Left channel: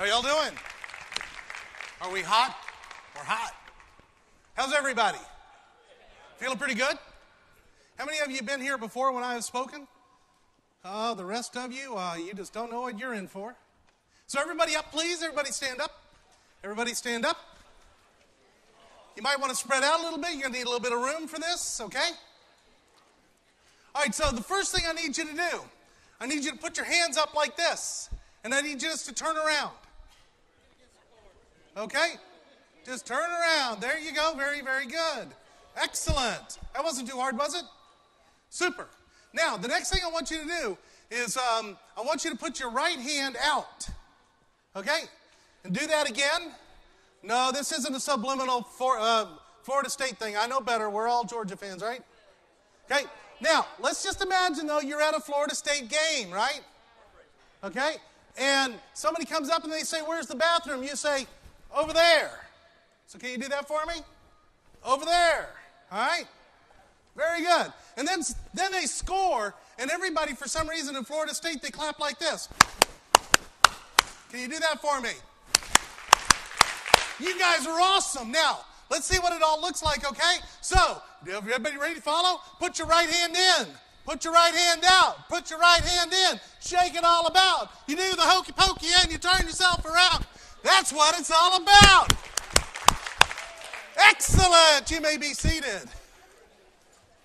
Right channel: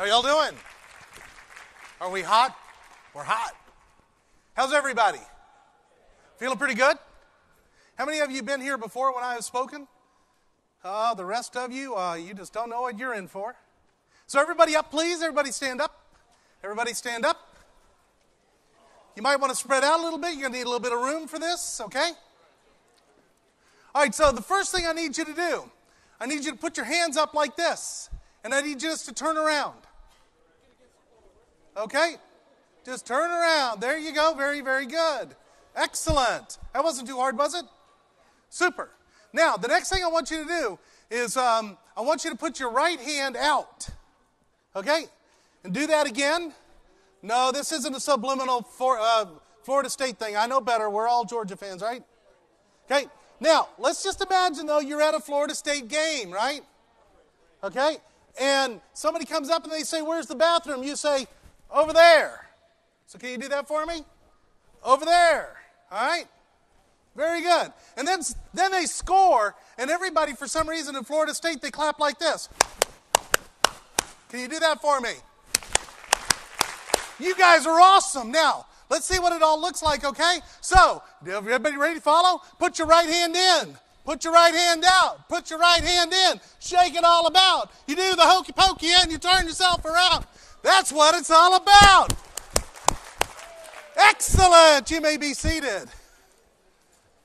How y'all doing? Are we hot? We're hot. How's everybody? Feeling pretty good? How many of you been here before when I have spoken? The rest of you, you just don't know what you're in for. So everybody up, please. Everybody stand up. Everybody stand up. You might want to spread out a little bit. You're going to need a little bit of room for this, okay? All right, so the first thing I need you to do, I need you to put your hands up like this. And I need you just to turn around. Okay? Just turn around. There you go. Very, very good. Excellent. That wasn't too hard, was it? Super. Now, the next thing I want you to do is I want you to put your right hand out. Okay? And do that again. No, this isn't a subliminal Florida State thing. I know better. We're all Georgia fans, right? Okay? Now, let's just imagine, though, you're at a Florida State game, right? Okay? And somebody comes up and they say, "Where's the bathroom?" You say, "Over there." So can you do that for me? Over there. All right? Very good. And then they score, and everybody, for some reason in Florida State, they clap like this. Can you do that for me? You guys are awesome. Now, let's see what it all looks like, okay? So, everybody ready to follow? Put your right hand in. Put your right hand out. Put your right hand in. Shake it all about. You do the hokey pokey and you turn yourself around. That's what it's all about. Excellent. You may be seated.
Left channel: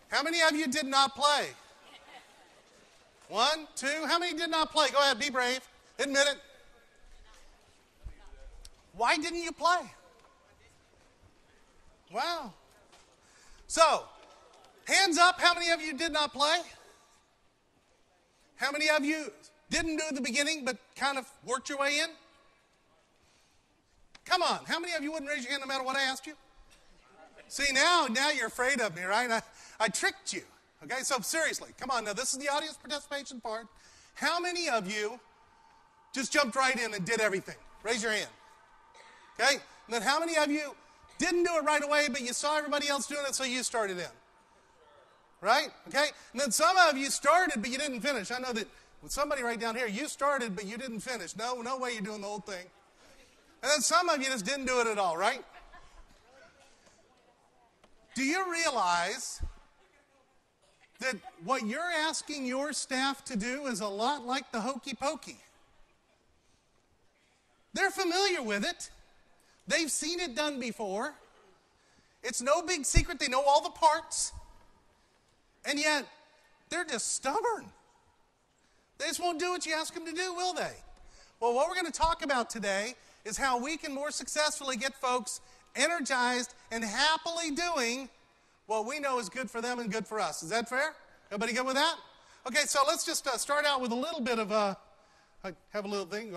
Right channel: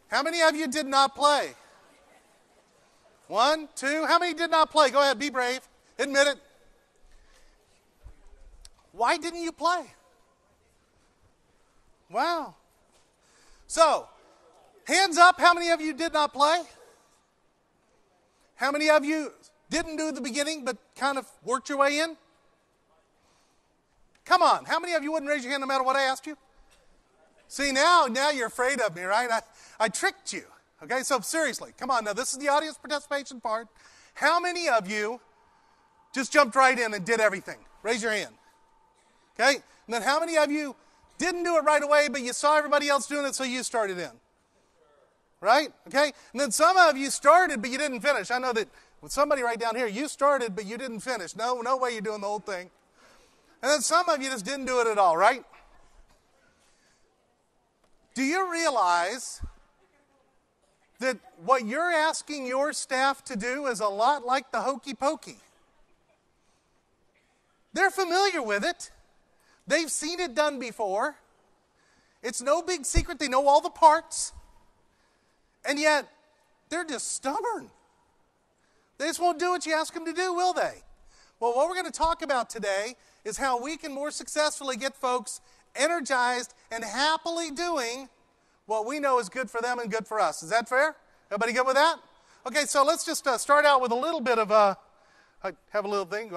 How many of you did not play? 1, 2. How many did not play? Go ahead, be brave. Admit it. Why didn't you play? Wow. So, hands up, how many of you did not play? How many of you didn't do the beginning but kind of worked your way in? Come on, how many of you wouldn't raise your hand no matter what I asked you? See, now you're afraid of me, right? I tricked you. Okay, so seriously, come on, now this is the audience participation part. How many of you just jumped right in and did everything? Raise your hand. Okay, and then how many of you didn't do it right away, but you saw everybody else doing it, so you started in? Right? Okay? And then some of you started, but you didn't finish. I know that with somebody right down here, you started, but you didn't finish. No way you're doing the whole thing. And then some of you just didn't do it at all, right? Do you realize that what you're asking your staff to do is a lot like the hokey pokey? They're familiar with it. They've seen it done before. It's no big secret. They know all the parts. And yet, they're just stubborn. They just won't do what you ask them to do, will they? Well, what we're going to talk about today is how we can more successfully get folks energized and happily doing what we know is good for them and good for us. Is that fair? Everybody good with that? Okay, so let's just start out with a little bit of I have a little thing.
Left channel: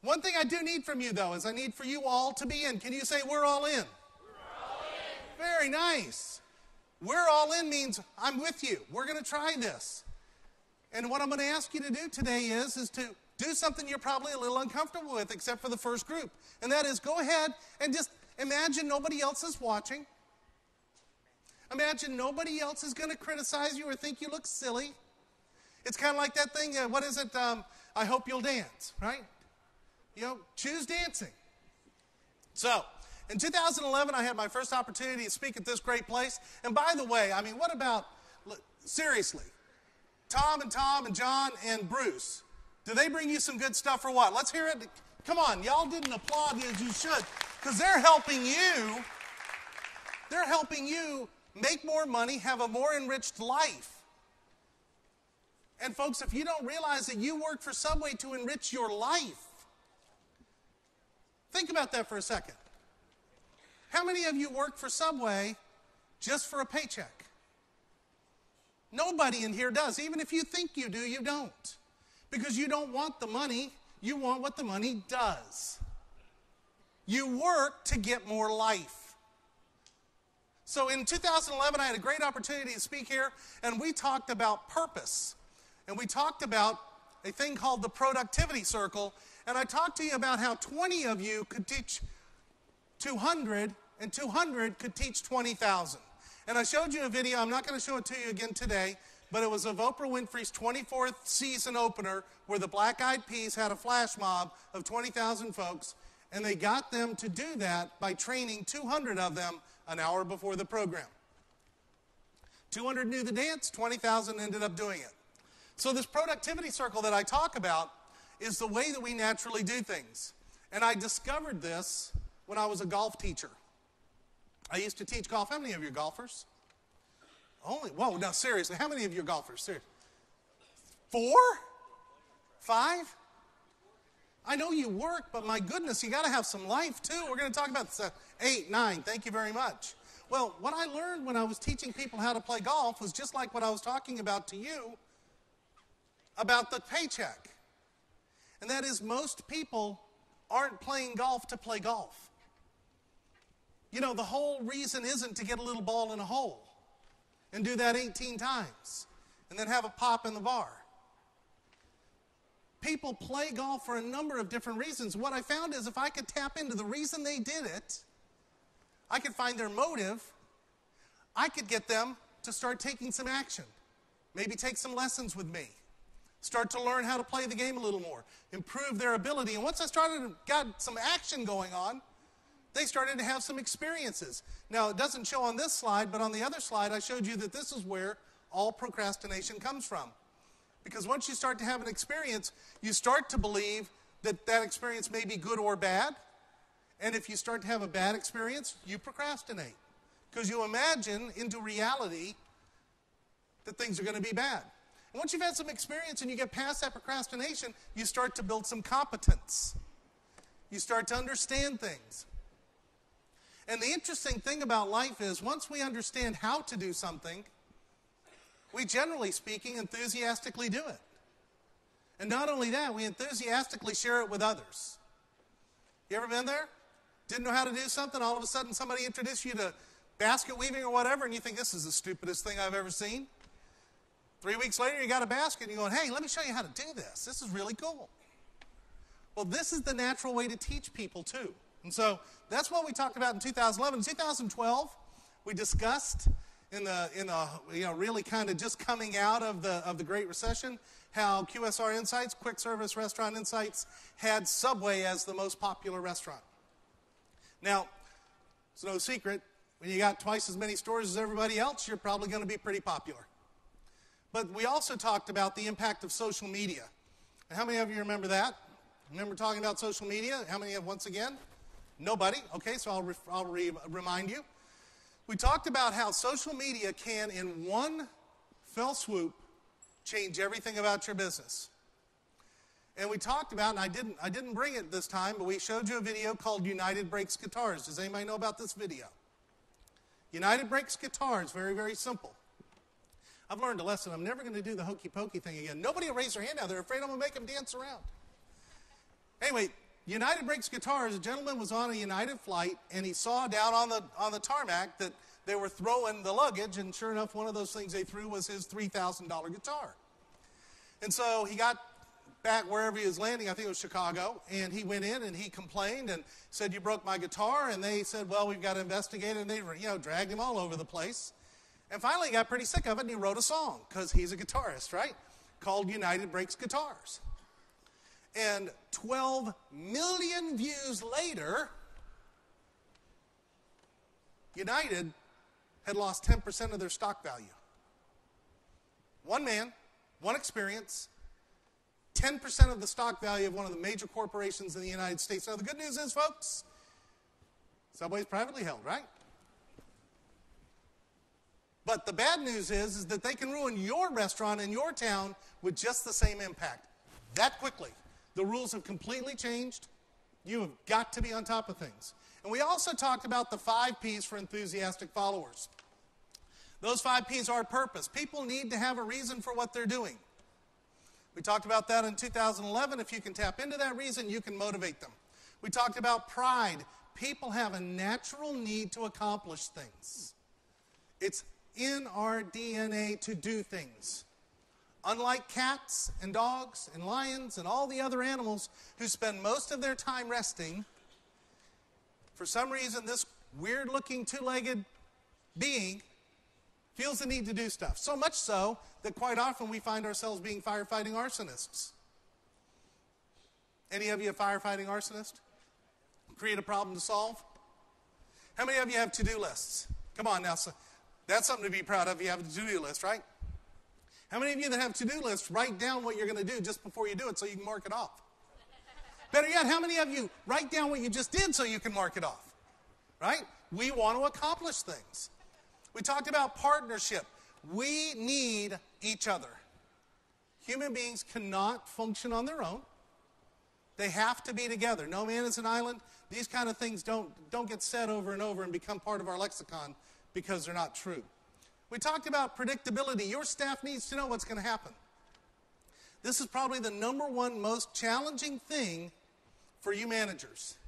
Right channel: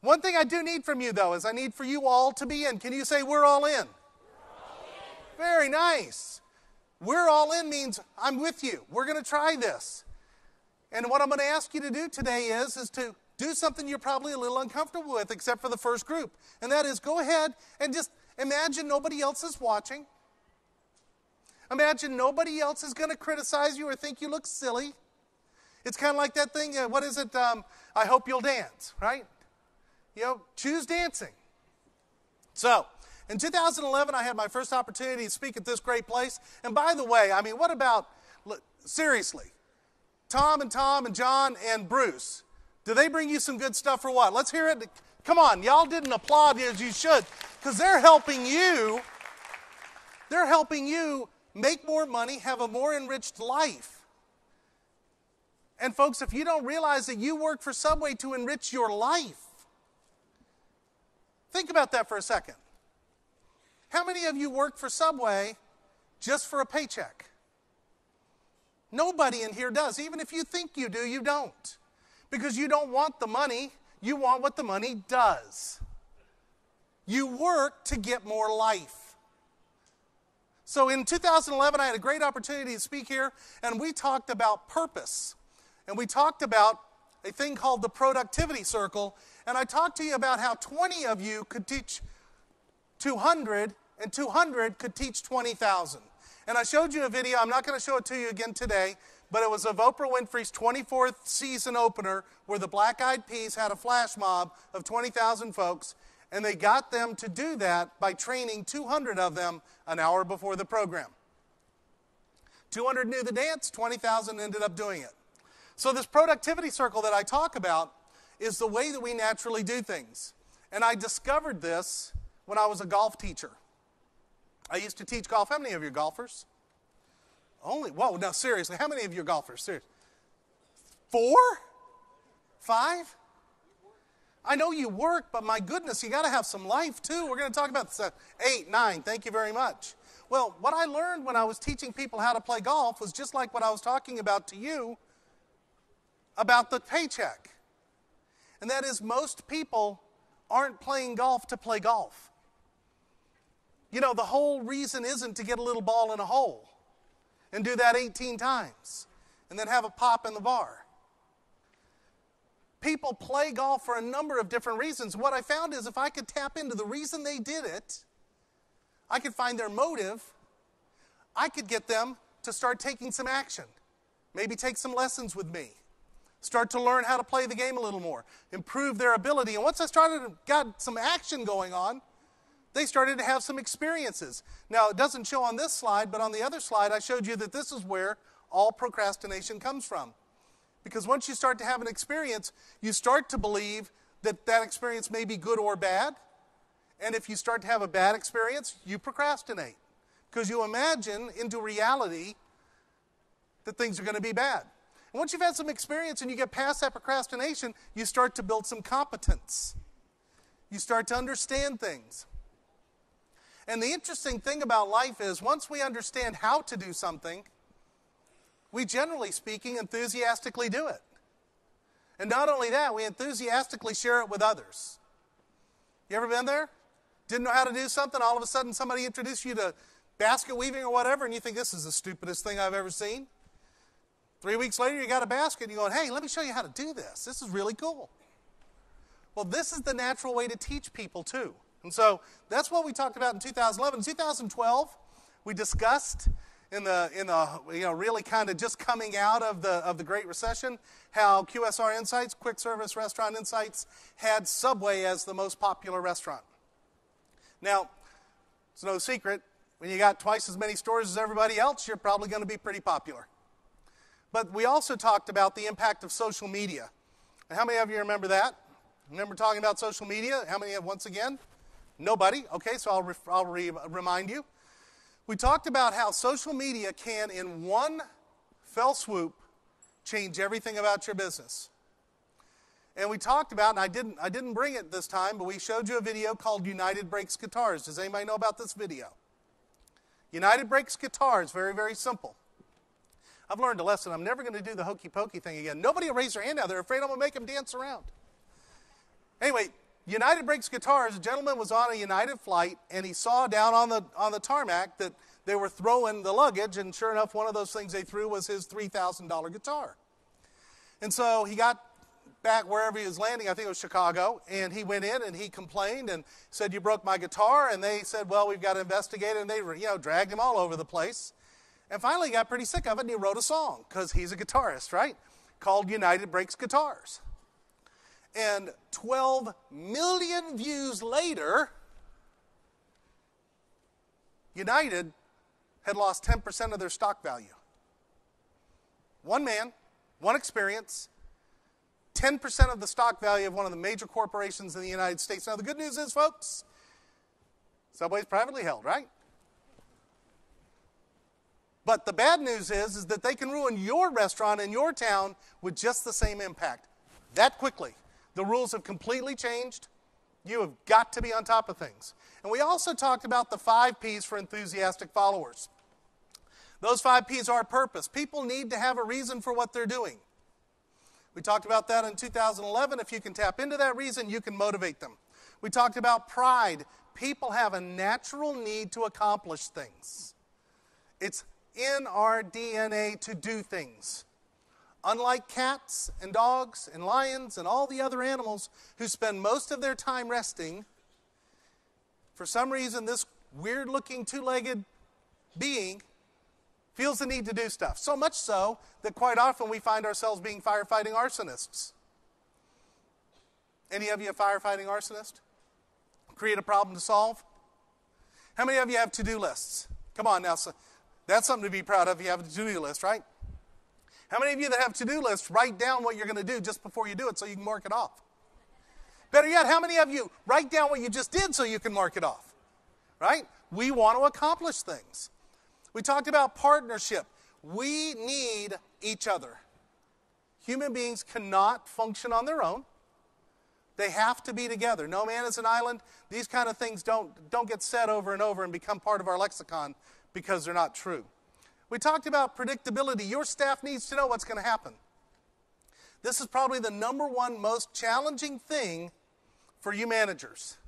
One thing I do need from you, though, is I need for you all to be in. Can you say, "We're all in"? We're all in. Very nice. "We're all in" means I'm with you. We're going to try this. And what I'm going to ask you to do today is to do something you're probably a little uncomfortable with, except for the first group. And that is go ahead and just imagine nobody else is watching. Imagine nobody else is going to criticize you or think you look silly. It's kind of like that thing, what is it? I hope you'll dance, right? You know, choose dancing. So, in 2011, I had my first opportunity to speak at this great place. And by the way, I mean, what about, seriously, Tom and John and Bruce, do they bring you some good stuff or what? Let's hear it. Come on, y'all didn't applaud as you should, because they're helping you make more money, have a more enriched life. And folks, if you don't realize that you work for Subway to enrich your life, think about that for a second. How many of you work for Subway just for a paycheck? Nobody in here does. Even if you think you do, you don't. Because you don't want the money, you want what the money does. You work to get more life. So in 2011, I had a great opportunity to speak here, and we talked about purpose. And we talked about a thing called the productivity circle, and I talked to you about how 20 of you could teach 200, and 200 could teach 20,000. And I showed you a video. I'm not going to show it to you again today, but it was of Oprah Winfrey's 24th season opener where the Black Eyed Peas had a flash mob of 20,000 folks, and they got them to do that by training 200 of them an hour before the program. 200 knew the dance, 20,000 ended up doing it. So this productivity circle that I talk about is the way that we naturally do things. And I discovered this when I was a golf teacher. I used to teach golf. How many of you are golfers? Whoa, no, seriously, how many of you are golfers? Seriously. 4? 5? I know you work, but my goodness, you got to have some life too. We're going to talk about this. 8, 9, thank you very much. Well, what I learned when I was teaching people how to play golf was just like what I was talking about to you about the paycheck. And that is, most people aren't playing golf to play golf. You know, the whole reason isn't to get a little ball in a hole and do that 18 times and then have a pop in the bar. People play golf for a number of different reasons. What I found is if I could tap into the reason they did it, I could find their motive, I could get them to start taking some action. Maybe take some lessons with me. Start to learn how to play the game a little more. Improve their ability. And once I got some action going on, they started to have some experiences. Now, it doesn't show on this slide, but on the other slide, I showed you that this is where all procrastination comes from. Because once you start to have an experience, you start to believe that that experience may be good or bad. And if you start to have a bad experience, you procrastinate. Because you imagine into reality that things are going to be bad. And once you've had some experience and you get past that procrastination, you start to build some competence. You start to understand things. And the interesting thing about life is once we understand how to do something, we generally speaking enthusiastically do it. And not only that, we enthusiastically share it with others. You ever been there? Didn't know how to do something, all of a sudden somebody introduced you to basket weaving or whatever, and you think this is the stupidest thing I've ever seen. 3 weeks later, you got a basket, and you're going, hey, let me show you how to do this. This is really cool. Well, this is the natural way to teach people, too. And so that's what we talked about in 2011. In 2012, we discussed in the really kind of just coming out of the Great Recession, how QSR Insights, Quick Service Restaurant Insights, had Subway as the most popular restaurant. Now, it's no secret, when you got twice as many stores as everybody else, you're probably going to be pretty popular. But we also talked about the impact of social media. And how many of you remember that? Remember talking about social media? How many have, once again? Nobody. Okay, so I'll remind you. We talked about how social media can, in one fell swoop, change everything about your business. And we talked about, and I didn't bring it this time, but we showed you a video called United Breaks Guitars. Does anybody know about this video? United Breaks Guitars, very, very simple. I've learned a lesson. I'm never going to do the hokey pokey thing again. Nobody will raise their hand now. They're afraid I'm going to make them dance around. Anyway, United Breaks Guitars, a gentleman was on a United flight, and he saw down on the tarmac that they were throwing the luggage, and sure enough, one of those things they threw was his $3,000 guitar. And so he got back wherever he was landing, I think it was Chicago, and he went in and he complained and said, you broke my guitar, and they said, well, we've got to investigate it, and they dragged him all over the place. And finally he got pretty sick of it, and he wrote a song, because he's a guitarist, right, called United Breaks Guitars. And 12 million views later, United had lost 10% of their stock value. One man, one experience, 10% of the stock value of one of the major corporations in the United States. Now, the good news is, folks, Subway's privately held, right? But the bad news is that they can ruin your restaurant in your town with just the same impact. That quickly. The rules have completely changed. You have got to be on top of things. And we also talked about the 5 Ps for enthusiastic followers. Those 5 Ps are purpose. People need to have a reason for what they're doing. We talked about that in 2011. If you can tap into that reason, you can motivate them. We talked about pride. People have a natural need to accomplish things. It's in our DNA to do things. Unlike cats and dogs and lions and all the other animals who spend most of their time resting, for some reason this weird-looking 2-legged being feels the need to do stuff. So much so that quite often we find ourselves being firefighting arsonists. Any of you a firefighting arsonist? Create a problem to solve? How many of you have to-do lists? Come on now, so that's something to be proud of. You have a to-do list, right? How many of you that have to-do lists write down what you're going to do just before you do it so you can mark it off? Better yet, how many of you write down what you just did so you can mark it off? Right? We want to accomplish things. We talked about partnership. We need each other. Human beings cannot function on their own. They have to be together. No man is an island. These kind of things don't get said over and over and become part of our lexicon because they're not true. We talked about predictability. Your staff needs to know what's going to happen. This is probably the number one most challenging thing for you managers.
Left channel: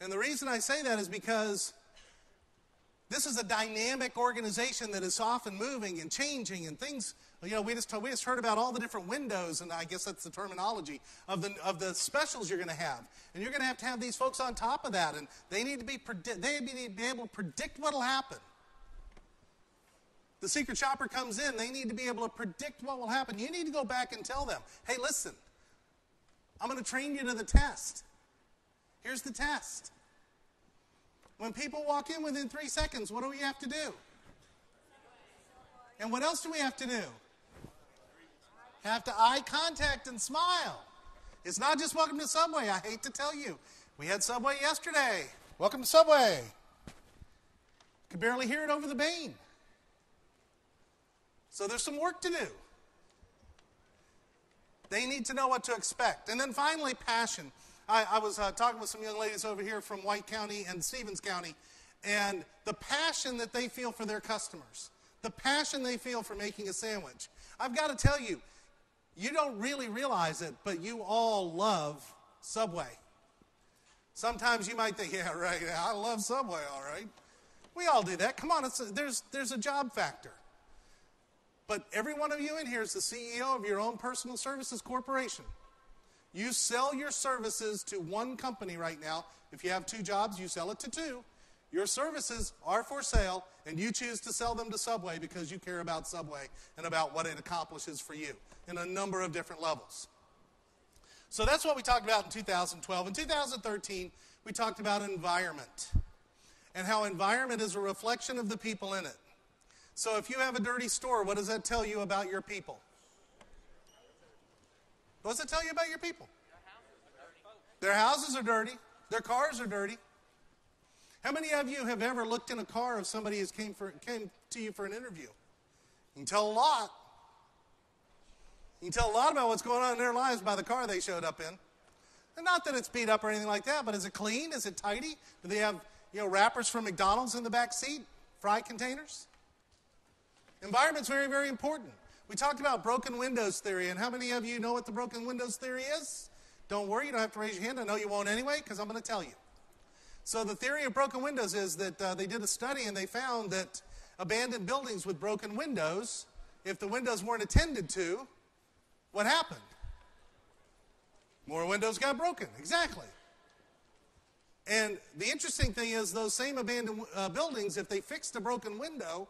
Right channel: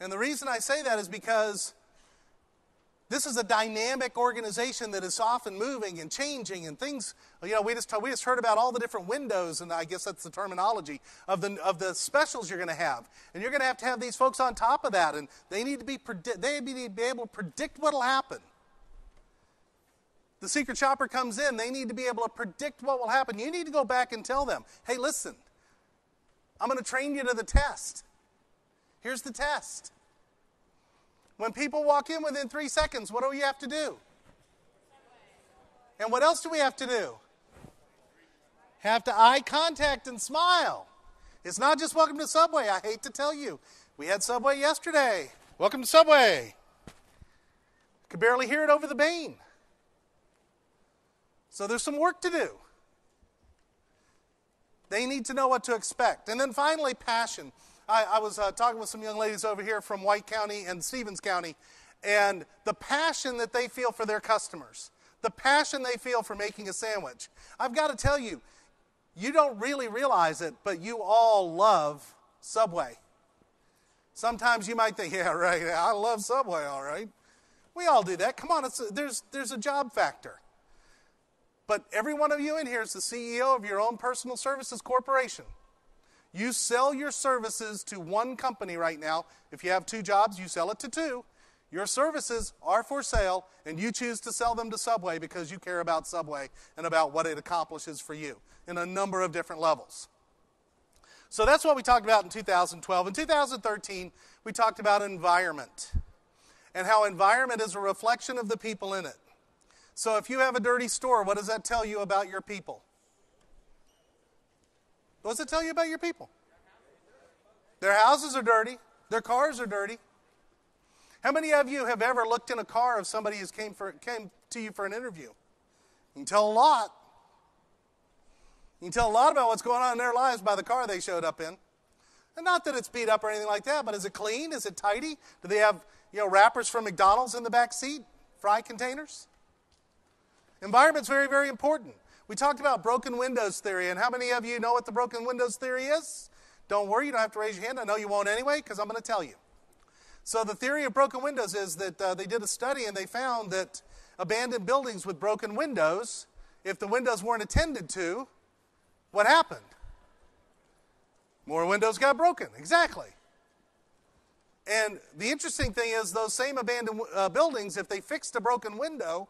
And the reason I say that is because this is a dynamic organization that is often moving and changing and things. You know, we just heard about all the different windows, and I guess that's the terminology of the specials you're going to have. And you're going to have these folks on top of that, and they need to be able to predict what will happen. The secret shopper comes in, they need to be able to predict what will happen. You need to go back and tell them, hey, listen, I'm going to train you to the test. Here's the test. When people walk in within 3 seconds, what do we have to do? And what else do we have to do? Have to eye contact and smile. It's not just welcome to Subway. I hate to tell you. We had Subway yesterday. Welcome to Subway. Could barely hear it over the Bane. So there's some work to do. They need to know what to expect. And then finally, passion. I was talking with some young ladies over here from White County and Stevens County, and the passion that they feel for their customers, the passion they feel for making a sandwich. I've got to tell you, you don't really realize it, but you all love Subway. Sometimes you might think, yeah, right, I love Subway, all right. We all do that. Come on, there's a job factor. But every one of you in here is the CEO of your own personal services corporation. You sell your services to one company right now. If you have 2 jobs, you sell it to 2. Your services are for sale, and you choose to sell them to Subway because you care about Subway and about what it accomplishes for you in a number of different levels. So that's what we talked about in 2012. In 2013, we talked about environment and how environment is a reflection of the people in it. So if you have a dirty store, what does that tell you about your people? What does it tell you about your people? Their houses are dirty. Their cars are dirty. How many of you have ever looked in a car of somebody who came to you for an interview? You can tell a lot. You can tell a lot about what's going on in their lives by the car they showed up in. And not that it's beat up or anything like that, but is it clean? Is it tidy? Do they have, wrappers from McDonald's in the back seat? Fry containers? Environment's very, very important. We talked about broken windows theory, and how many of you know what the broken windows theory is? Don't worry, you don't have to raise your hand. I know you won't anyway, because I'm going to tell you. So the theory of broken windows is that they did a study, and they found that abandoned buildings with broken windows, if the windows weren't attended to, what happened? More windows got broken. Exactly. And the interesting thing is those same abandoned buildings, if they fixed a broken window,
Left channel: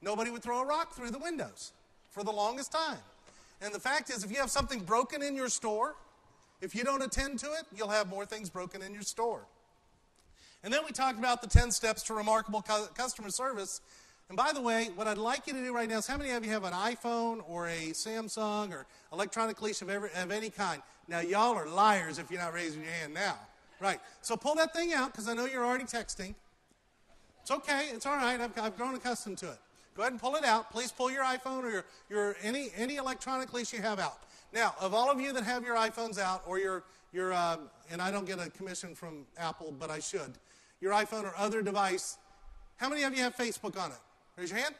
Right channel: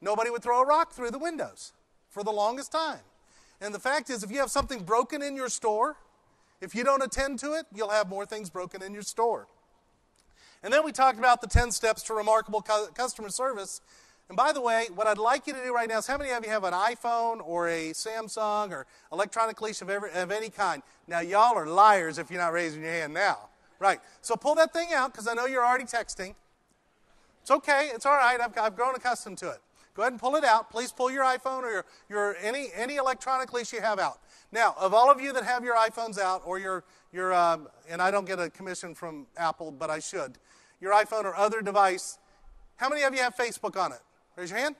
nobody would throw a rock through the windows for the longest time. And the fact is, if you have something broken in your store, if you don't attend to it, you'll have more things broken in your store. And then we talked about the 10 steps to remarkable customer service. And by the way, what I'd like you to do right now is, how many of you have an iPhone or a Samsung or electronic leash of any kind? Now, y'all are liars if you're not raising your hand now. Right. So pull that thing out, because I know you're already texting. It's okay. It's all right. I've grown accustomed to it. Go ahead and pull it out. Please pull your iPhone or your any electronic leash you have out. Now, of all of you that have your iPhones out, or your and I don't get a commission from Apple, but I should, your iPhone or other device, how many of you have Facebook on it? Raise your hand.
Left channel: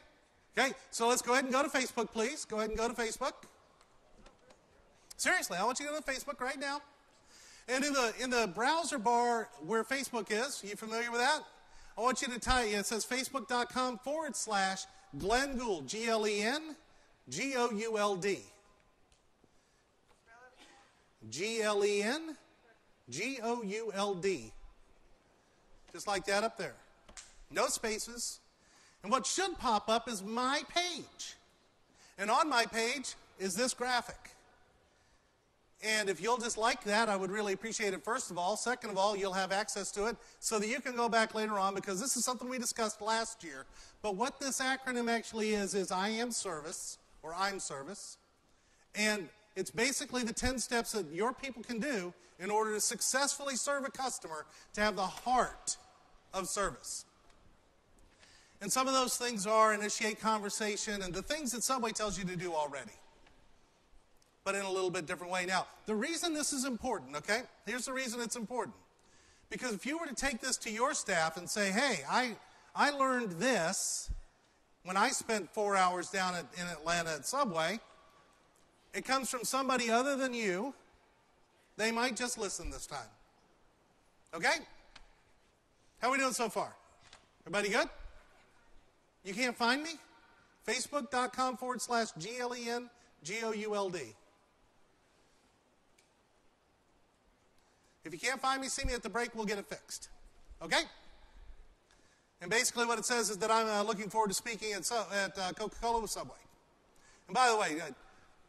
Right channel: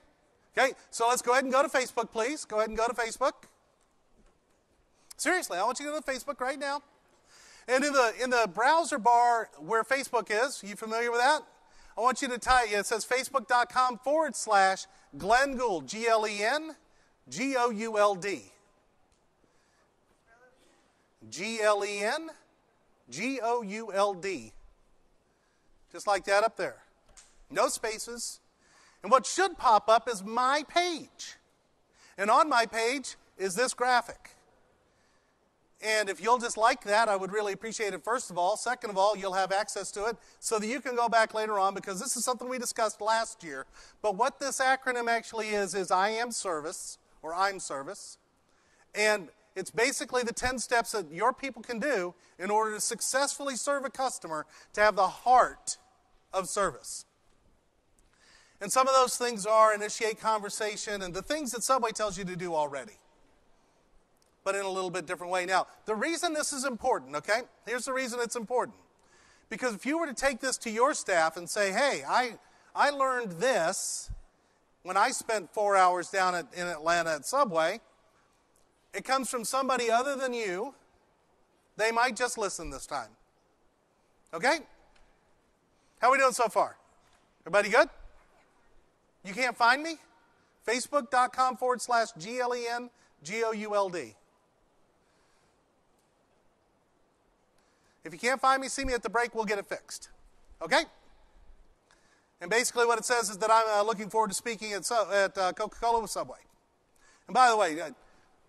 Okay, so let's go ahead and go to Facebook, please. Go ahead and go to Facebook. Seriously, I want you to go to Facebook right now. And in the browser bar where Facebook is, you familiar with that? I want you to type, it says facebook.com/Glenn Gould, GlenGould. GlenGould. Just like that up there. No spaces. And what should pop up is my page. And on my page is this graphic. And if you'll just like that, I would really appreciate it, first of all. Second of all, you'll have access to it so that you can go back later on, because this is something we discussed last year. But what this acronym actually is I am service, or I'm service. And it's basically the 10 steps that your people can do in order to successfully serve a customer, to have the heart of service. And some of those things are initiate conversation and the things that Subway tells you to do already, but in a little bit different way. Now, the reason this is important, okay? Here's the reason it's important. Because if you were to take this to your staff and say, hey, I learned this when I spent 4 hours down in Atlanta at Subway, it comes from somebody other than you, they might just listen this time. Okay? How are we doing so far? Everybody good? You can't find me? Facebook.com/GLENGOULD. If you can't find me, see me at the break, we'll get it fixed. Okay? And basically what it says is that I'm looking forward to speaking at Coca-Cola with Subway. And by the way,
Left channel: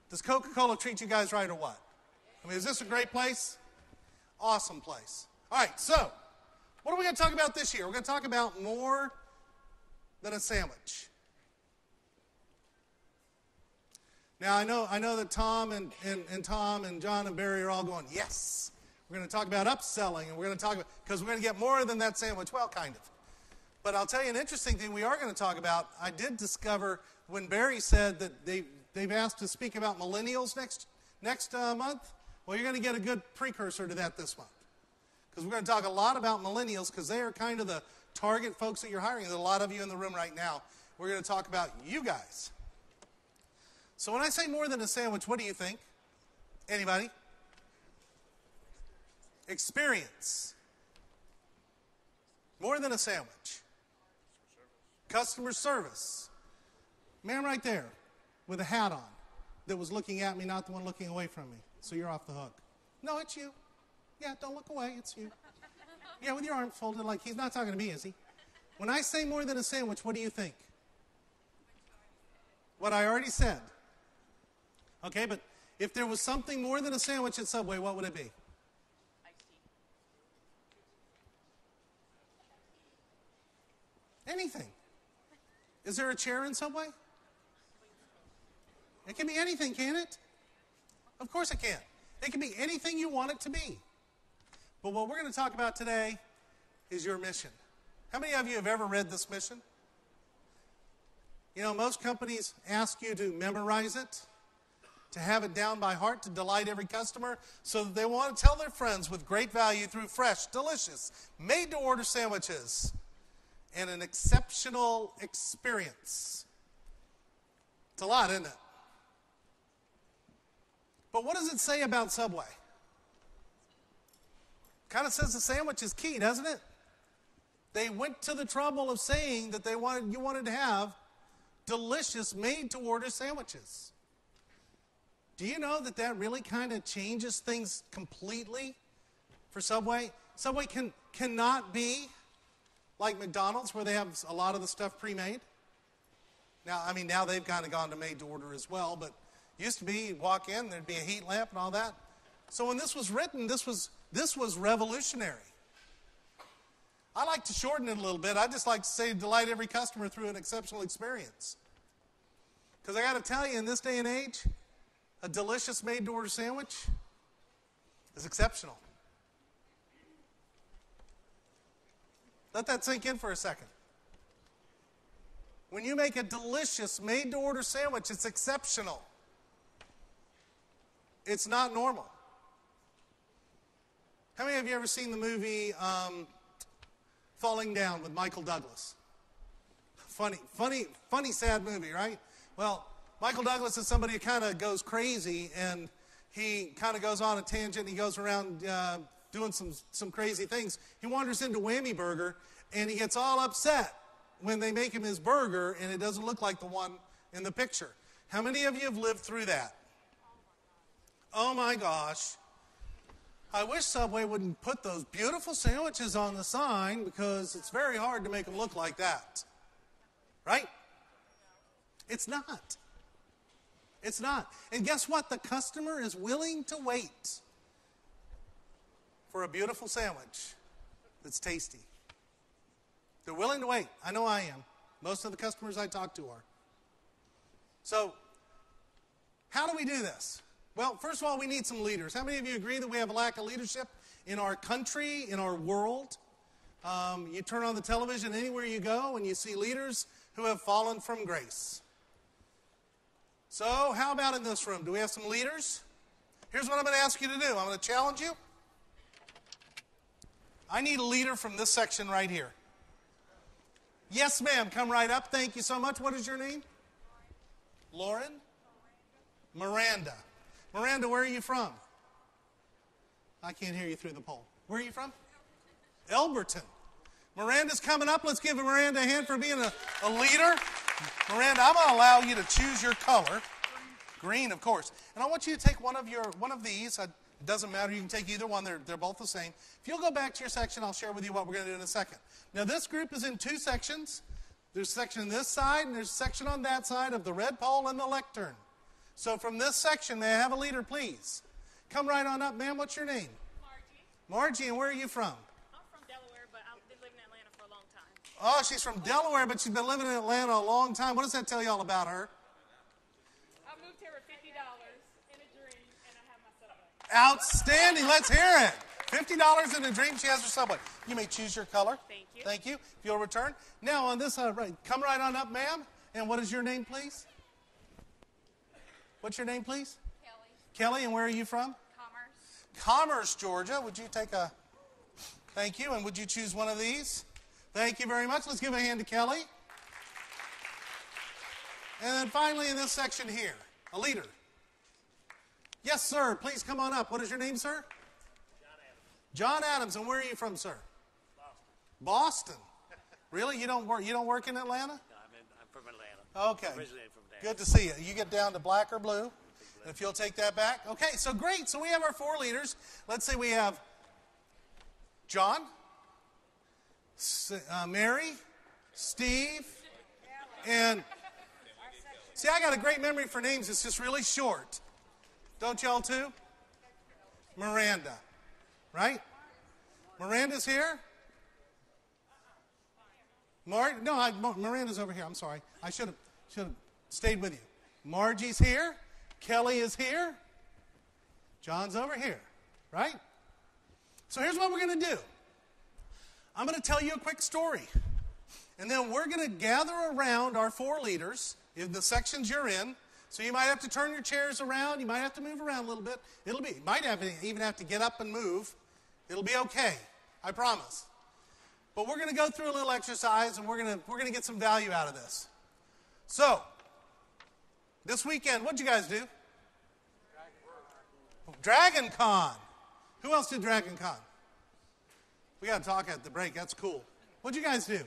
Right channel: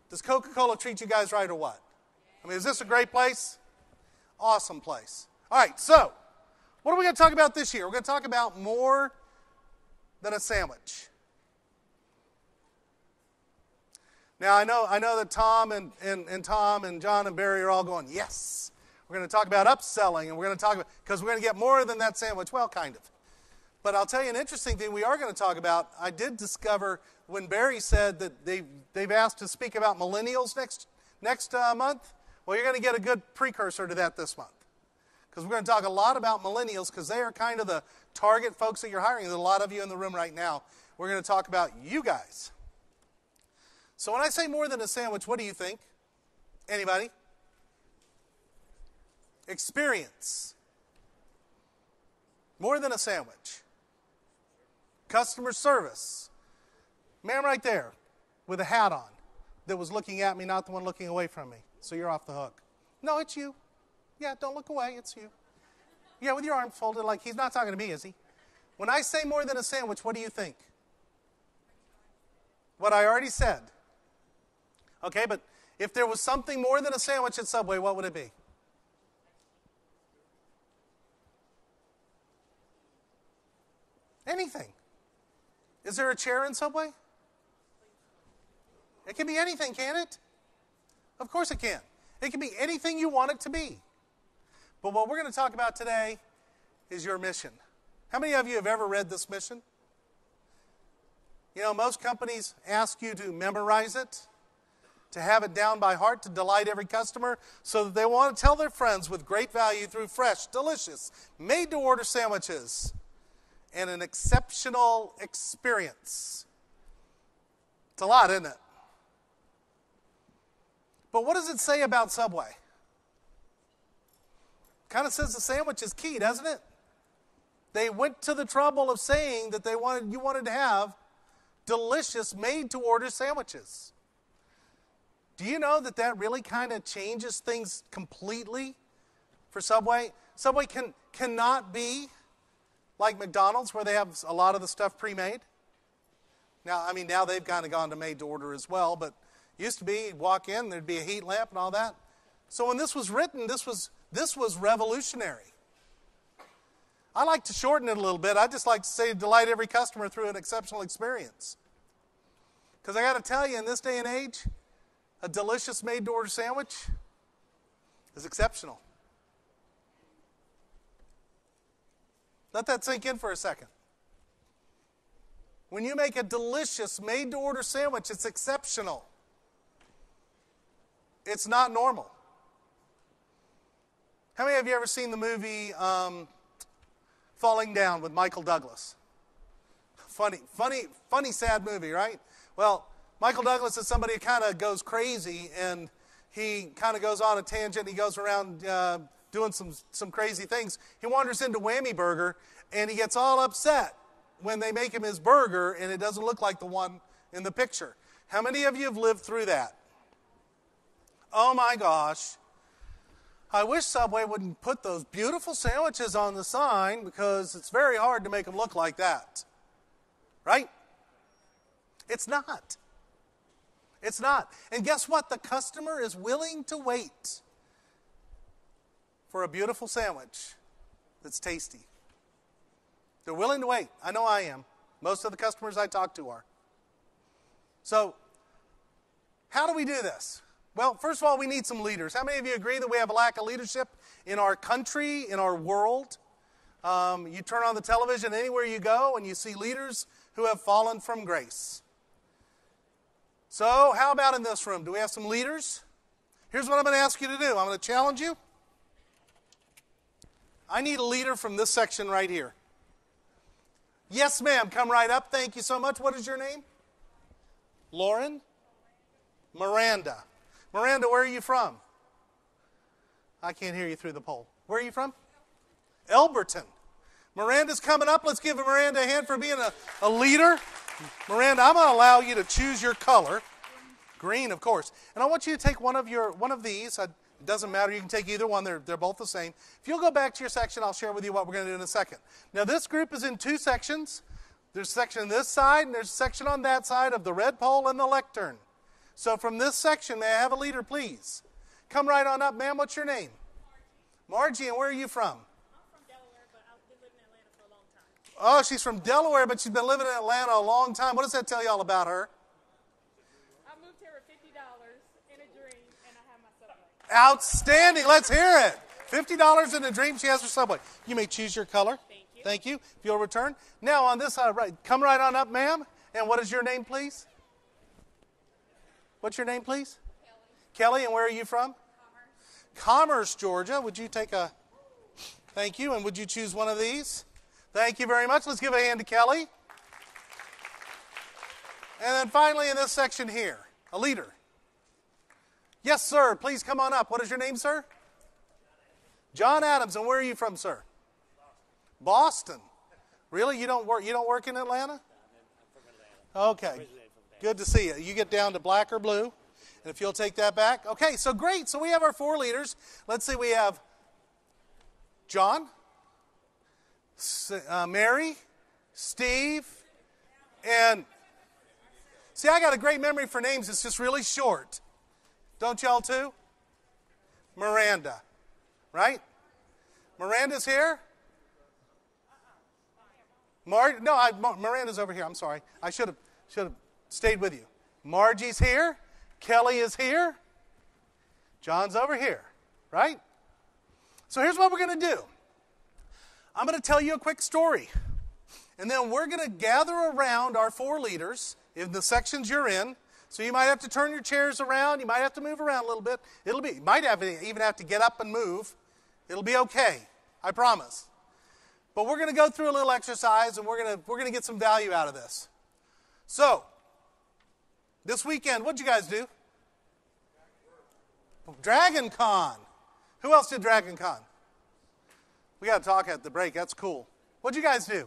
does Coca-Cola treat you guys right or what? I mean, is this a great place? Awesome place. All right, so what are we going to talk about this year? We're going to talk about more than a sandwich. Now, I know that Tom and Tom and John and Barry are all going, yes. We're going to talk about upselling, and we're going to talk about, because we're going to get more than that sandwich. Well, kind of. But I'll tell you an interesting thing we are going to talk about. I did discover when Barry said that they've asked to speak about millennials next month. Well, you're going to get a good precursor to that this month, because we're going to talk a lot about millennials, because they are kind of the target folks that you're hiring. There's a lot of you in the room right now. We're going to talk about you guys. So when I say more than a sandwich, what do you think? Anybody? Experience. More than a sandwich. Customer service. Man right there with a hat on that was looking at me, not the one looking away from me. So you're off the hook. No, it's you. Yeah, don't look away. It's you. Yeah, with your arms folded, like he's not talking to me, is he? When I say more than a sandwich, what do you think? What I already said. Okay, but if there was something more than a sandwich at Subway, what would it be? Anything. Is there a chair in Subway? It can be anything, can it? Of course it can. It can be anything you want it to be. But what we're going to talk about today is your mission. How many of you have ever read this mission? You know, most companies ask you to memorize it, to have it down by heart, to delight every customer, so that they want to tell their friends with great value through fresh, delicious, made-to-order sandwiches and an exceptional experience. It's a lot, isn't it? But what does it say about Subway? Kind of says the sandwich is key, doesn't it? They went to the trouble of saying that you wanted to have delicious, made-to-order sandwiches. Do you know that really kind of changes things completely for Subway? Subway cannot be like McDonald's, where they have a lot of the stuff pre-made. Now they've kind of gone to made-to-order as well, but used to be, you'd walk in, there'd be a heat lamp and all that. So when this was written, this was revolutionary. I like to shorten it a little bit. I just like to say delight every customer through an exceptional experience. Because I got to tell you, in this day and age, a delicious made-to-order sandwich is exceptional. Let that sink in for a second. When you make a delicious made-to-order sandwich, it's exceptional. It's not normal. How many of you ever seen the movie Falling Down with Michael Douglas? Funny, sad movie, right? Well, Michael Douglas is somebody who kind of goes crazy, and he kind of goes on a tangent. He goes around doing some crazy things. He wanders into Whammy Burger, and he gets all upset when they make him his burger, and it doesn't look like the one in the picture. How many of you have lived through that? Oh my gosh. I wish Subway wouldn't put those beautiful sandwiches on the sign, because it's very hard to make them look like that. right? It's not. It's not. And guess what? The customer is willing to wait for a beautiful sandwich that's tasty. They're willing to wait. I know I am. Most of the customers I talk to are. So, how do we do this? Well, first of all, we need some leaders. How many of you agree that we have a lack of leadership in our country, in our world? You turn on the television anywhere you go and you see leaders who have fallen from grace. So, how about in this room? Do we have some leaders? Here's what I'm going to ask you to do. I'm going to challenge you. I need a leader from this section right here. Yes, ma'am. Come right up. Thank you so much. What is your name? Lauren? Miranda. Miranda, where are you from? I can't hear you through the poll. Where are you from? Elberton. Miranda's coming up. Let's give Miranda a hand for being a leader. Miranda, I'm going to allow you to choose your color. Green, of course. And I want you to take one of these. It doesn't matter. You can take either one. They're both the same. If you'll go back to your section, I'll share with you what we're going to do in a second. Now, this group is in two sections. There's a section on this side, and there's a section on that side of the red pole and the lectern. So from this section, may I have a leader, please? Come right on up, ma'am. What's your name? Margie, and where are you from? I'm from Delaware, but I've been living in Atlanta for a long time. Oh, she's from Delaware, but she's been living in Atlanta a long time. What does that tell y'all about her? I moved here with $50 in a dream, and I have my Subway. Outstanding. Let's hear it. $50 in a dream. She has her Subway. You may choose your color. Thank you. Thank you. If you'll return. Now on this side, right. Come right on up, ma'am. And what is your name, please? What's your name, please? Kelly. Kelly, and where are you from? Commerce. Commerce, Georgia. Would you take a... Thank you. And would you choose one of these? Thank you very much. Let's give a hand to Kelly. And then finally in this section here, a leader. Yes, sir. Please come on up. What is your name, sir? John Adams. And where are you from, sir? Boston. Really? You don't work in Atlanta? No, I'm from Atlanta. Okay. Originally from there. Good to see you. You get down to black or blue. And if you'll take that back. Okay, so great. So we have our four leaders. Let's see, we have John, Mary, Steve, and see, I got a great memory for names. It's just really short. Don't y'all too? Miranda, right? Miranda's here. Miranda's over here. I'm sorry. I should have stayed with you. Margie's here. Kelly is here. John's over here, right? So here's what we're going to do. I'm going to tell you a quick story. And then we're going to gather around our four leaders in the sections you're in. So you might have to turn your chairs around. You might have to move around a little bit. You might even have to get up and move. It'll be okay. I promise. But we're going to go through a little exercise, and we're going to get some value out of this. So, this weekend, what'd you guys do? Dragon Con. Who else did Dragon Con? We got to talk at the break. That's cool. What'd you guys do?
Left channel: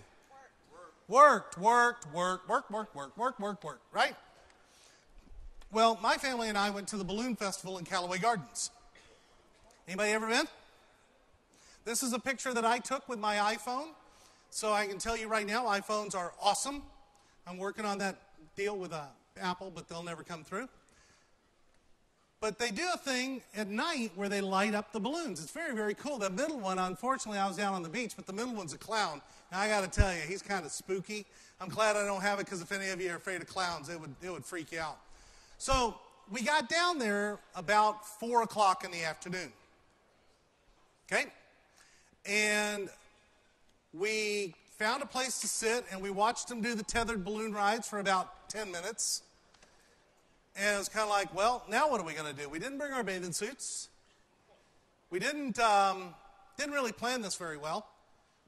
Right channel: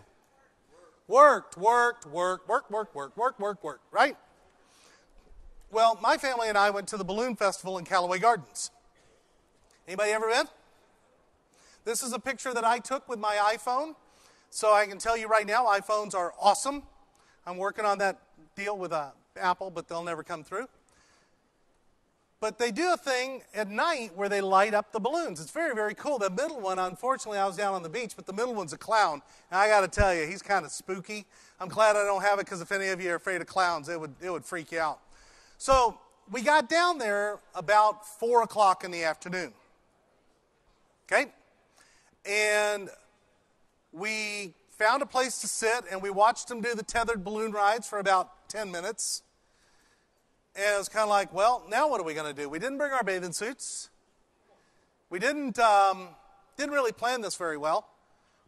Worked, right? Well, my family and I went to the Balloon Festival in Callaway Gardens. Anybody ever been? This is a picture that I took with my iPhone. So I can tell you right now, iPhones are awesome. I'm working on that deal with Apple, but they'll never come through. But they do a thing at night where they light up the balloons. It's very, very cool. The middle one, unfortunately, I was down on the beach, but the middle one's a clown. And I got to tell you, he's kind of spooky. I'm glad I don't have it, because if any of you are afraid of clowns, it would freak you out. So we got down there about 4 o'clock in the afternoon. Okay? And we found a place to sit, and we watched them do the tethered balloon rides for about 10 minutes. And it was kind of like, well, now what are we going to do? We didn't bring our bathing suits. We didn't really plan this very well.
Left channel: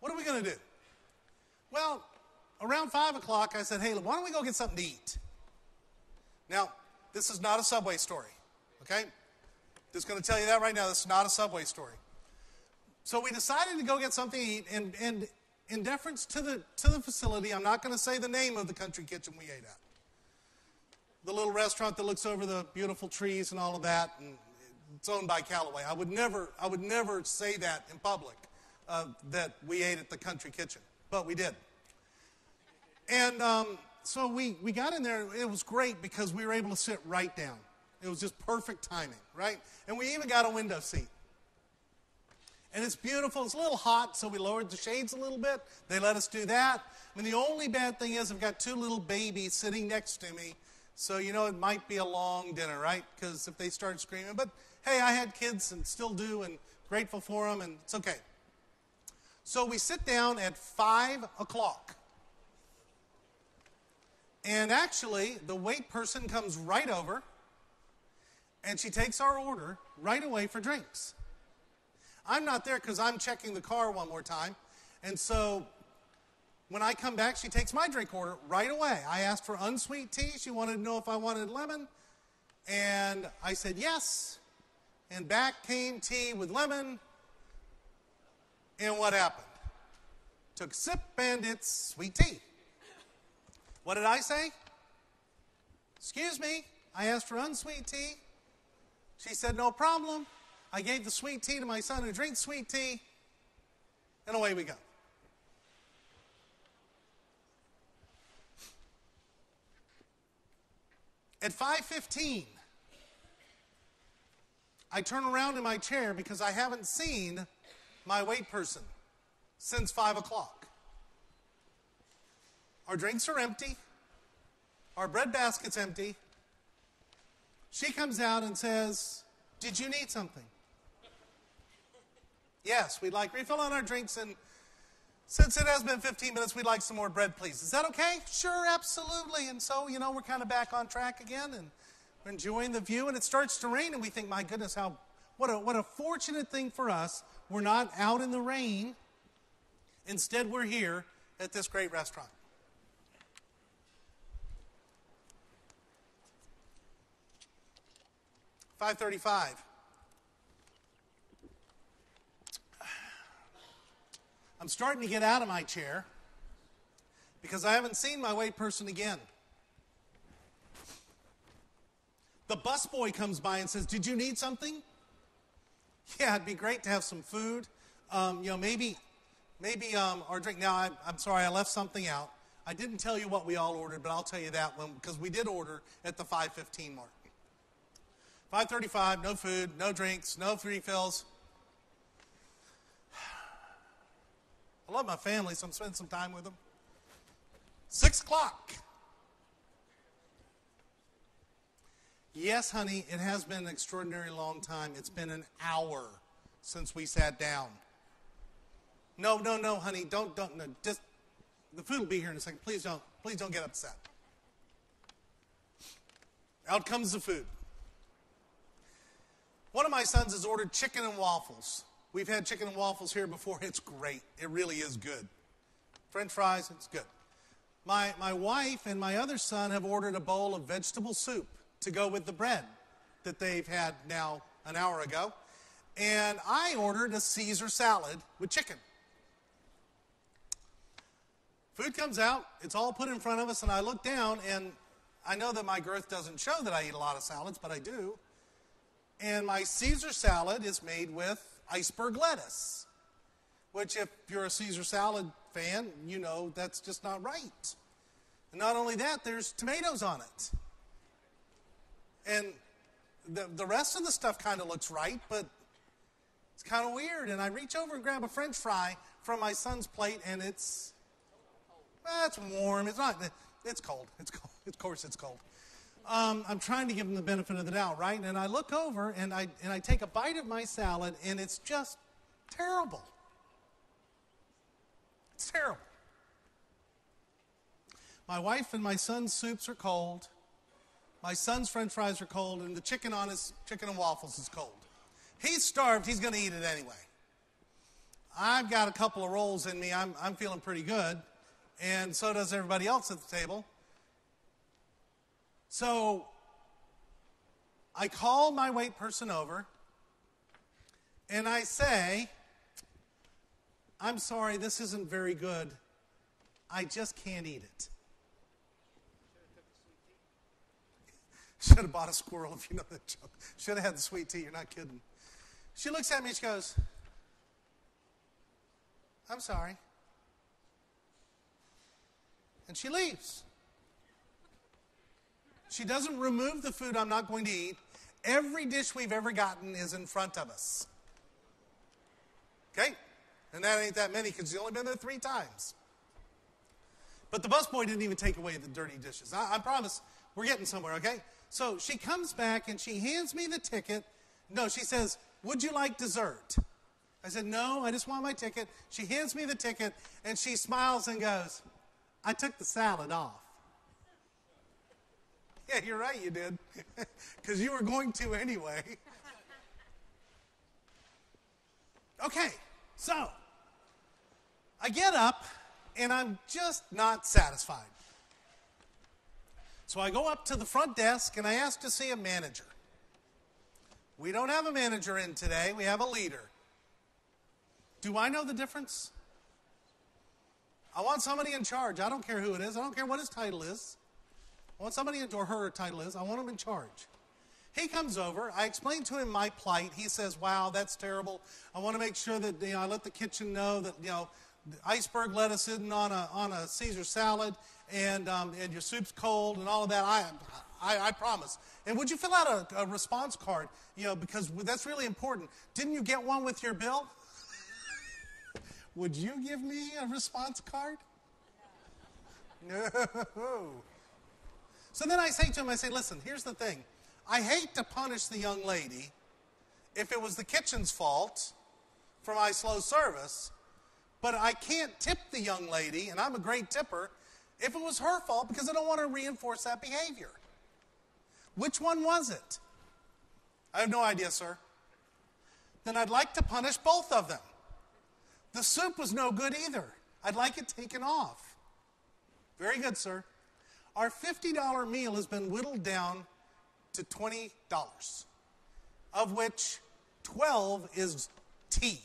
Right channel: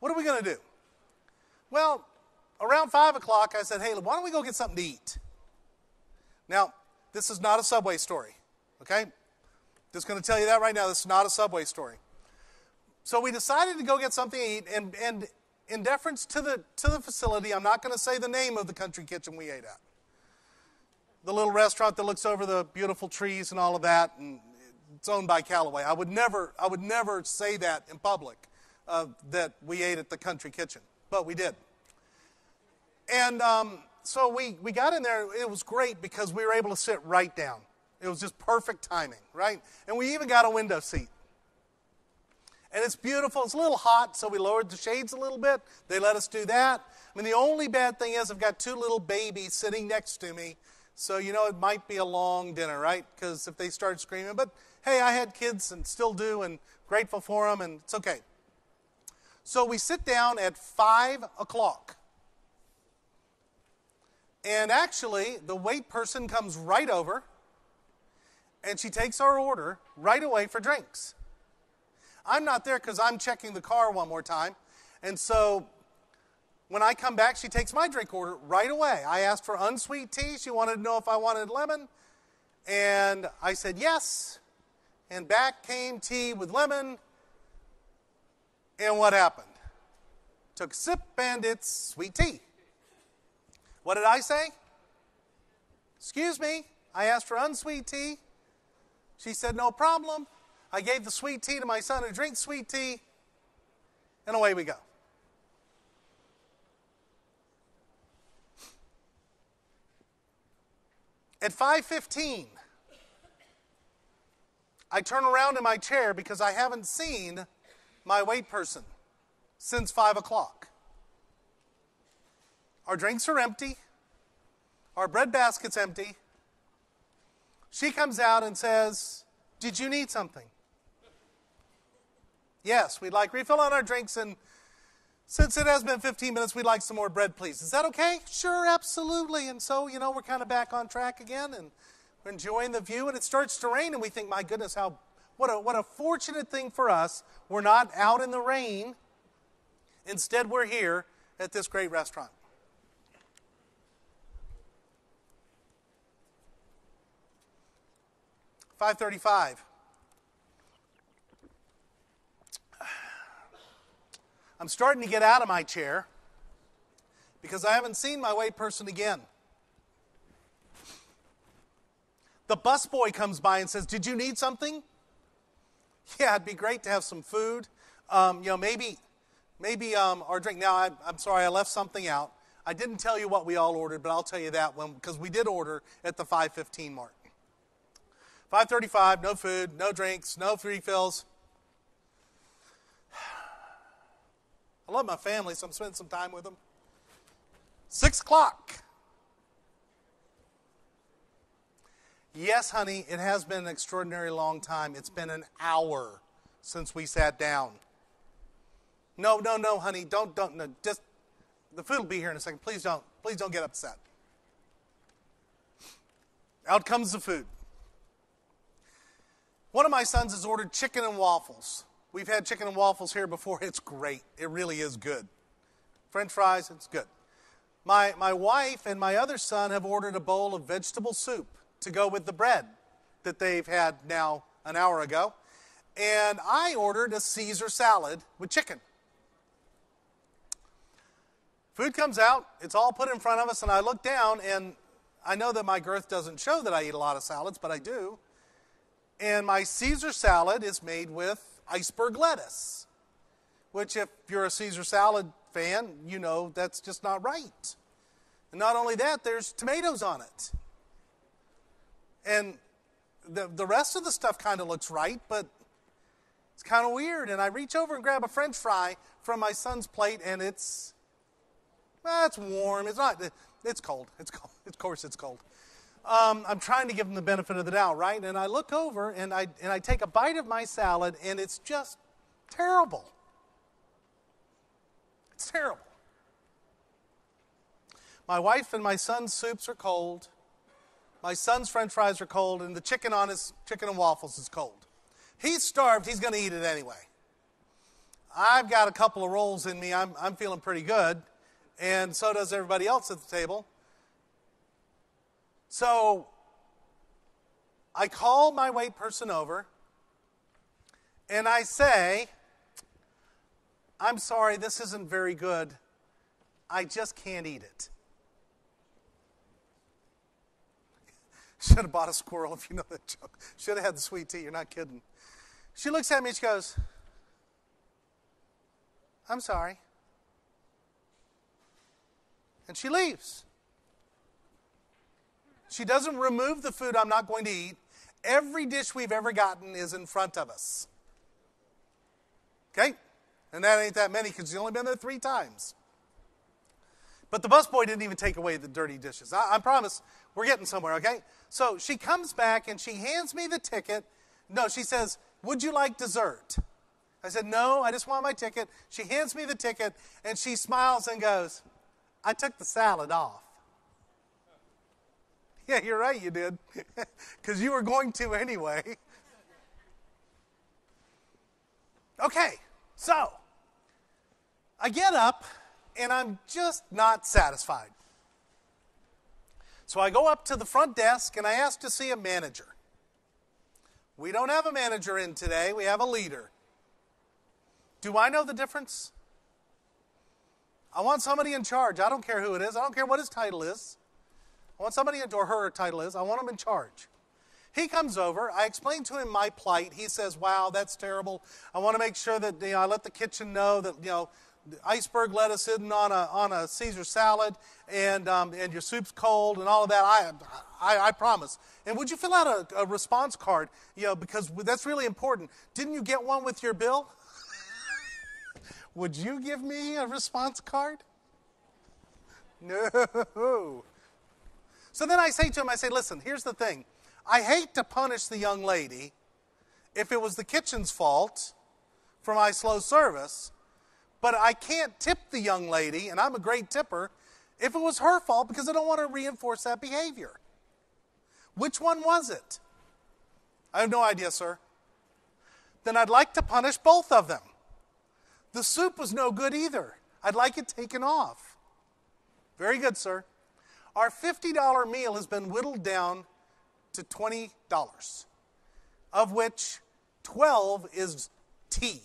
What are we going to do? Well, around 5 o'clock, I said, hey, why don't we go get something to eat? Now, this is not a Subway story, okay? Just going to tell you that right now. This is not a Subway story. So we decided to go get something to eat, and in deference to the facility, I'm not going to say the name of the country kitchen we ate at. The little restaurant that looks over the beautiful trees and all of that, and it's owned by Callaway. I would never say that in public, that we ate at the country kitchen, but we did. And so we got in there. It was great because we were able to sit right down. It was just perfect timing, right? And we even got a window seat. And it's beautiful. It's a little hot, so we lowered the shades a little bit. They let us do that. I mean, the only bad thing is I've got two little babies sitting next to me. So, it might be a long dinner, right? Because if they start screaming. But, hey, I had kids and still do, and grateful for them, and it's okay. So we sit down at 5 o'clock. And actually, the wait person comes right over, and she takes our order right away for drinks. I'm not there because I'm checking the car one more time. And so when I come back, she takes my drink order right away. I asked for unsweet tea. She wanted to know if I wanted lemon. And I said yes. And back came tea with lemon. And what happened? Took a sip and it's sweet tea. What did I say? Excuse me, I asked for unsweet tea. She said, no problem. I gave the sweet tea to my son who drinks sweet tea, and away we go. At 5:15, I turn around in my chair because I haven't seen my wait person since 5 o'clock. Our drinks are empty. Our bread basket's empty. She comes out and says, did you need something? Yes, we'd like refill on our drinks, and since it has been 15 minutes, we'd like some more bread, please. Is that okay? Sure, absolutely. And so, we're kind of back on track again, and we're enjoying the view, and it starts to rain, and we think, my goodness, what a fortunate thing for us. We're not out in the rain. Instead, we're here at this great restaurant. 5:35. I'm starting to get out of my chair because I haven't seen my wait person again. The busboy comes by and says, did you need something? Yeah, it'd be great to have some food. Maybe our drink. Now, I'm sorry, I left something out. I didn't tell you what we all ordered, but I'll tell you that because we did order at the 5:15 mark. 5:35, no food, no drinks, no refills. I love my family, so I'm spending some time with them. 6 o'clock. Yes, honey, it has been an extraordinarily long time. It's been an hour since we sat down. No, honey, don't, no, just, the food will be here in a second. Please don't get upset. Out comes the food. One of my sons has ordered chicken and waffles. We've had chicken and waffles here before. It's great. It really is good. French fries, it's good. My wife and my other son have ordered a bowl of vegetable soup to go with the bread that they've had now an hour ago. And I ordered a Caesar salad with chicken. Food comes out. It's all put in front of us, and I look down, and I know that my girth doesn't show that I eat a lot of salads, but I do. And my Caesar salad is made with iceberg lettuce, which if you're a Caesar salad fan, that's just not right. And not only that, there's tomatoes on it. And the rest of the stuff kind of looks right, but it's kind of weird. And I reach over and grab a French fry from my son's plate, and it's warm. It's not. It's cold. It's cold. Of course it's cold. I'm trying to give him the benefit of the doubt, right? And I look over, and I take a bite of my salad, and it's just terrible. It's terrible. My wife and my son's soups are cold. My son's French fries are cold, and the chicken on his chicken and waffles is cold. He's starved. He's going to eat it anyway. I've got a couple of rolls in me. I'm feeling pretty good, and so does everybody else at the table. So I call my wait person over, and I say, I'm sorry, this isn't very good. I just can't eat it. Should have bought a squirrel if you know that joke. Should have had the sweet tea, you're not kidding. She looks at me and she goes, I'm sorry. and she leaves. She doesn't remove the food I'm not going to eat. Every dish we've ever gotten is in front of us. Okay? And that ain't that many because she's only been there 3 times. But the busboy didn't even take away the dirty dishes. I promise we're getting somewhere, okay? So she comes back and she hands me the ticket. No, she says, "Would you like dessert?" I said, "No, I just want my ticket." She hands me the ticket and she smiles and goes, "I took the salad off." Yeah, you're right, you did. Because you were going to anyway. Okay, so I get up and I'm just not satisfied. So I go up to the front desk and I ask to see a manager. We don't have a manager in today, we have a leader. Do I know the difference? I want somebody in charge. I don't care who it is. I don't care what his title is. I want somebody, or her title is, I want him in charge. He comes over. I explain to him my plight. He says, "Wow, that's terrible. I want to make sure that I let the kitchen know that iceberg lettuce isn't on a Caesar salad, and your soup's cold, and all of that. I promise. And would you fill out a response card? Because that's really important. Didn't you get one with your bill? Would you give me a response card? No." So then I say to him, I say, "Listen, here's the thing. I hate to punish the young lady if it was the kitchen's fault for my slow service, but I can't tip the young lady, and I'm a great tipper, if it was her fault because I don't want to reinforce that behavior. Which one was it?" "I have no idea, sir." "Then I'd like to punish both of them. The soup was no good either. I'd like it taken off." "Very good, sir. Our $50 meal has been whittled down to $20, of which 12 is tea."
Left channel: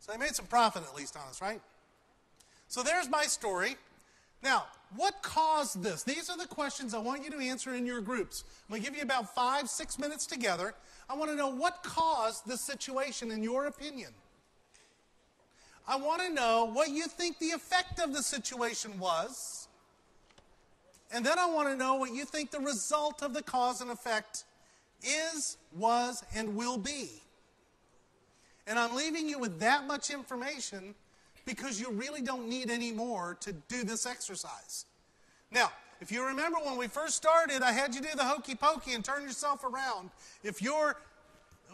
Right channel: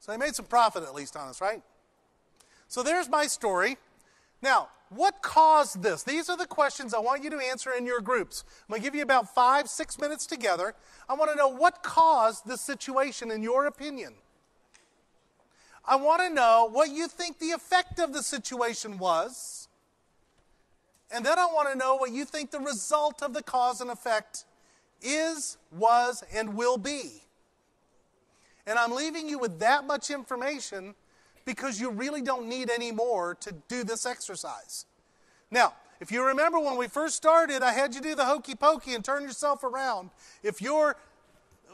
So they made some profit at least on us, right? So there's my story. Now, what caused this? These are the questions I want you to answer in your groups. I'm going to give you about 5-6 minutes together. I want to know what caused this situation in your opinion. I want to know what you think the effect of the situation was. And then I want to know what you think the result of the cause and effect is, was, and will be. And I'm leaving you with that much information because you really don't need any more to do this exercise. Now, if you remember when we first started, I had you do the hokey pokey and turn yourself around. If you're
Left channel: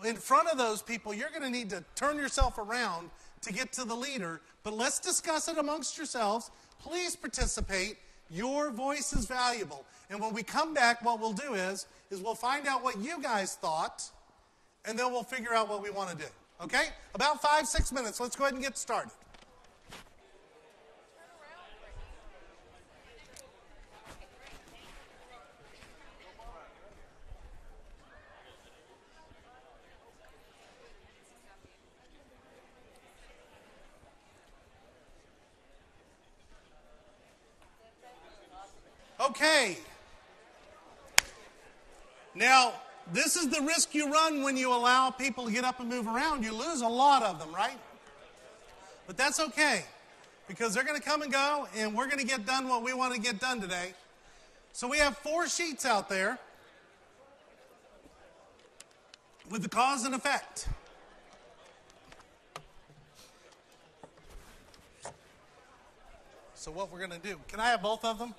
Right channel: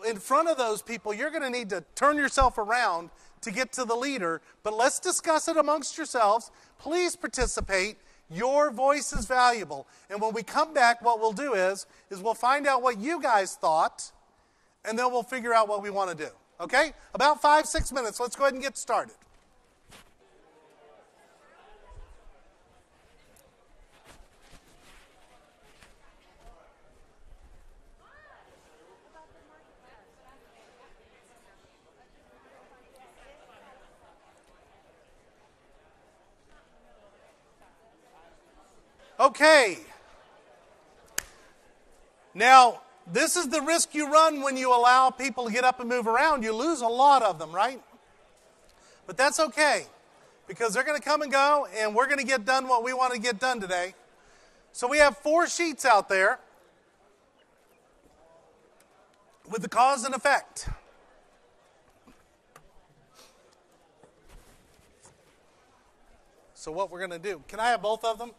in front of those people, you're going to need to turn yourself around to get to the leader. But let's discuss it amongst yourselves. Please participate. Your voice is valuable. And when we come back, what we'll do is we'll find out what you guys thought, and then we'll figure out what we want to do. Okay? About 5-6 minutes. Let's go ahead and get started. Okay. Now, this is the risk you run when you allow people to get up and move around. You lose a lot of them, right? But that's okay, because they're going to come and go, and we're going to get done what we want to get done today. So we have 4 sheets out there with the cause and effect. So what we're going to do, can I have both of them?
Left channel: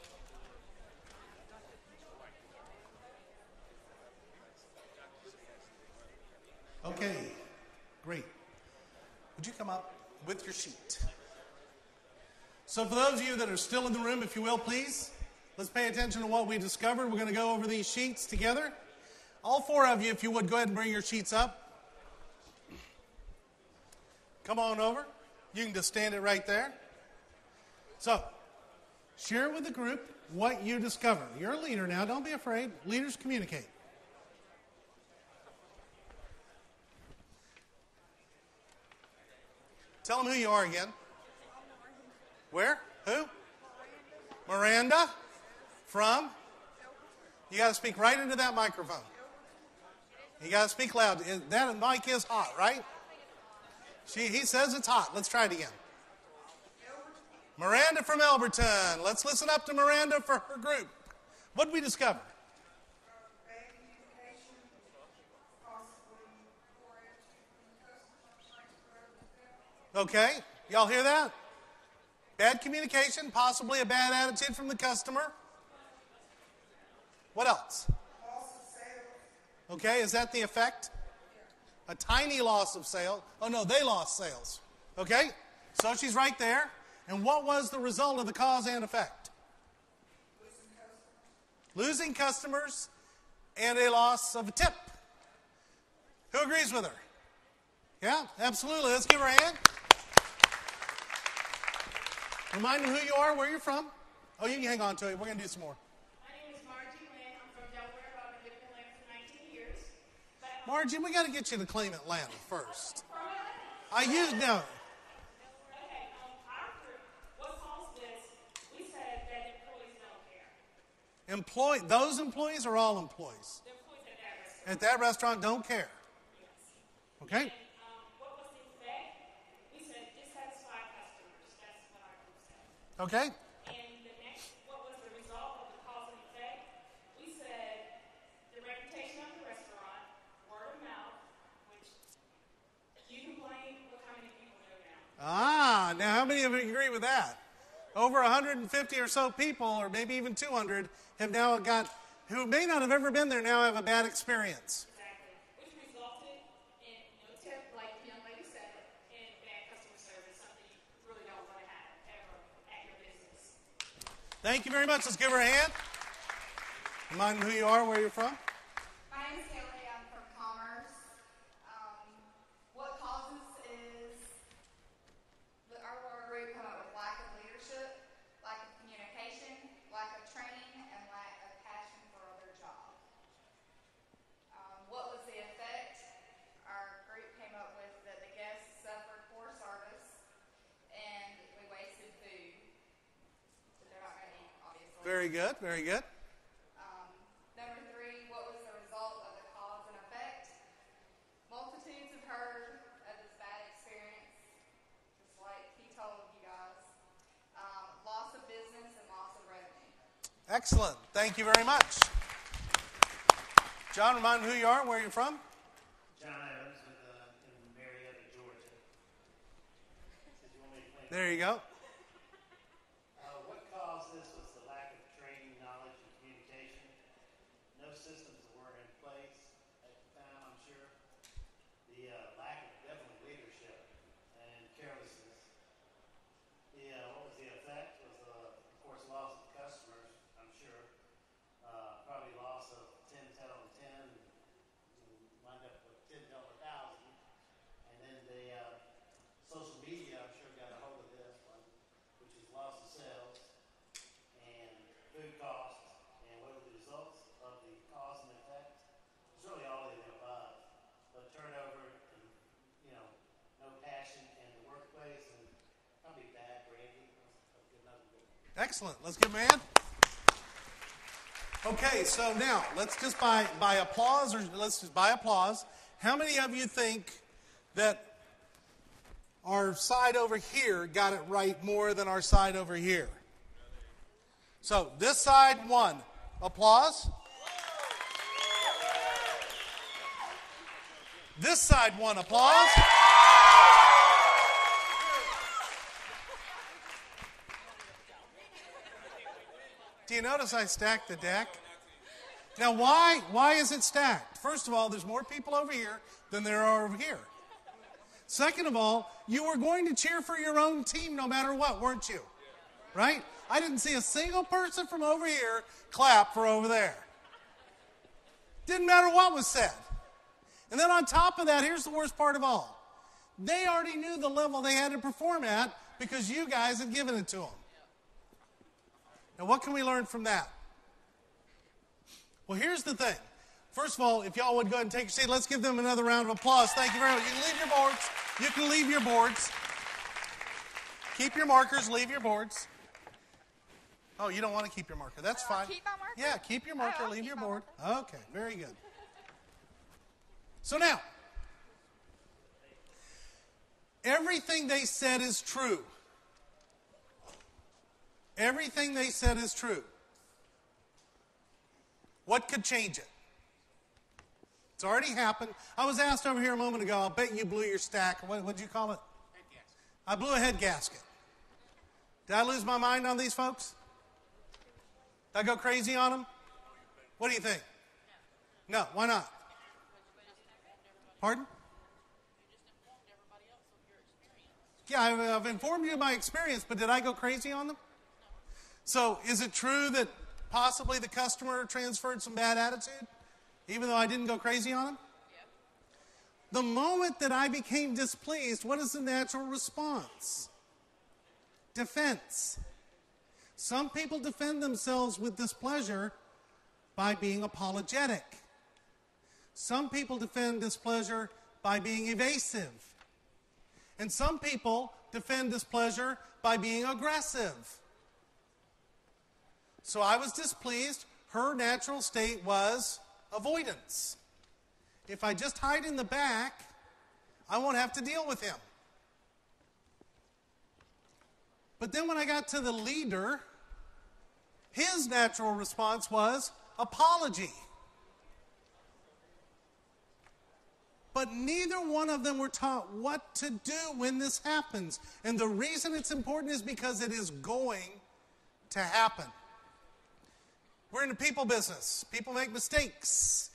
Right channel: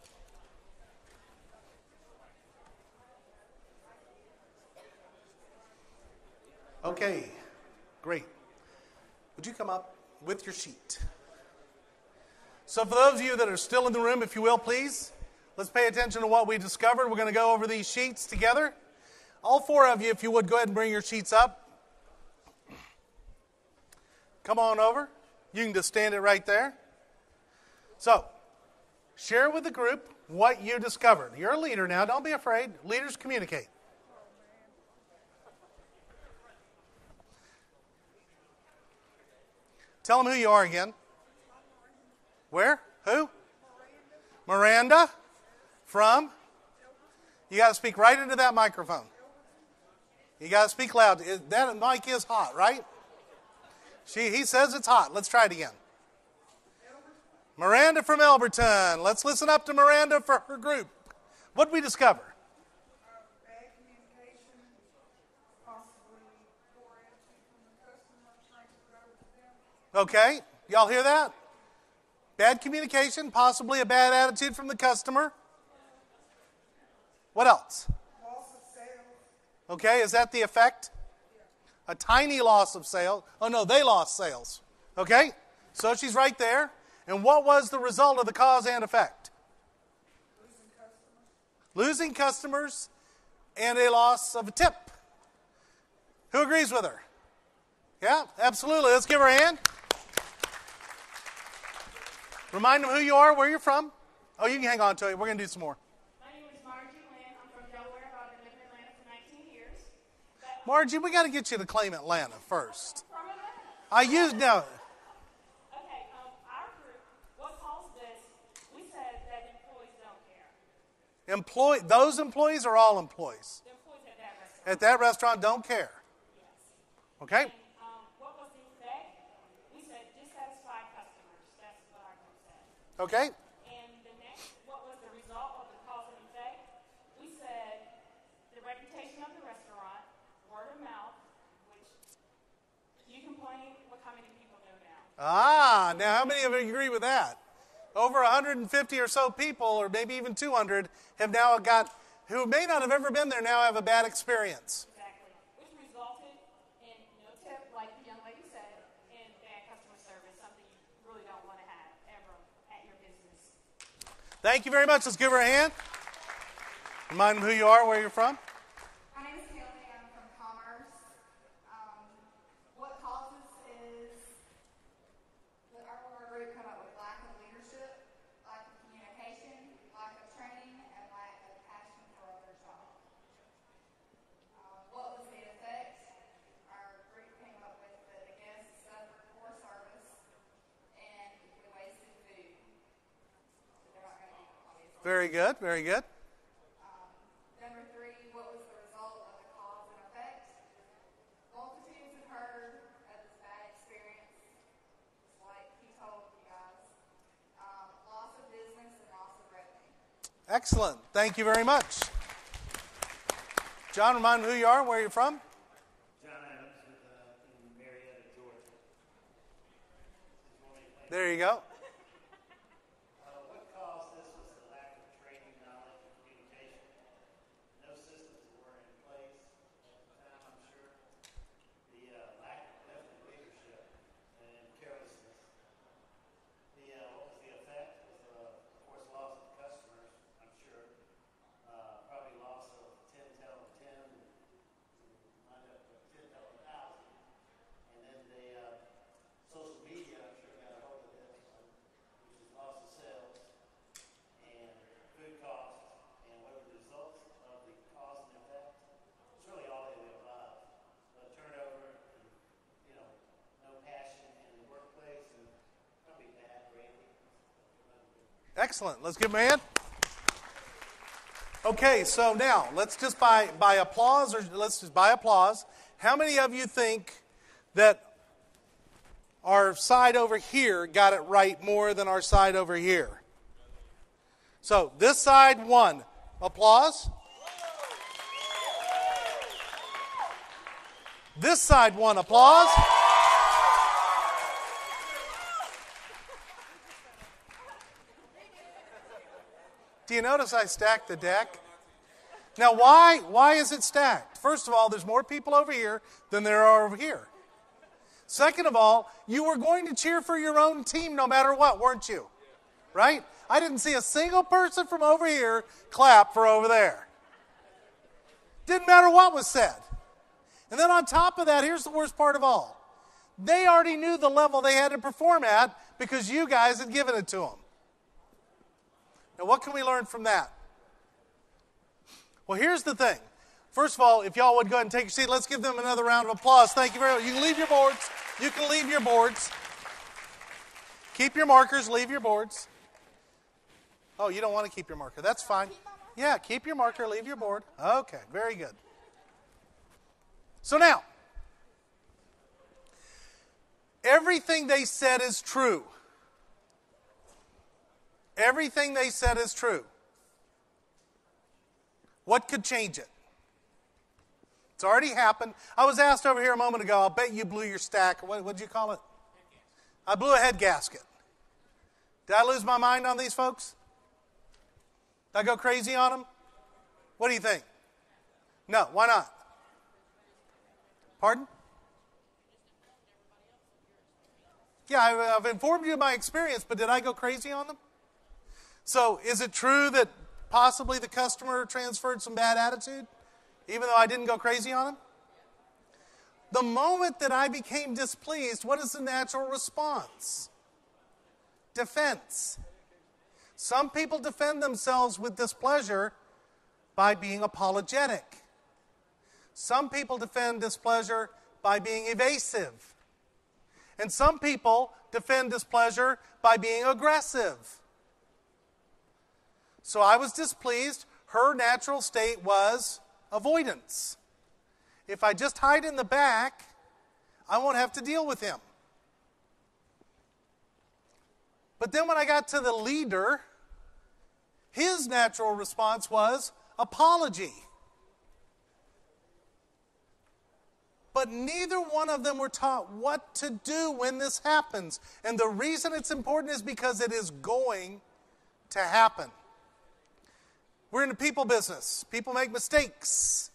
Okay, great. Would you come up with your sheet? So for those of you that are still in the room, if you will, please, let's pay attention to what we discovered. We're going to go over these sheets together. All 4 of you, if you would, go ahead and bring your sheets up. Come on over. You can just stand it right there. So, share with the group what you discovered. You're a leader now. Don't be afraid. Leaders communicate. Tell them who you are again. Where? Who? Miranda. From? You got to speak right into that microphone. You got to speak loud. That mic is hot, right? He says it's hot. Let's try it again. Miranda from Elberton. Let's listen up to Miranda for her group. What did we discover? Bad communication, possibly poor attitude from the customer. Okay, y'all hear that? Bad communication, possibly a bad attitude from the customer. What else? Loss of sales. Okay, is that the effect? A tiny loss of sales. Oh no, they lost sales. Okay, so she's right there. And what was the result of the cause and effect? Losing customers and a loss of a tip. Who agrees with her? Yeah, absolutely. Let's give her a hand. Remind them who you are, where you're from. Oh, you can hang on to it. We're going to do some more. My name is Margie Lynn. I'm from Delaware. I've been living in Atlanta for 19 years. Margie, we got to get you to claim Atlanta first. From Atlanta. I used now. Okay, our group, what caused this, we said that employees don't care. Those employees are all employees. The employees At at that restaurant. that restaurant don't care. Yes. Okay? And what was the effect? We said dissatisfied customers. That's what our group said. Okay? And the next, what was the result of the cause and effect? We said the reputation of the restaurant, word of mouth, which you complain, look how many people know now. Now how many of you agree with that? Over 150 or so people, or maybe even 200, have now got, who may not have ever been there, now have a bad experience. Exactly. Which resulted in no tip, like the young lady said, and bad customer service, something you really don't want to have ever at your business. Thank you very much. Let's give her a hand. Remind them who you are, where you're from. My name is Haley. I'm from Commerce. What causes is our group come up with lack of leadership, lack of communication, lack of training, and lack of passion for their job. What was the effect? Our group came up with that the guests suffered poor service and we wasted food. They're not going to eat, obviously. Very good, very good. Number 3, what was the result of the cause and effect? Multitudes have heard of this bad experience, just like he told you guys. Loss of business and loss of revenue. Excellent. Thank you very much. John, remind me who you are and where you're from. John Evans in Marietta, Georgia. There you go. What caused this was the lack of training, knowledge, and communication. No systems were in place at the time, I'm sure. The lack of definite leadership and carelessness. What was the effect? Was, of course, loss of customers, I'm sure. Probably loss of 10, 10 on 10, and wind up with 10 to 1,000. And then the social media, I'm sure, got a hold of this one, which is loss of sales and food costs. And what are the results of the cause and effect? It's really all of the above. But turnover and, no passion in the workplace and probably bad branding. Excellent. Let's give him a hand. Okay, so now let's just by applause, or let's just by applause. How many of you think that our side over here got it right more than our side over here? So this side won. Applause. This side won. Applause. Do you notice I stacked the deck? Now, why is it stacked? First of all, there's more people over here than there are over here. Second of all, you were going to cheer for your own team no matter what, weren't you? Right? I didn't see a single person from over here clap for over there. Didn't matter what was said. And then on top of that, here's the worst part of all. They already knew the level they had to perform at because you guys had given it to them. Now, what can we learn from that? Well, here's the thing. First of all, if y'all would go ahead and take your seat, let's give them another round of applause. Thank you very much. You can leave your boards. You can leave your boards. Keep your markers. Leave your boards. Oh, you don't want to keep your marker. That's fine. Keep my marker? Yeah, keep your marker. I'll Leave keep your my board. marker. Okay, very good. So now, everything they said is true. everything they said is true, what could change it? It's already happened. I was asked over here a moment ago, I'll bet you blew your stack. What did you call it? I blew a head gasket. Did I lose my mind on these folks? Did I go crazy on them? What do you think? No, why not? Pardon? Yeah, I've informed you of my experience, but did I go crazy on them? So is it true that possibly the customer transferred some bad attitude, even though I didn't go crazy on them? The moment that I became displeased, what is the natural response? Defense. Some people defend themselves with displeasure by being apologetic. Some people defend displeasure by being evasive. And some people defend displeasure by being aggressive. So I was displeased. Her natural state was avoidance. If I just hide in the back, I won't have to deal with him. But then when I got to the leader, his natural response was apology. But neither one of them were taught what to do when this happens. And the reason it's important is because it is going to happen. We're in the people business. People make mistakes.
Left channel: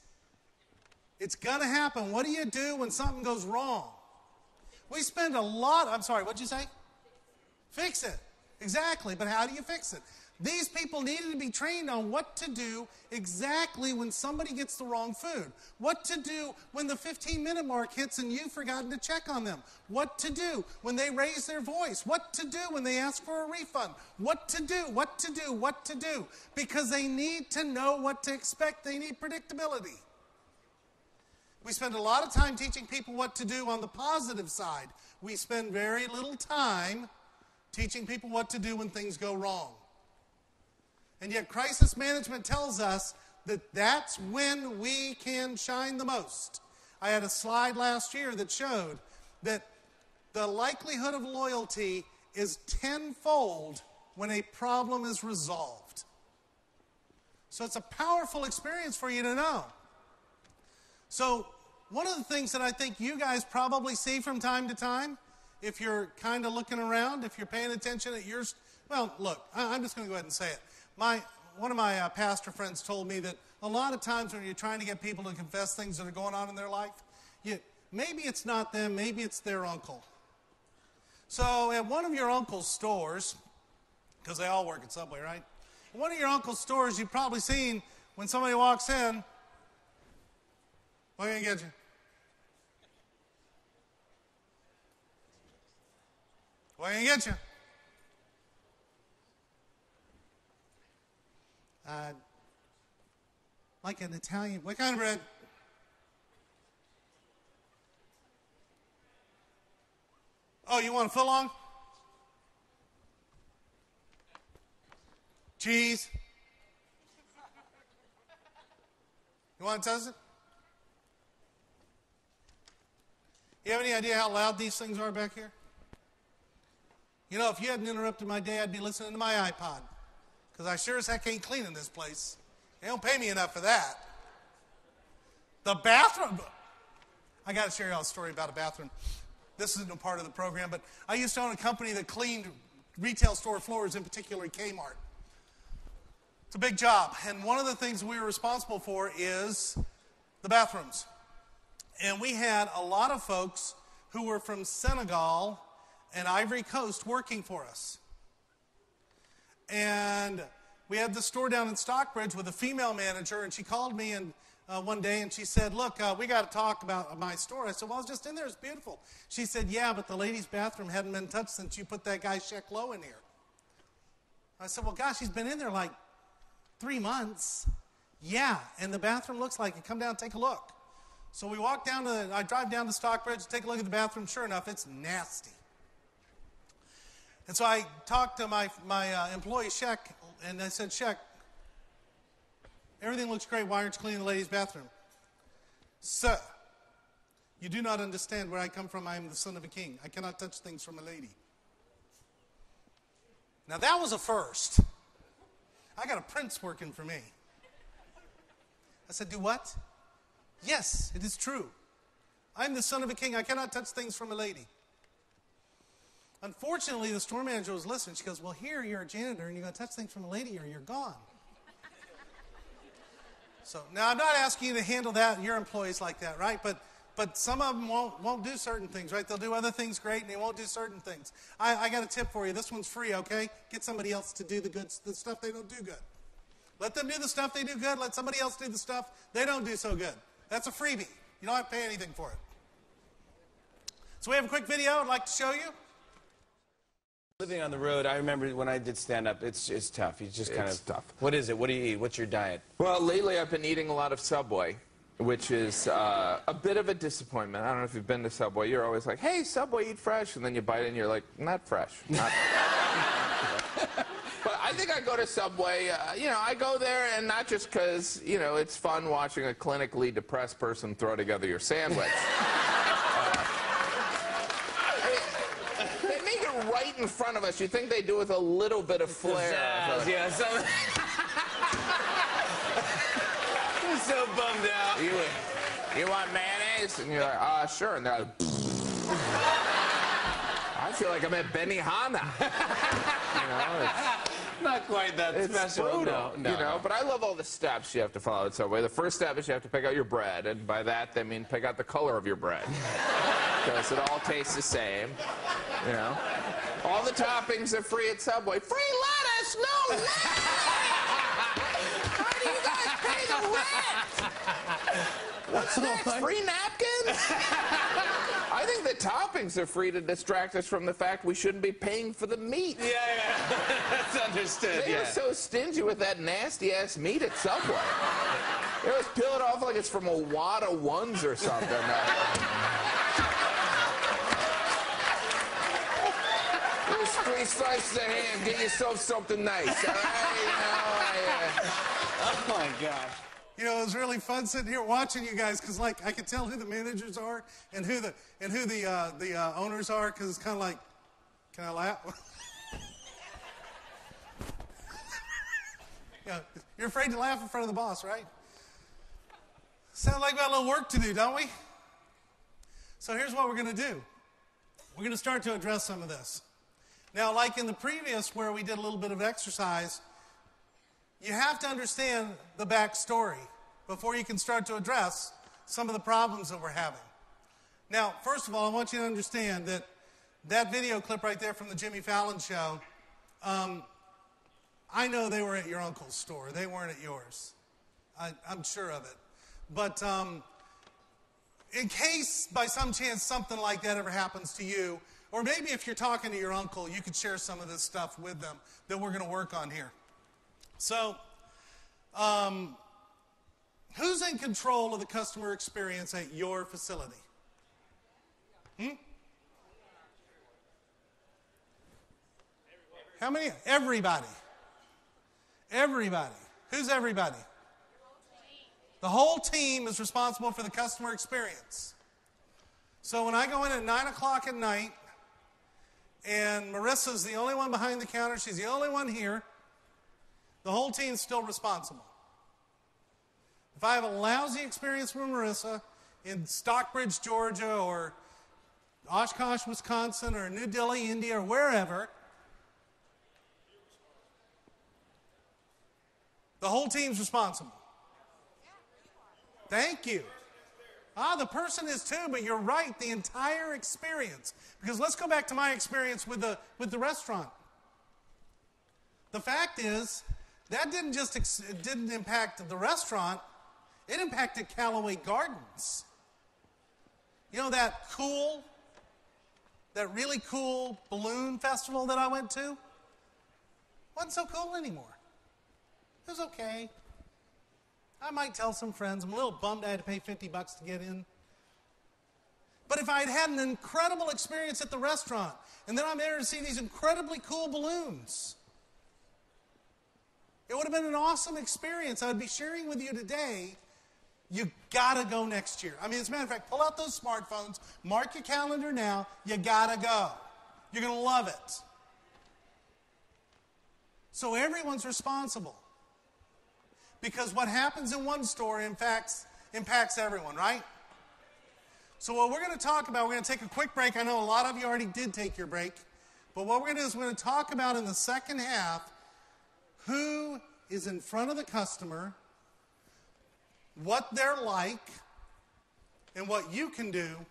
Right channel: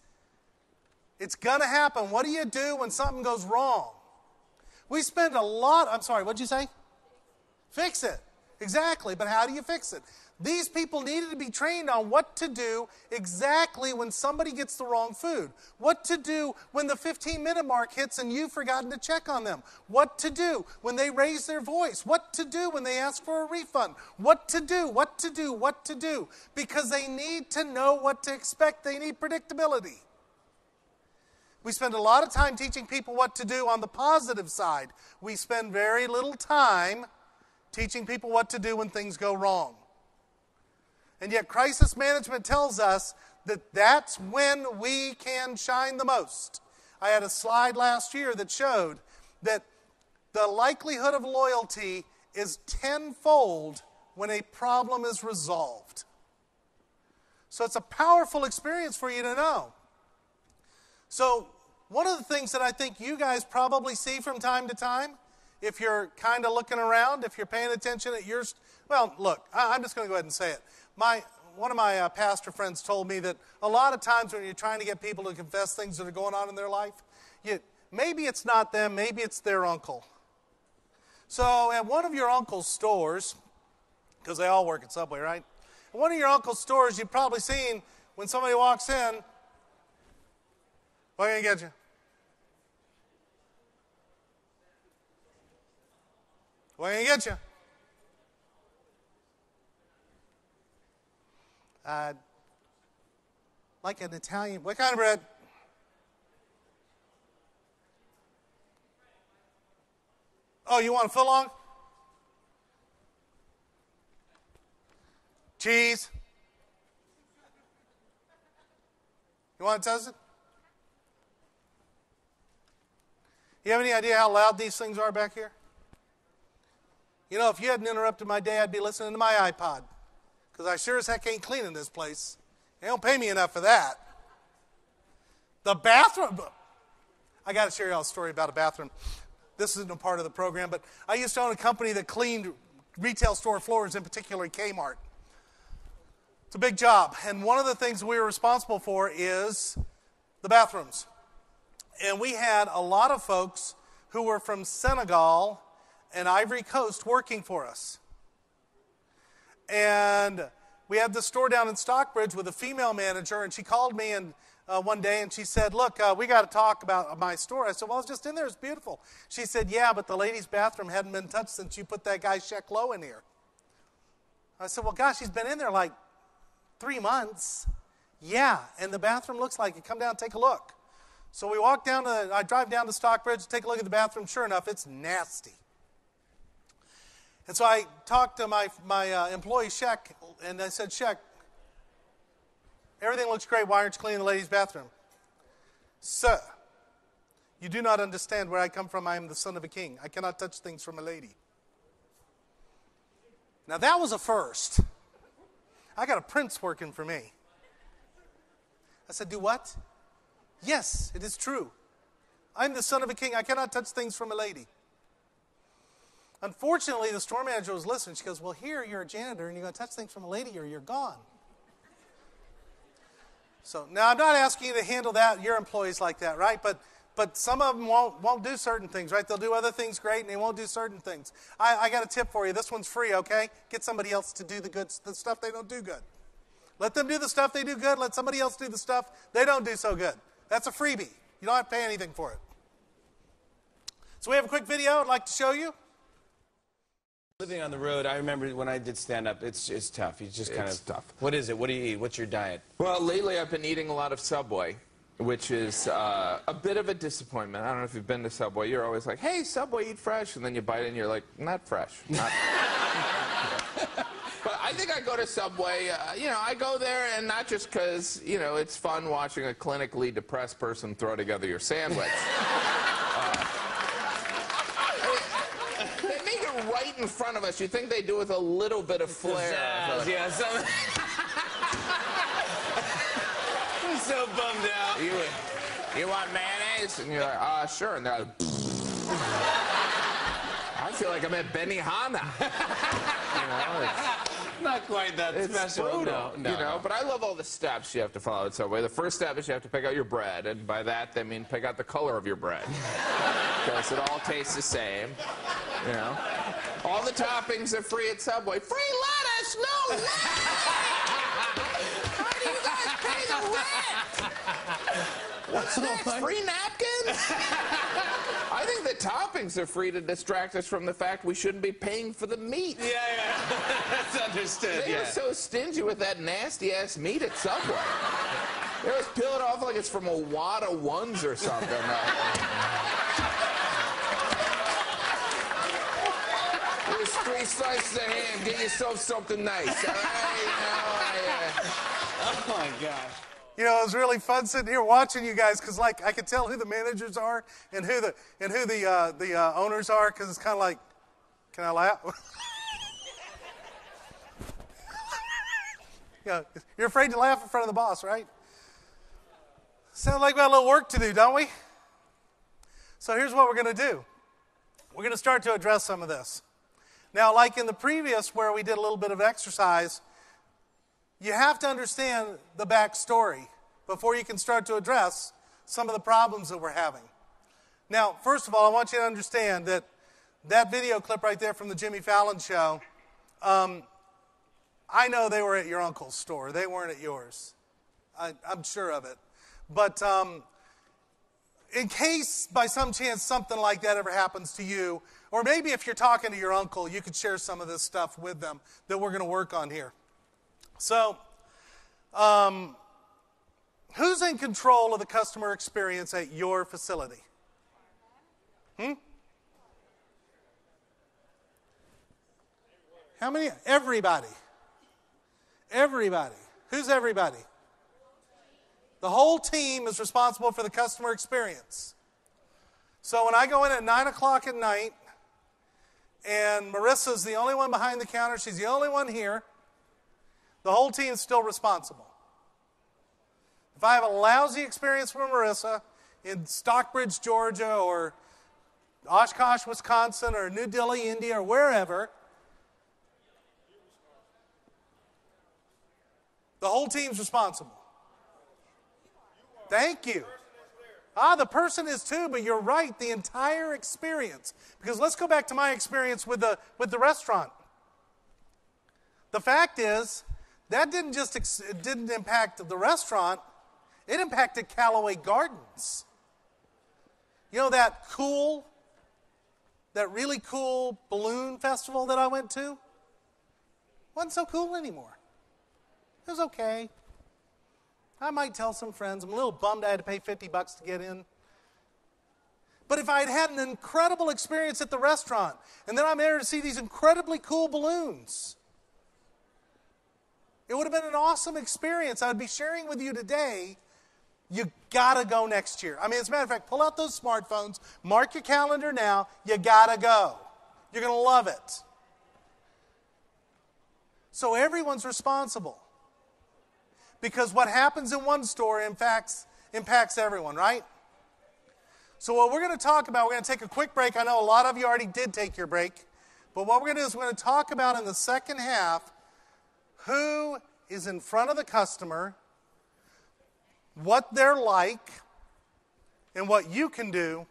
It's going to happen. What do you do when something goes wrong? We spend a lot... I'm sorry, what'd you say? Fix it. Exactly, but how do you fix it? These people needed to be trained on what to do exactly when somebody gets the wrong food. What to do when the 15-minute mark hits and you've forgotten to check on them. What to do when they raise their voice. What to do when they ask for a refund. What to do, what to do, what to do. Because they need to know what to expect. They need predictability. We spend a lot of time teaching people what to do on the positive side. We spend very little time teaching people what to do when things go wrong. And yet crisis management tells us that that's when we can shine the most. I had a slide last year that showed that the likelihood of loyalty is tenfold when a problem is resolved. So it's a powerful experience for you to know. So one of the things that I think you guys probably see from time to time, if you're kind of looking around, if you're paying attention at your... Well, look, I'm just going to go ahead and say it. One of my pastor friends told me that a lot of times when you're trying to get people to confess things that are going on in their life, maybe it's not them, maybe it's their uncle. So at one of your uncle's stores, because they all work at Subway, right? At one of your uncle's stores, you've probably seen when somebody walks in, what can I get you? What can I get you? Like an Italian, what kind of bread? Oh, you want a footlong? Cheese? You want it toasted? You have any idea how loud these things are back here? You know, if you hadn't interrupted my day, I'd be listening to my iPod. Because I sure as heck ain't cleaning this place. They don't pay me enough for that. The bathroom. I got to share y'all a story about a bathroom. This isn't a part of the program, but I used to own a company that cleaned retail store floors, in particular Kmart. It's a big job. And one of the things we were responsible for is the bathrooms. And we had a lot of folks who were from Senegal and Ivory Coast working for us. And we had this store down in Stockbridge with a female manager, and she called me one day and she said, look, we got to talk about my store. I said, well, I was just in there. It's beautiful. She said, yeah, but the ladies' bathroom hadn't been touched since you put that guy Sheck Lowe in here. I said, well, gosh, he's been in there like 3 months. Yeah, and the bathroom looks like it. Come down and take a look. So we walk down I drive down to Stockbridge, take a look at the bathroom. Sure enough, it's nasty. And so I talked to my employee, Sheck, and I said, Sheck, everything looks great. Why aren't you cleaning the ladies' bathroom? Sir, you do not understand where I come from. I am the son of a king. I cannot touch things from a lady. Now that was a first. I got a prince working for me. I said, do what? Yes, it is true. I'm the son of a king. I cannot touch things from a lady. Unfortunately, the store manager was listening. She goes, well, here you're a janitor and you're going to touch things from a lady or you're gone. So now I'm not asking you to handle that, your employees like that, right? But some of them won't do certain things, right? They'll do other things great and they won't do certain things. I got a tip for you. This one's free, okay? Get somebody else to do the stuff they don't do good. Let them do the stuff they do good. Let somebody else do the stuff they don't do so good. That's a freebie. You don't have to pay anything for it. So we have a quick video I'd like to show you. Living on the road, I remember when I did stand-up, it's tough. You just kind of tough. What is it? What do you eat? What's your diet? Well, lately I've been eating a lot of Subway, which is a bit of a disappointment. I don't know if you've been to Subway. You're always like, hey, Subway, eat fresh. And then you bite it and you're like, not fresh. Not But I think I go to Subway, I go there and not just because, it's fun watching a clinically depressed person throw together your sandwich. They make it right in front of us. You'd think they do with a little bit of flair. Yeah, I'm so bummed out. You want mayonnaise? And you're like, sure. And they're like, I feel like I'm at Benihana. Not quite that It's special. brutal, No. But I love all the steps you have to follow at Subway. The first step is you have to pick out your bread, and by that they mean pick out the color of your bread, because it all tastes the same. All the toppings are free at Subway. Free lettuce? No way! How do you guys pay the rent? What's next? Free napkins? I think the toppings are free to distract us from the fact we shouldn't be paying for the meat. Yeah. That's understood, They were so stingy with that nasty-ass meat at Subway. They always peel it off like it's from a wad of ones or something. There's 3 slices of ham. Get yourself something nice, all right? Oh, my gosh. It was really fun sitting here watching you guys because, I could tell who the managers are and who the owners are because it's kind of like, can I laugh? You're afraid to laugh in front of the boss, right? Sounds like we got a little work to do, don't we? So here's what we're going to do. We're going to start to address some of this. Now, like in the previous where we did a little bit of exercise, you have to understand the backstory before you can start to address some of the problems that we're having. Now, first of all, I want you to understand that video clip right there from the Jimmy Fallon show, I know they were at your uncle's store. They weren't at yours. I'm sure of it. But in case by some chance something like that ever happens to you, or maybe if you're talking to your uncle, you could share some of this stuff with them that we're going to work on here. So, who's in control of the customer experience at your facility? How many? Everybody. Everybody. Who's everybody? The whole team is responsible for the customer experience. So when I go in at 9 o'clock at night, and Marissa's the only one behind the counter, she's the only one here, the whole team's still responsible. If I have a lousy experience with Marissa in Stockbridge, Georgia, or Oshkosh, Wisconsin, or New Delhi, India, or wherever, the whole team's responsible. Thank you. The person is too, but you're right, the entire experience. Because let's go back to my experience with the restaurant. The fact is, that didn't impact the restaurant, it impacted Callaway Gardens. You know that really cool balloon festival that I went to? Wasn't so cool anymore. It was okay. I might tell some friends. I'm a little bummed I had to pay $50 to get in. But if I had had an incredible experience at the restaurant, and then I'm there to see these incredibly cool balloons, it would have been an awesome experience. I would be sharing with you today. You gotta go next year. I mean, as a matter of fact, pull out those smartphones, mark your calendar now, you gotta go. You're gonna love it. So everyone's responsible. Because what happens in one store impacts everyone, right? So what we're going to talk about, we're going to take a quick break. I know a lot of you already did take your break. But what we're going to do is we're going to talk about in the second half who is in front of the customer, what they're like, and what you can do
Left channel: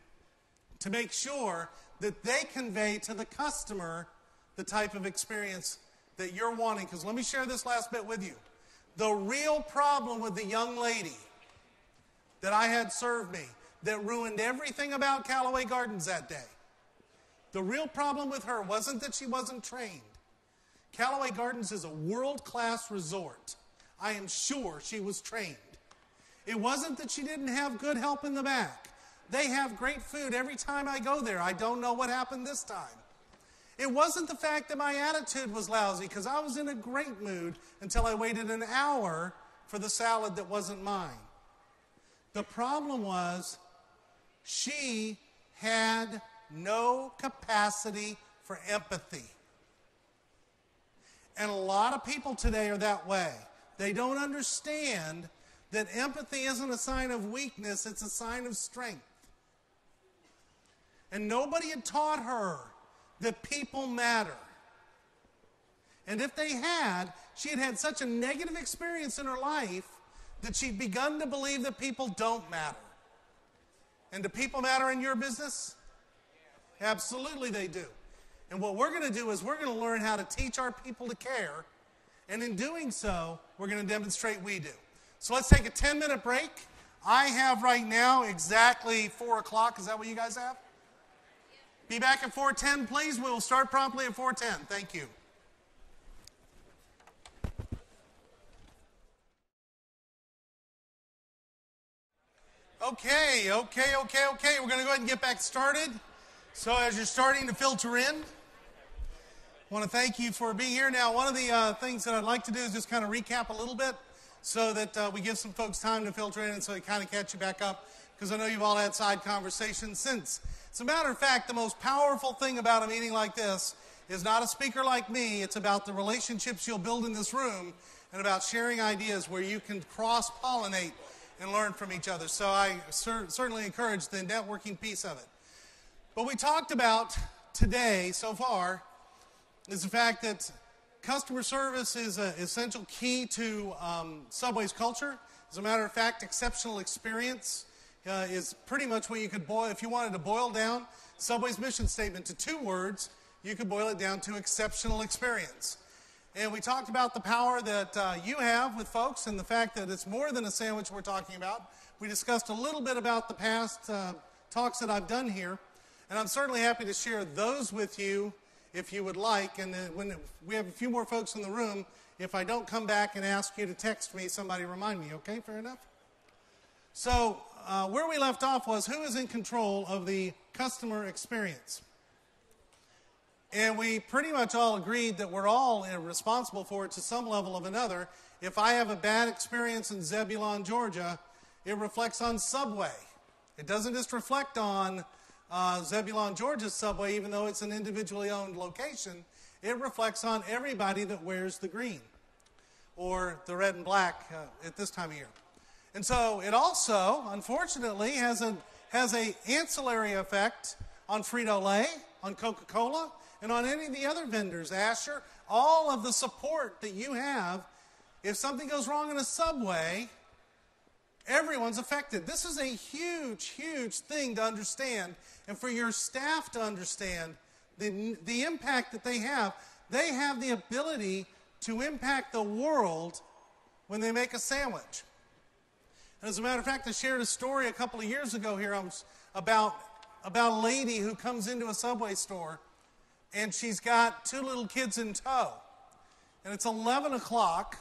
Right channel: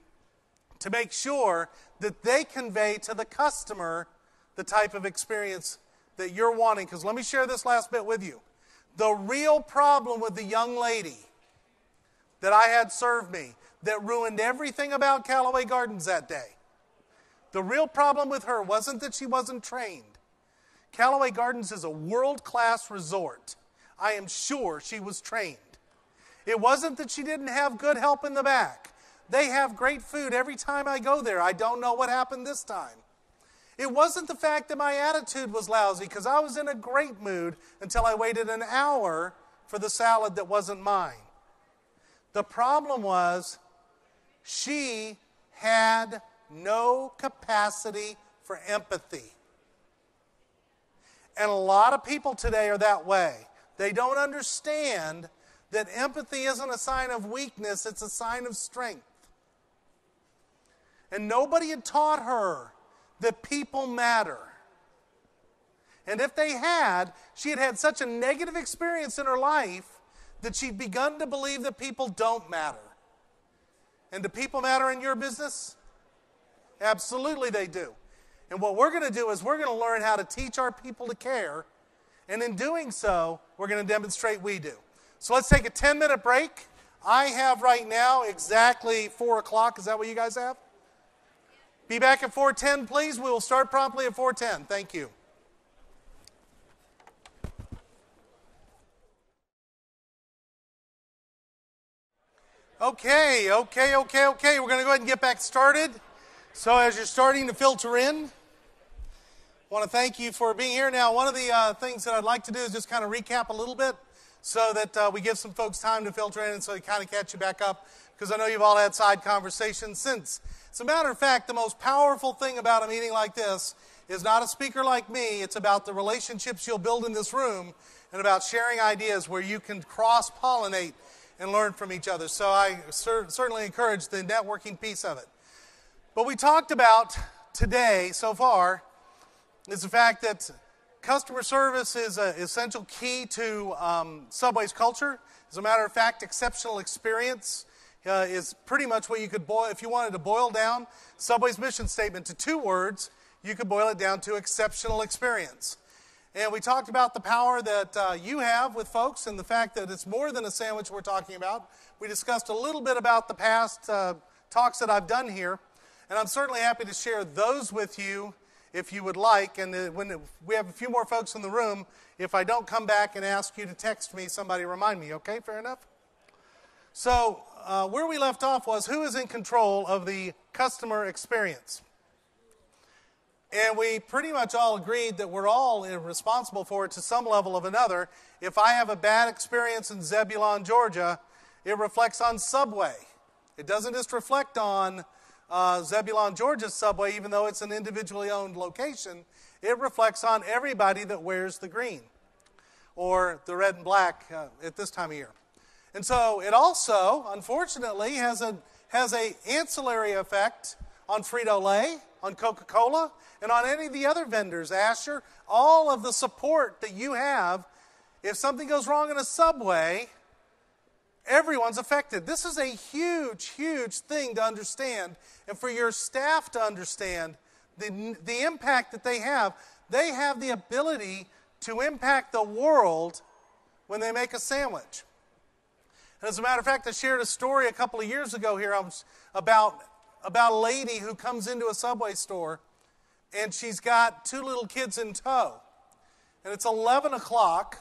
to make sure that they convey to the customer the type of experience that you're wanting. Because let me share this last bit with you. The real problem with the young lady that I had serve me that ruined everything about Callaway Gardens that day, the real problem with her wasn't that she wasn't trained. Callaway Gardens is a world-class resort. I am sure she was trained. It wasn't that she didn't have good help in the back. They have great food every time I go there. I don't know what happened this time. It wasn't the fact that my attitude was lousy, because I was in a great mood until I waited an hour for the salad that wasn't mine. The problem was she had no capacity for empathy. And a lot of people today are that way. They don't understand that empathy isn't a sign of weakness, it's a sign of strength. And nobody had taught her that people matter. And if they had, she had had such a negative experience in her life that she'd begun to believe that people don't matter. And do people matter in your business? Absolutely they do. And what we're going to do is we're going to learn how to teach our people to care. And in doing so, we're going to demonstrate we do. So let's take a 10-minute break. I have right now exactly 4 o'clock. Is that what you guys have? Be back at 4:10, please. We will start promptly at 4:10. Thank you. Okay. We're going to go ahead and get back started. So as you're starting to filter in, I want to thank you for being here. Now, one of the things that I'd like to do is just kind of recap a little bit so that we give some folks time to filter in and so we kind of catch you back up, because I know you've all had side conversations since. As a matter of fact, the most powerful thing about a meeting like this is not a speaker like me. It's about the relationships you'll build in this room and about sharing ideas where you can cross-pollinate and learn from each other. So I certainly encourage the networking piece of it. But we talked about today so far is the fact that customer service is an essential key to Subway's culture. As a matter of fact, exceptional experience is pretty much what you could boil. If you wanted to boil down Subway's mission statement to 2 words, you could boil it down to exceptional experience. And we talked about the power that you have with folks and the fact that it's more than a sandwich we're talking about. We discussed a little bit about the past talks that I've done here, and I'm certainly happy to share those with you if you would like. And when we have a few more folks in the room, if I don't come back and ask you to text me, somebody remind me, okay? Fair enough? So where we left off was who is in control of the customer experience. And we pretty much all agreed that we're all responsible for it to some level of another. If I have a bad experience in Zebulon, Georgia, it reflects on Subway. It doesn't just reflect on Zebulon, Georgia's Subway, even though it's an individually owned location. It reflects on everybody that wears the green or the red and black at this time of year. And so it also, unfortunately, has a ancillary effect on Frito-Lay, on Coca-Cola, and on any of the other vendors, Asher, all of the support that you have. If something goes wrong in a Subway, everyone's affected. This is a huge, huge thing to understand, and for your staff to understand the impact that they have. They have the ability to impact the world when they make a sandwich. And as a matter of fact, I shared a story a couple of years ago here about a lady who comes into a Subway store, and she's got 2 little kids in tow. And it's 11 o'clock,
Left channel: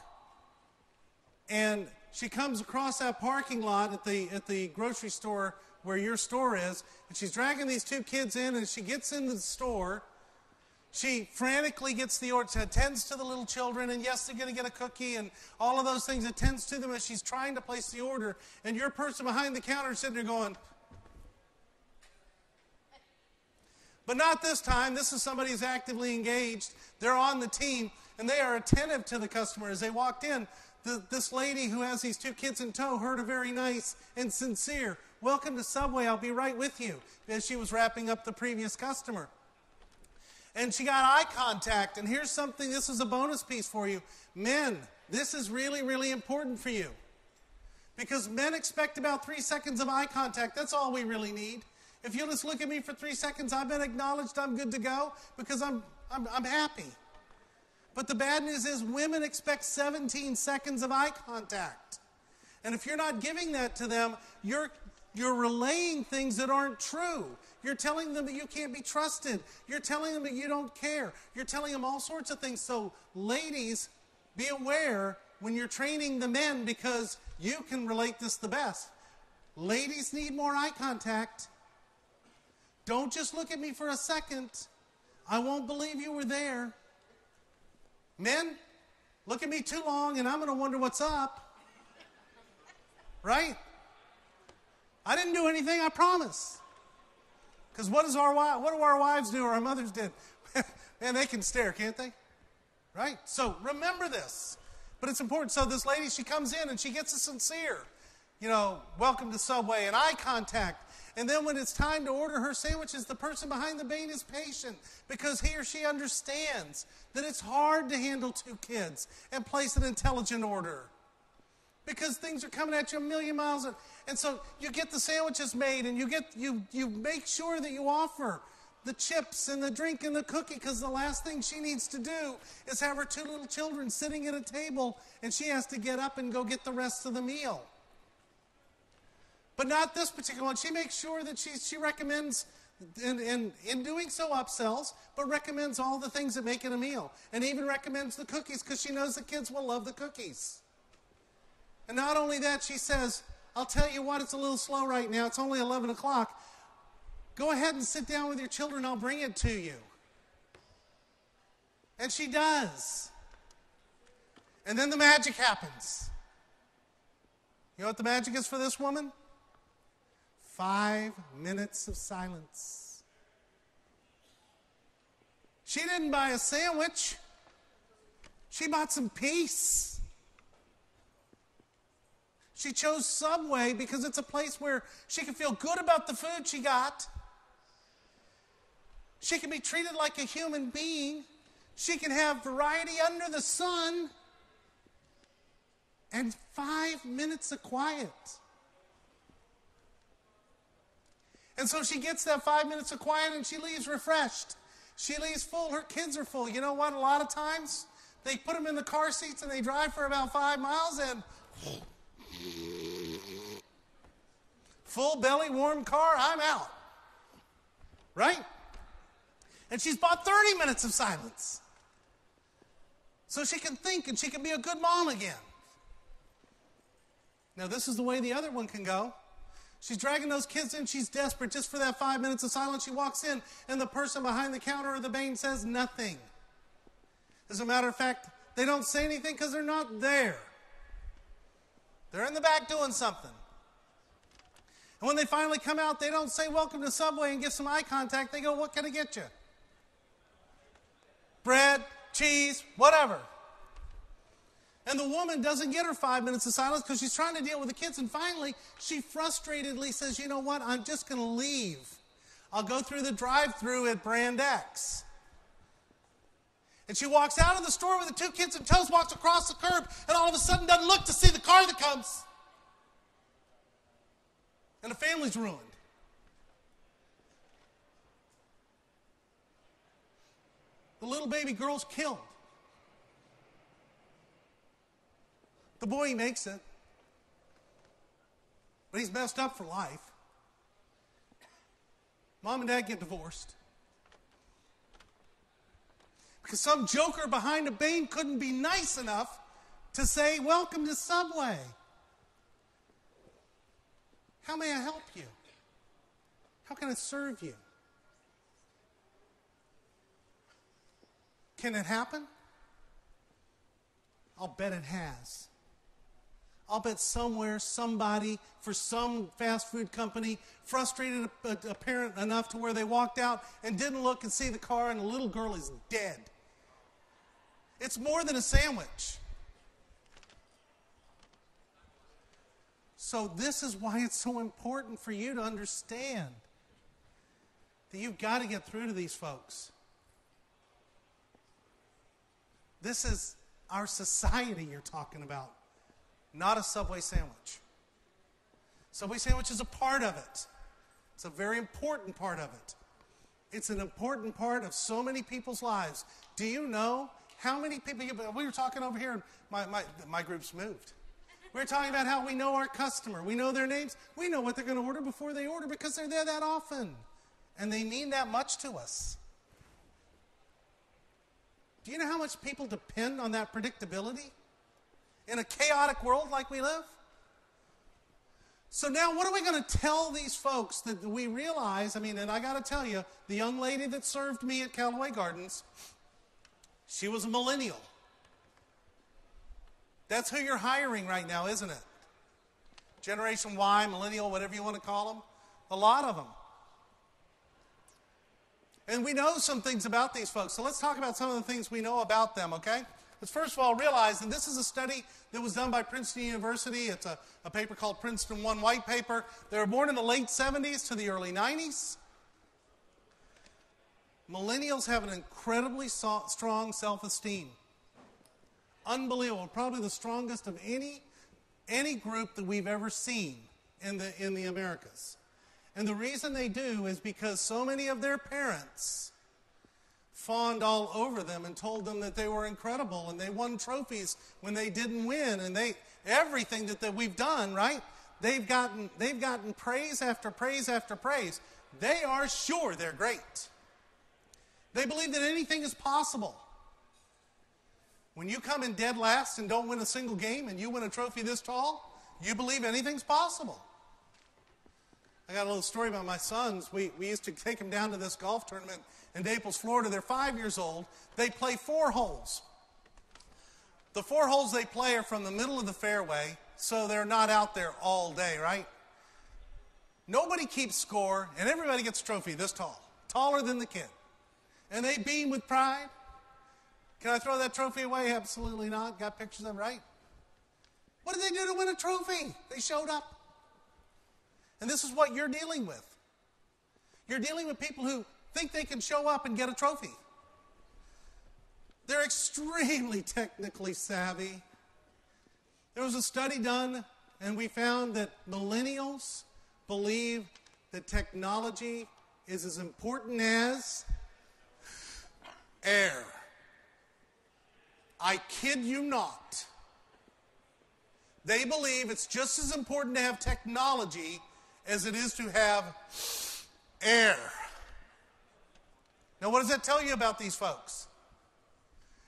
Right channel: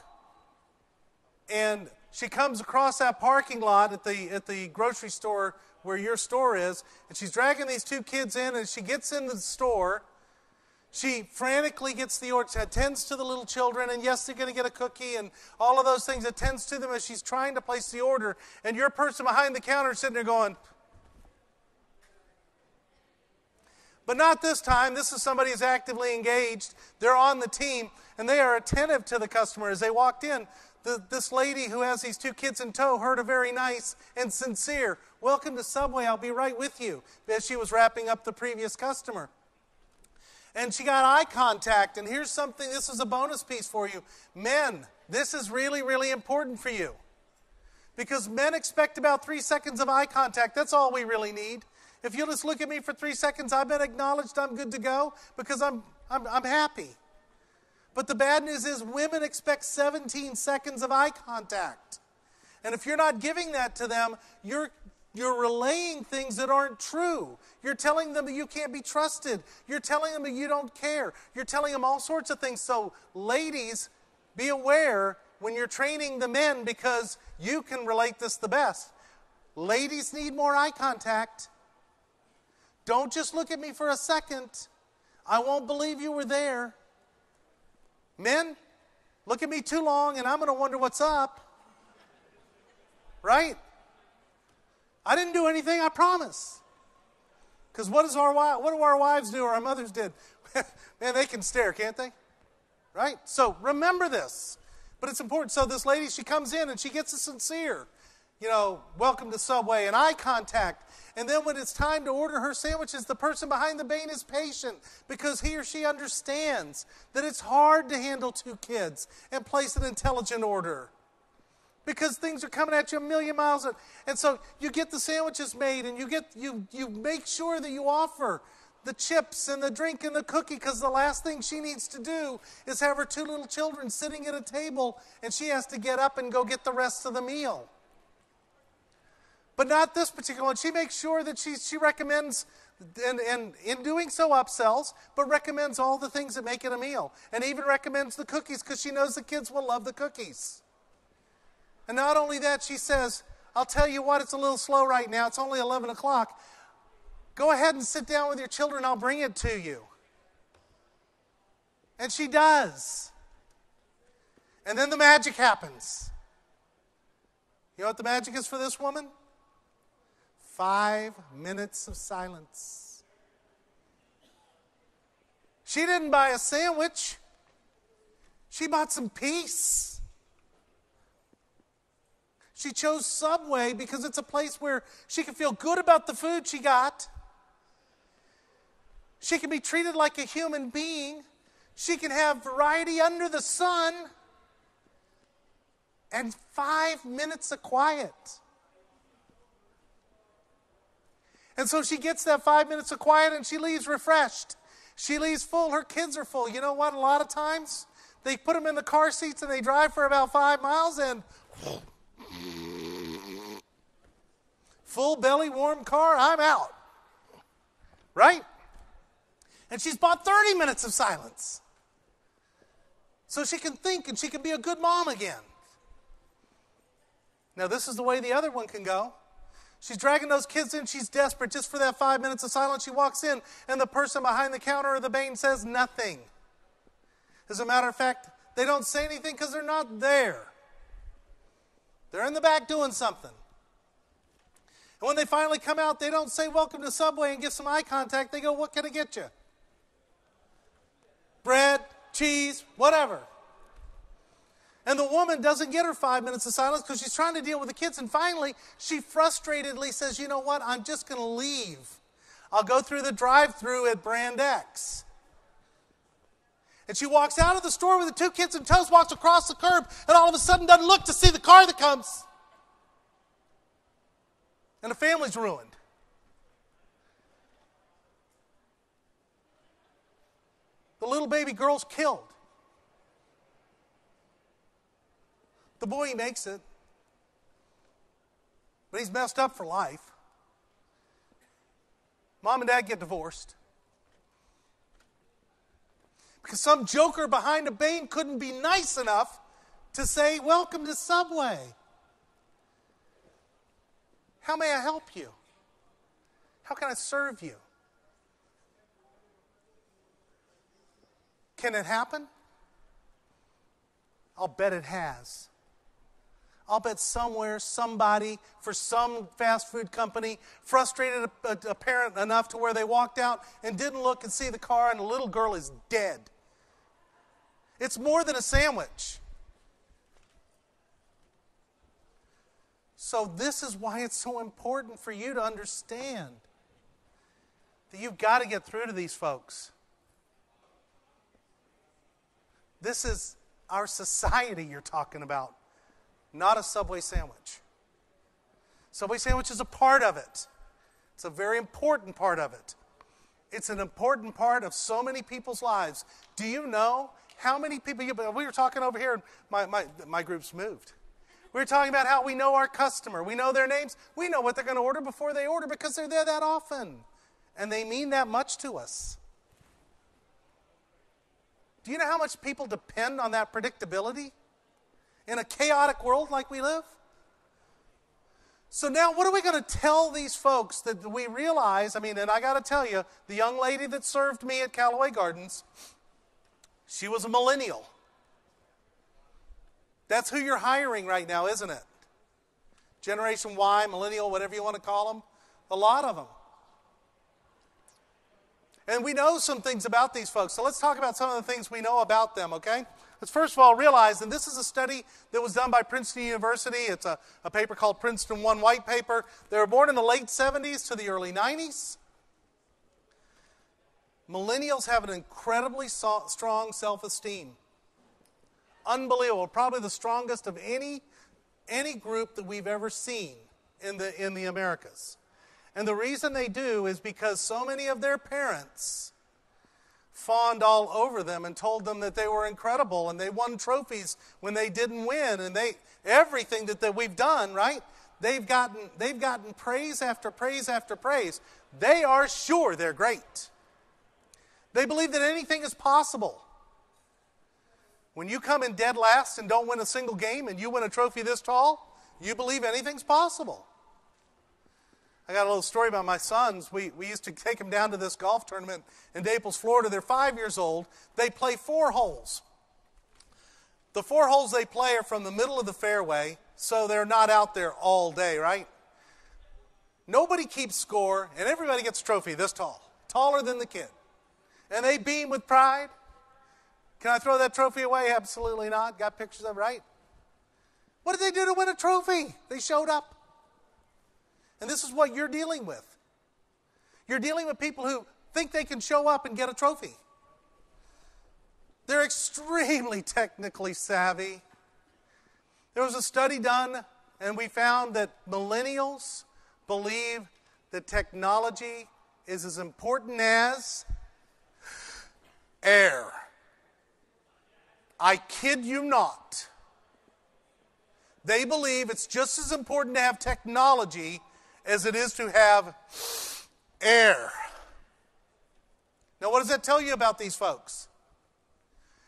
and she comes across that parking lot at the grocery store where your store is, and she's dragging these 2 kids in, and she gets into the store. She frantically gets the order, attends to the little children, and yes, they're going to get a cookie and all of those things, attends to them as she's trying to place the order. And your person behind the counter is sitting there going, but not this time. This is somebody who's actively engaged. They're on the team. and they are attentive to the customer. As they walked in, this lady who has these two kids in tow heard a very nice and sincere, "Welcome to Subway, I'll be right with you," as she was wrapping up the previous customer. And she got eye contact, and here's something, this is a bonus piece for you. Men, this is really, really important for you. Because men expect about 3 seconds of eye contact. That's all we really need. If you'll just look at me for 3 seconds, I've been acknowledged, I'm good to go, because I'm happy. But the bad news is women expect 17 seconds of eye contact. And if you're not giving that to them, you're relaying things that aren't true. You're telling them that you can't be trusted. You're telling them that you don't care. You're telling them all sorts of things. So ladies, be aware when you're training the men, because you can relate this the best. Ladies need more eye contact. Don't just look at me for a second. I won't believe you were there. Men, look at me too long and I'm going to wonder what's up. Right? I didn't do anything, I promise. Because what do our wives do or our mothers did? Man, they can stare, can't they? Right? So remember this. But it's important. So this lady, she comes in and she gets a sincere, "Welcome to Subway," and eye contact. And then when it's time to order her sandwiches, the person behind the bane is patient, because he or she understands that it's hard to handle 2 kids and place an intelligent order, because things are coming at you a million miles. And so you get the sandwiches made, and you make sure that you offer the chips and the drink and the cookie, because the last thing she needs to do is have her 2 little children sitting at a table and she has to get up and go get the rest of the meal. But not this particular one. She makes sure that she recommends, and in doing so upsells, but recommends all the things that make it a meal. And even recommends the cookies, because she knows the kids will love the cookies. And not only that, she says, "I'll tell you what, it's a little slow right now. It's only 11 o'clock. Go ahead and sit down with your children. I'll bring it to you." And she does. And then the magic happens. You know what the magic is for this woman? 5 minutes of silence. She didn't buy a sandwich. She bought some peace. She chose Subway because it's a place where she can feel good about the food she got. She can be treated like a human being. She can have variety under the sun. And 5 minutes of quiet. And so she gets that 5 minutes of quiet and she leaves refreshed. She leaves full. Her kids are full. You know what? A lot of times they put them in the car seats and they drive for about 5 miles and full belly, warm car, I'm out. Right? And she's bought 30 minutes of silence. So she can think and she can be a good mom again. Now this is the way the other one can go. She's dragging those kids in. She's desperate just for that 5 minutes of silence. She walks in and the person behind the counter or the bane says nothing. As a matter of fact, they don't say anything because they're not there. They're in the back doing something. And when they finally come out, they don't say welcome to Subway and give some eye contact. They go, what can I get you? Bread, cheese, whatever. And the woman doesn't get her 5 minutes of silence because she's trying to deal with the kids. And finally, she frustratedly says, you know what? I'm just going to leave. I'll go through the drive-thru at Brand X. And she walks out of the store with the 2 kids in tow, walks across the curb, and all of a sudden doesn't look to see the car that comes. And the family's ruined. The little baby girl's killed. The boy, he makes it. But he's messed up for life. Mom and Dad get divorced. Because some joker behind a bane couldn't be nice enough to say, welcome to Subway. How may I help you? How can I serve you? Can it happen? I'll bet it has. I'll bet somewhere, somebody, for some fast food company, frustrated a parent enough to where they walked out and didn't look and see the car and the little girl is dead. It's more than a sandwich. So this is why it's so important for you to understand that you've got to get through to these folks. This is our society you're talking about, not a Subway sandwich. Subway sandwich is a part of it. It's a very important part of it. It's an important part of so many people's lives. Do you know how many people, we were talking over here, my group's moved. We were talking about how we know our customer. We know their names. We know what they're going to order before they order because they're there that often. And they mean that much to us. Do you know how much people depend on that predictability in a chaotic world like we live? So now what are we going to tell these folks that we realize, and I got to tell you, the young lady that served me at Callaway Gardens, she was a millennial. That's who you're hiring right now, isn't it? Generation Y, millennial, whatever you want to call them. A lot of them. And we know some things about these folks. So let's talk about some of the things we know about them, okay? Let's first of all realize, and this is a study that was done by Princeton University. It's a paper called Princeton One White Paper. They were born in the late 70s to the early 90s. Millennials have an incredibly strong self-esteem. Unbelievable. Probably the strongest of any group that we've ever seen in the Americas. And the reason they do is because so many of their parents fawned all over them and told them that they were incredible and they won trophies when they didn't win, and everything that we've done, right? They've gotten praise after praise after praise. They are sure they're great. They believe that anything is possible. When you come in dead last and don't win a single game and you win a trophy this tall, you believe anything's possible. I got a little story about my sons. We used to take them down to this golf tournament in Naples, Florida. They're 5 years old. They play 4 holes. The 4 holes they play are from the middle of the fairway, so they're not out there all day, right? Nobody keeps score, and everybody gets a trophy this tall, taller than the kid. And they beam with pride. Can I throw that trophy away? Absolutely not. Got pictures of it, right? What did they do to win a trophy? They showed up. And this is what you're dealing with. You're dealing with people who think they can show up and get a trophy. They're extremely technically savvy. There was a study done, and we found that millennials believe that technology is as important as air. I kid you not. They believe it's just as important to have technology as it is to have air. Now, what does that tell you about these folks?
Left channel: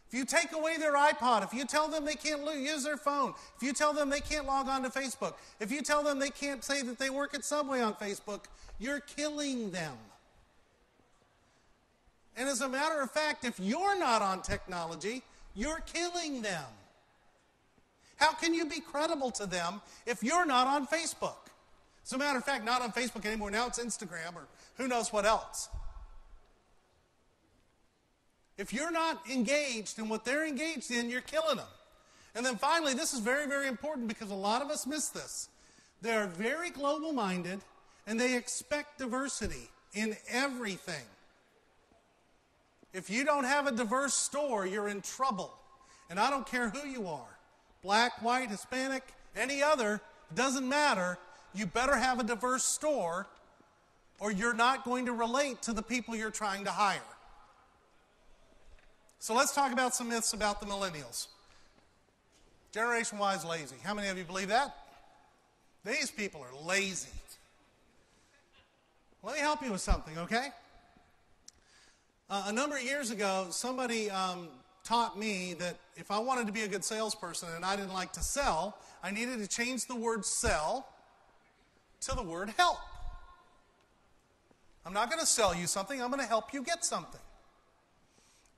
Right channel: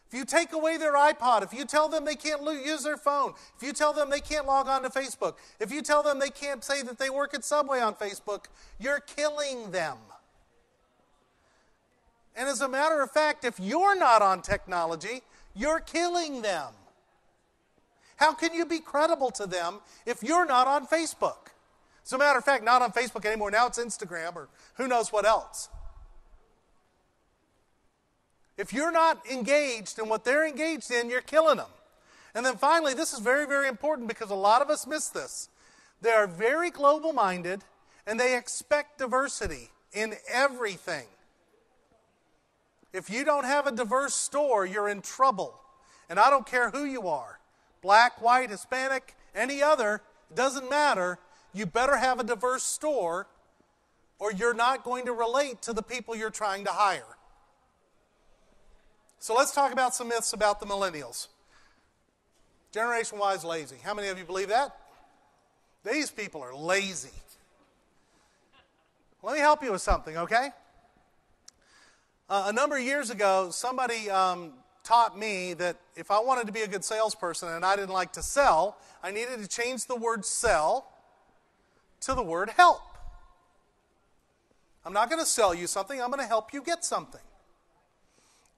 If you take away their iPod, if you tell them they can't use their phone, if you tell them they can't log on to Facebook, if you tell them they can't say that they work at Subway on Facebook, you're killing them. And as a matter of fact, if you're not on technology, you're killing them. How can you be credible to them if you're not on Facebook? As a matter of fact, not on Facebook anymore. Now it's Instagram or who knows what else. If you're not engaged in what they're engaged in, you're killing them. And then finally, this is very, very important because a lot of us miss this. They are very global-minded and they expect diversity in everything. If you don't have a diverse store, you're in trouble. And I don't care who you are. Black, white, Hispanic, any other, it doesn't matter. You better have a diverse store or you're not going to relate to the people you're trying to hire. So let's talk about some myths about the millennials. Generation Y is lazy. How many of you believe that? These people are lazy. Let me help you with something, okay? A number of years ago, somebody taught me that if I wanted to be a good salesperson and I didn't like to sell, I needed to change the word sell to the word help. I'm not going to sell you something, I'm going to help you get something.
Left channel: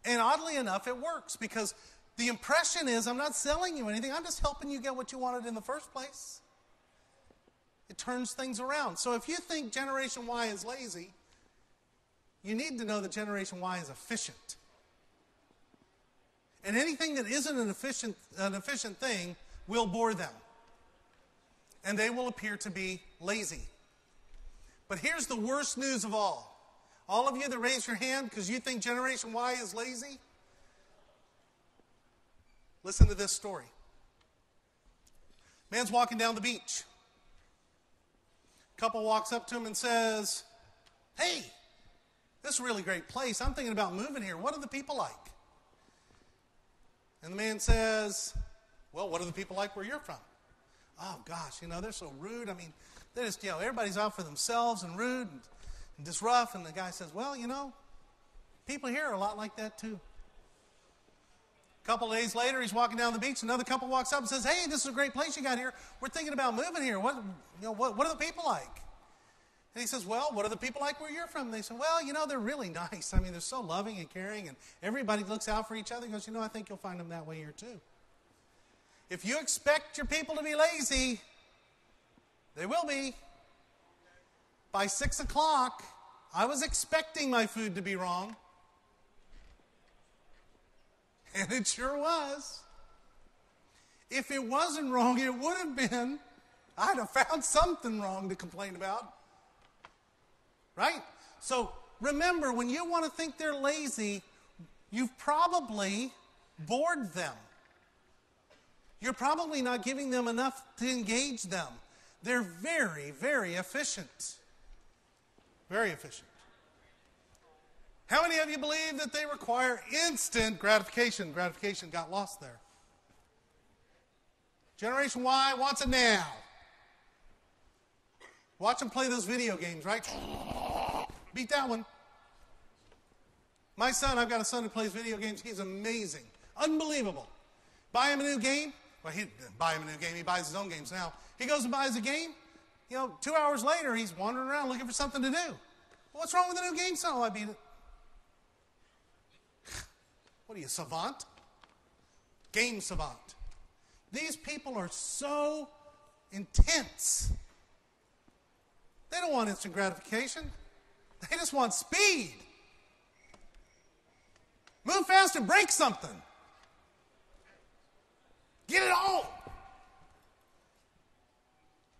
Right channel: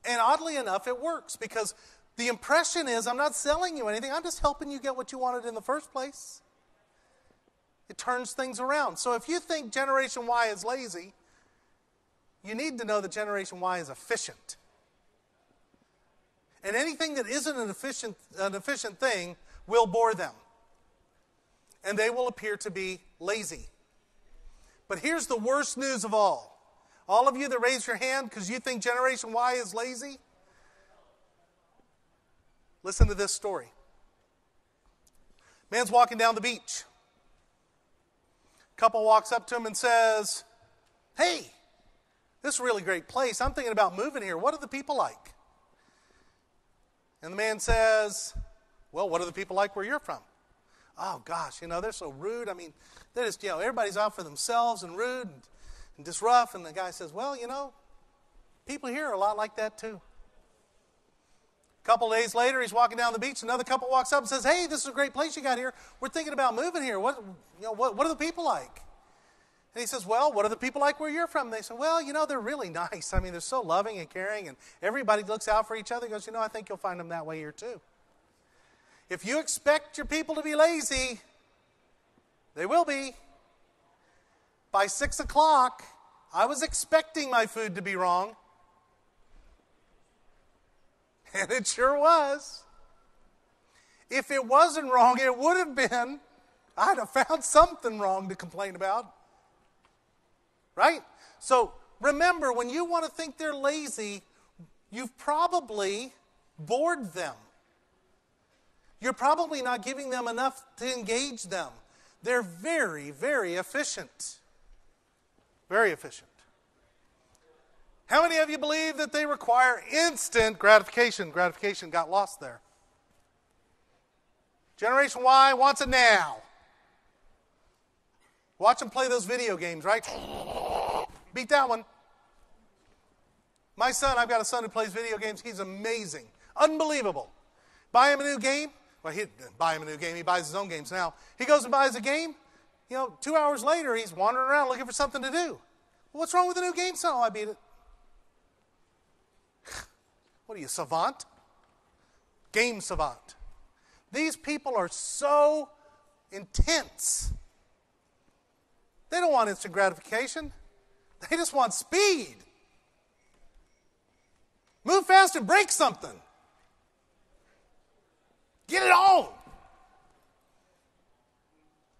And oddly enough, it works because the impression is I'm not selling you anything, I'm just helping you get what you wanted in the first place. It turns things around. So if you think Generation Y is lazy, you need to know that Generation Y is efficient. And anything that isn't an efficient thing will bore them. And they will appear to be lazy. But here's the worst news of all. All of you that raise your hand because you think Generation Y is lazy, listen to this story. Man's walking down the beach. Couple walks up to him and says, "Hey, this is a really great place. I'm thinking about moving here. What are the people like?" And the man says, "Well, what are the people like where you're from?" "Oh, gosh, they're so rude. I mean, they're just, everybody's out for themselves and rude and just rough." And the guy says, "Well, people here are a lot like that too." A couple of days later, he's walking down the beach. Another couple walks up and says, "Hey, this is a great place you got here. We're thinking about moving here. What are the people like?" And he says, "Well, what are the people like where you're from?" And they say, "Well, they're really nice. I mean, they're so loving and caring, and everybody looks out for each other." He goes, "I think you'll find them that way here too. If you expect your people to be lazy, they will be. By 6 o'clock, I was expecting my food to be wrong. And it sure was. If it wasn't wrong, it would have been. I'd have found something wrong to complain about. Right? So remember, when you want to think they're lazy, you've probably bored them. You're probably not giving them enough to engage them. They're very, very efficient. Very efficient. How many of you believe that they require instant gratification? Gratification got lost there. Generation Y wants it now. Watch them play those video games, right? Beat that one. My son, I've got a son who plays video games. He's amazing. Unbelievable. Buy him a new game. Well, he didn't buy him a new game. He buys his own games now. He goes and buys a game. 2 hours later, he's wandering around looking for something to do. Well, what's wrong with the new game, son? "Oh, I beat it." What are you, savant? Game savant. These people are so intense. They don't want instant gratification. They just want speed. Move fast and break something. Get it on.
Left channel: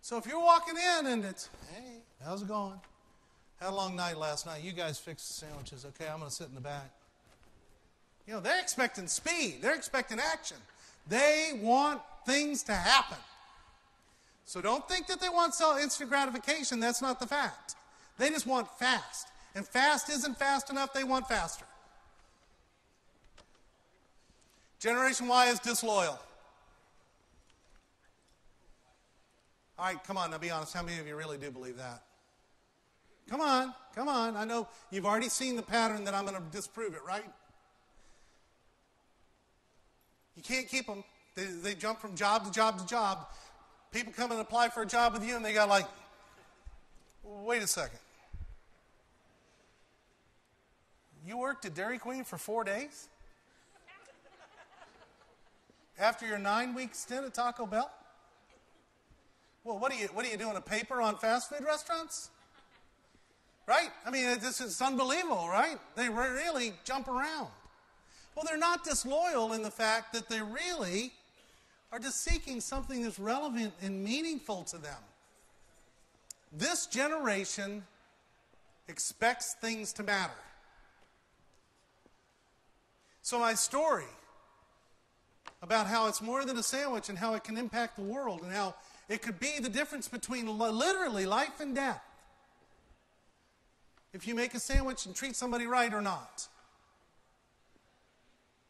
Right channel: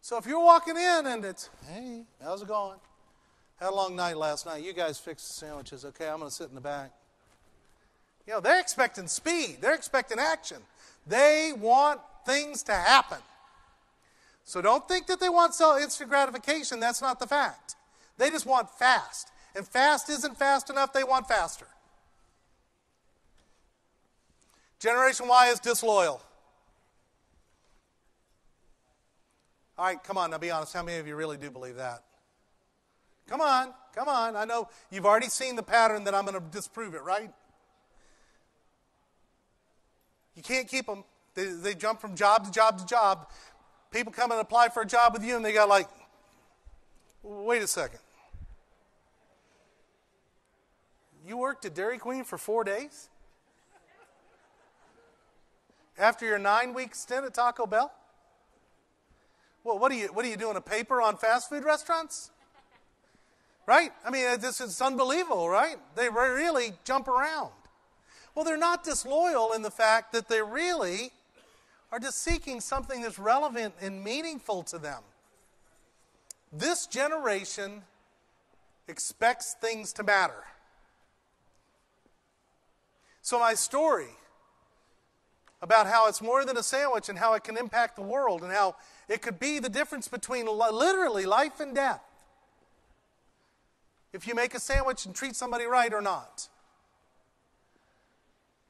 So if you're walking in and it's, "Hey, how's it going? Had a long night last night. You guys fixed the sandwiches. Okay, I'm going to sit in the back." They're expecting speed. They're expecting action. They want things to happen. So don't think that they want instant gratification. That's not the fact. They just want fast. And fast isn't fast enough. They want faster. Generation Y is disloyal. All right, come on, now be honest. How many of you really do believe that? Come on. I know you've already seen the pattern that I'm going to disprove it, right? You can't keep them. They jump from job to job to job. People come and apply for a job with you, and they got like, "Wait a second. You worked at Dairy Queen for 4 days? After your 9-week stint at Taco Bell? Well, what are you doing, a paper on fast food restaurants?" Right? I mean, it's unbelievable, right? They really jump around. Well, they're not disloyal in the fact that they really are just seeking something that's relevant and meaningful to them. This generation expects things to matter. So my story about how it's more than a sandwich and how it can impact the world and how it could be the difference between literally life and death if you make a sandwich and treat somebody right or not.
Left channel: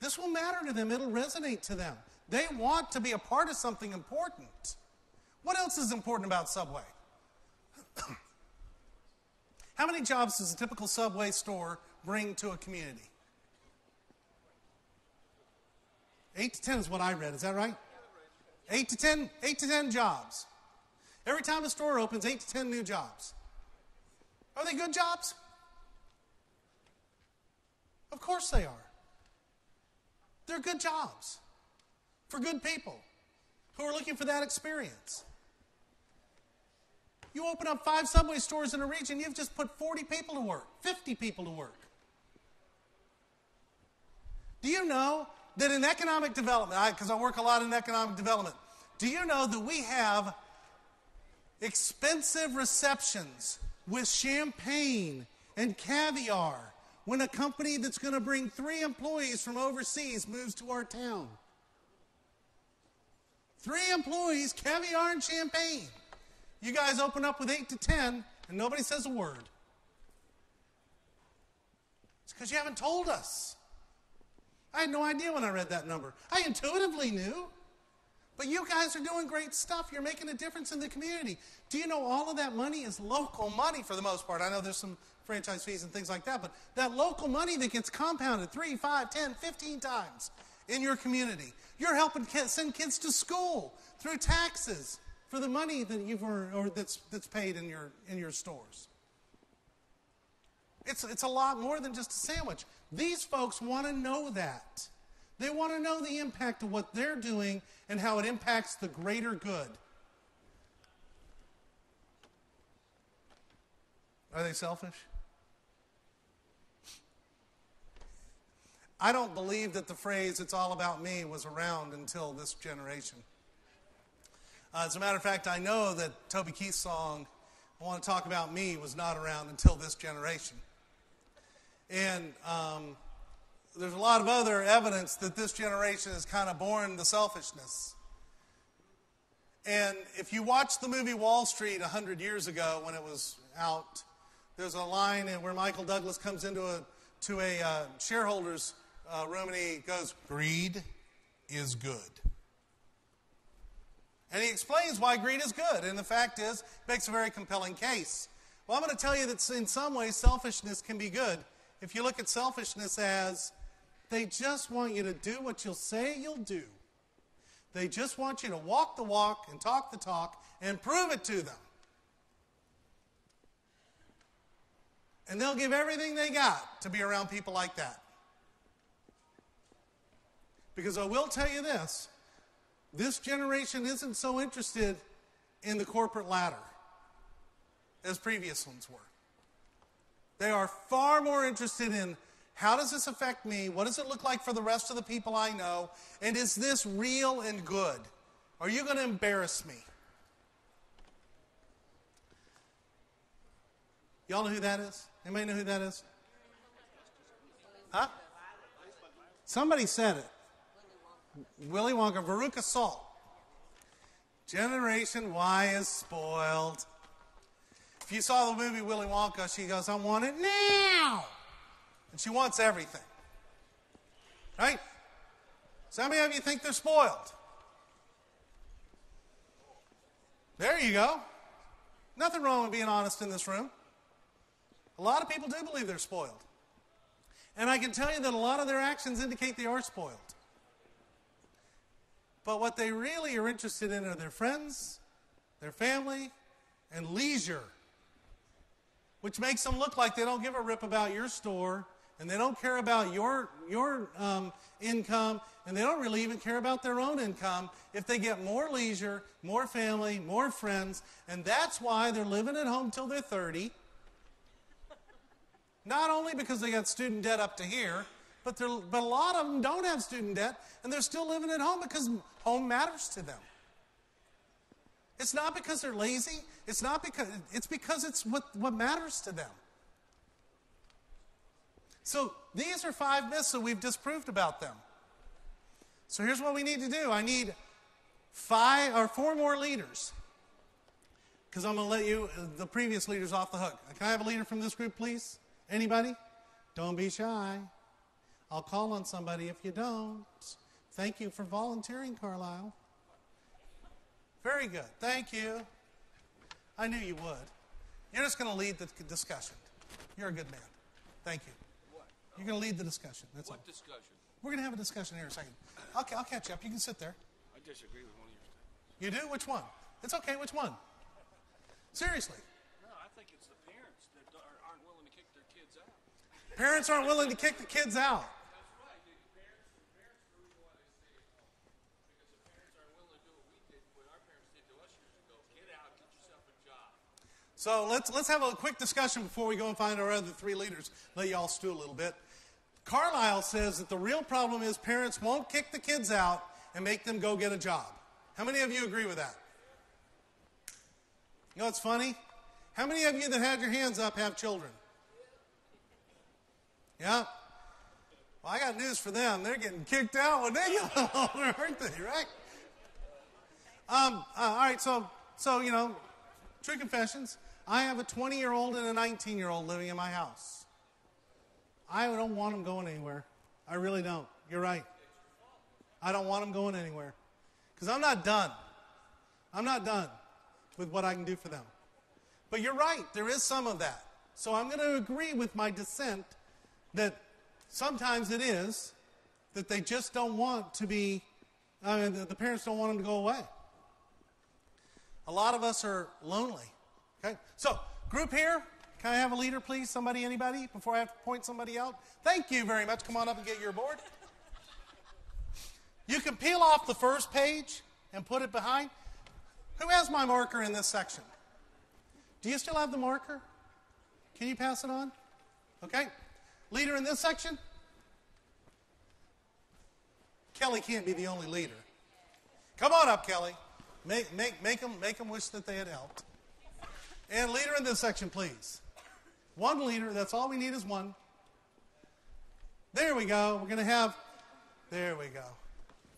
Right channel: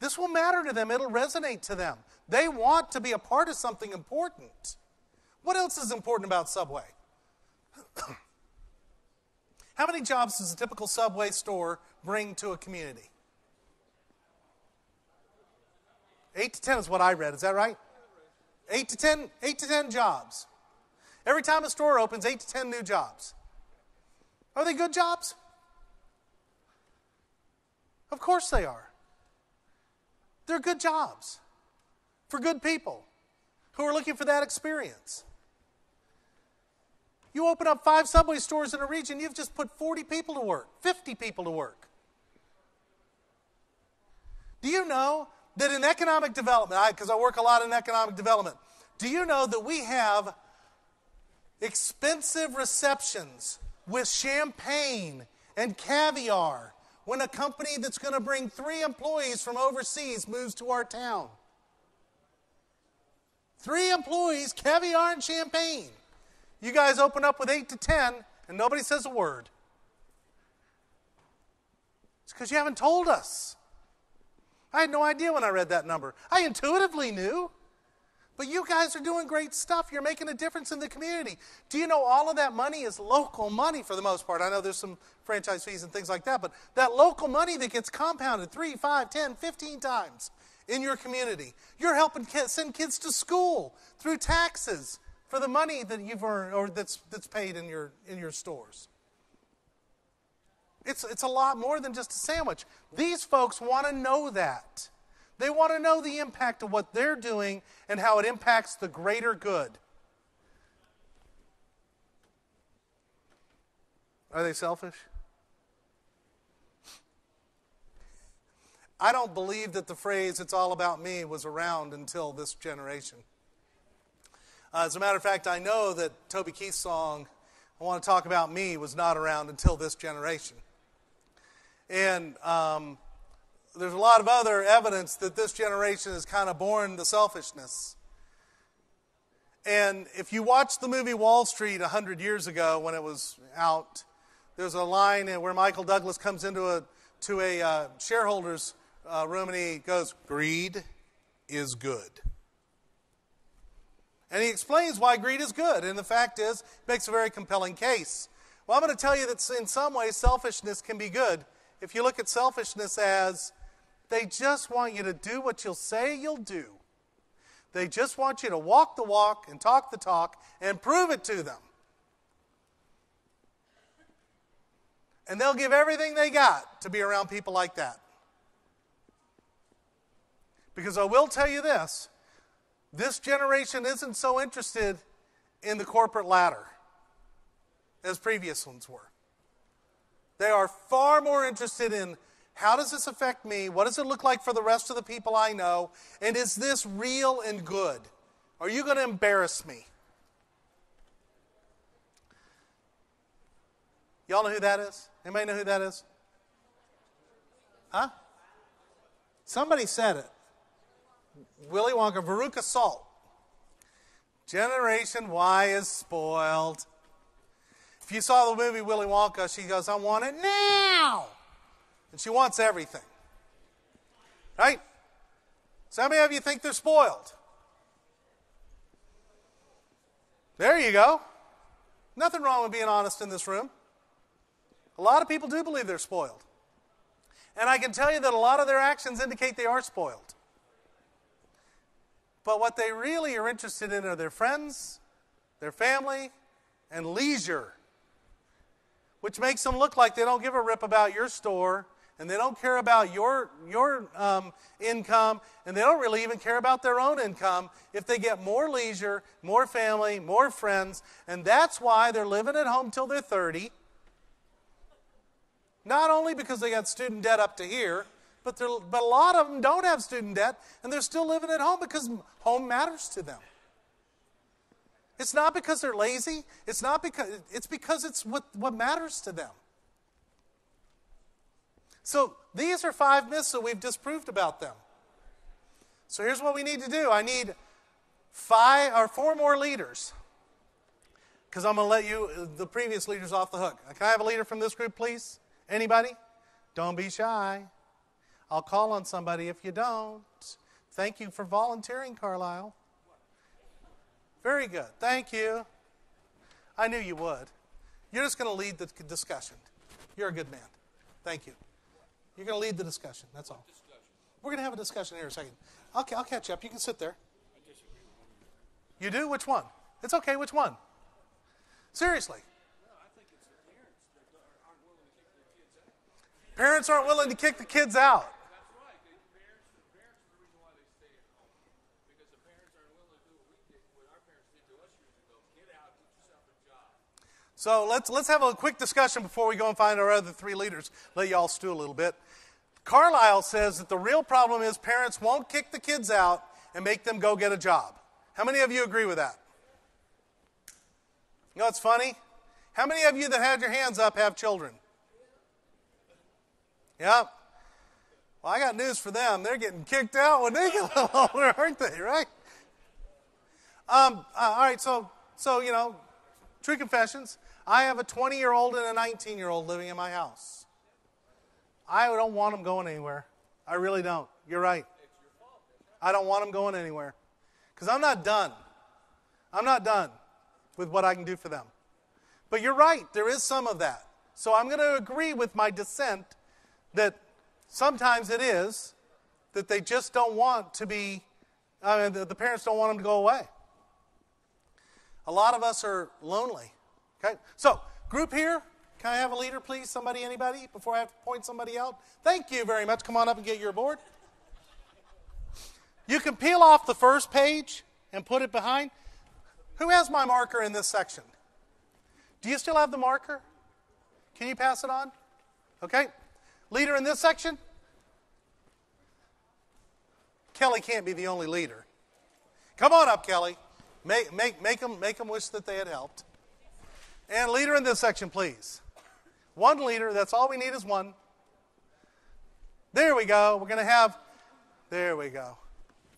This will matter to them. It'll resonate to them. They want to be a part of something important. What else is important about Subway? How many jobs does a typical Subway store bring to a community? 8 to 10 is what I read. Is that right? 8 to 10 jobs. Every time a store opens, 8 to 10 new jobs. Are they good jobs? Of course they are. They're good jobs for good people who are looking for that experience. You open up 5 Subway stores in a region, you've just put 40 people to work, 50 people to work. Do you know that in economic development, because I work a lot in economic development, do you know that we have expensive receptions with champagne and caviar when a company that's going to bring 3 employees from overseas moves to our town? 3 employees, caviar and champagne. You guys open up with 8 to 10 and nobody says a word. It's because you haven't told us. I had no idea when I read that number. I intuitively knew. But you guys are doing great stuff. You're making a difference in the community. Do you know all of that money is local money for the most part? I know there's some franchise fees and things like that, but that local money that gets compounded 3, 5, 10, 15 times in your community. You're helping send kids to school through taxes for the money that you've earned or that's paid in your stores. It's a lot more than just a sandwich. These folks want to know that. They want to know the impact of what they're doing and how it impacts the greater good. Are they selfish? I don't believe that the phrase, "it's all about me," was around until this generation. As a matter of fact, I know that Toby Keith's song, "I Want to Talk About Me," was not around until this generation. And there's a lot of other evidence that this generation has kind of born the selfishness. And if you watch the movie Wall Street 100 years ago when it was out, there's a line where Michael Douglas comes into a shareholders room and he goes, "Greed is good." And he explains why greed is good. And the fact is, he makes a very compelling case. Well, I'm going to tell you that in some ways selfishness can be good. If you look at selfishness as they just want you to do what you'll say you'll do. They just want you to walk the walk and talk the talk and prove it to them. And they'll give everything they got to be around people like that. Because I will tell you this generation isn't so interested in the corporate ladder as previous ones were. They are far more interested in, how does this affect me? What does it look like for the rest of the people I know? And is this real and good? Are you going to embarrass me? Y'all know who that is? Anybody know who that is? Huh? Somebody said it. Willy Wonka, Veruca Salt. Generation Y is spoiled. If you saw the movie Willy Wonka, she goes, "I want it now." And she wants everything. Right? So how many of you think they're spoiled? There you go. Nothing wrong with being honest in this room. A lot of people do believe they're spoiled. And I can tell you that a lot of their actions indicate they are spoiled. But what they really are interested in are their friends, their family, and leisure. Which makes them look like they don't give a rip about your store, and they don't care about your income, and they don't really even care about their own income if they get more leisure, more family, more friends, and that's why they're living at home till they're 30. Not only because they got student debt up to here, but a lot of them don't have student debt, and they're still living at home because home matters to them. It's not because they're lazy. It's because it's what matters to them. So these are 5 myths that we've disproved about them. So here's what we need to do. I need 4 more leaders, because I'm going to let the previous leaders off the hook. Can I have a leader from this group, please? Anybody? Don't be shy. I'll call on somebody if you don't. Thank you for volunteering, Carlisle. Very good. Thank you. I knew you would. You're just going to lead the discussion. You're a good man. Thank you. You're going to lead the discussion. That's all. What discussion? We're going to have a discussion here in a second. I'll catch you up. You can sit there. I disagree with one of your statements. You do? Which one? It's okay. Which one? Seriously. No, I think it's the parents that aren't willing to kick their kids out. Parents aren't willing to kick the kids out. That's right. The parents are the reason why they stay at home. Because the parents aren't willing to do what our parents did to us years ago. Get out, get yourself a job. So let's have a quick discussion before we go and find our other 3 leaders. Let you all stew a little bit. Carlisle says that the real problem is parents won't kick the kids out and make them go get a job. How many of you agree with that? You know what's funny? How many of you that had your hands up have children? Yeah. Well, I got news for them. They're getting kicked out when they get a little older, aren't they, right? All right, so true confessions. I have a 20-year-old and a 19-year-old living in my house. I don't want them going anywhere. I really don't. You're right. I don't want them going anywhere. Because I'm not done. I'm not done with what I can do for them. But you're right. There is some of that. So I'm going to agree with my dissent that sometimes it is that they just don't want to be, the parents don't want them to go away. A lot of us are lonely. Okay? So, group here. Can I have a leader, please? Somebody, anybody? Before I have to point somebody out. Thank you very much. Come on up and get your board. You can peel off the first page and put it behind. Who has my marker in this section? Do you still have the marker? Can you pass it on? Okay. Leader in this section? Kelly can't be the only leader. Come on up, Kelly. Make them wish that they had helped. And leader in this section, please. One leader. That's all we need is one. There we go. We're going to have... There we go.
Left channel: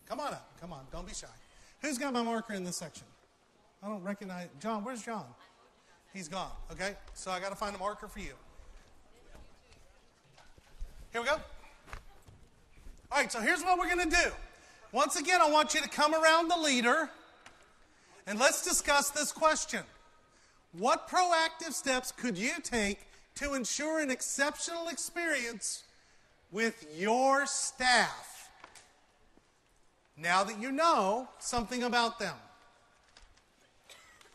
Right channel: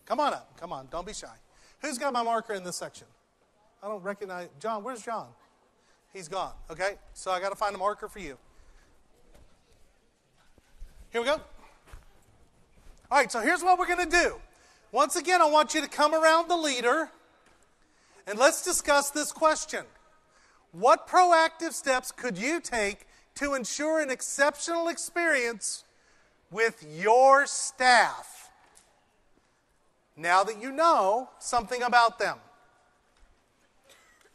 Come on up. Come on. Don't be shy. Who's got my marker in this section? I don't recognize... John, where's John? He's gone. Okay? So I got to find a marker for you. Here we go. All right, so here's what we're going to do. Once again, I want you to come around the leader, and let's discuss this question. What proactive steps could you take to ensure an exceptional experience with your staff now that you know something about them?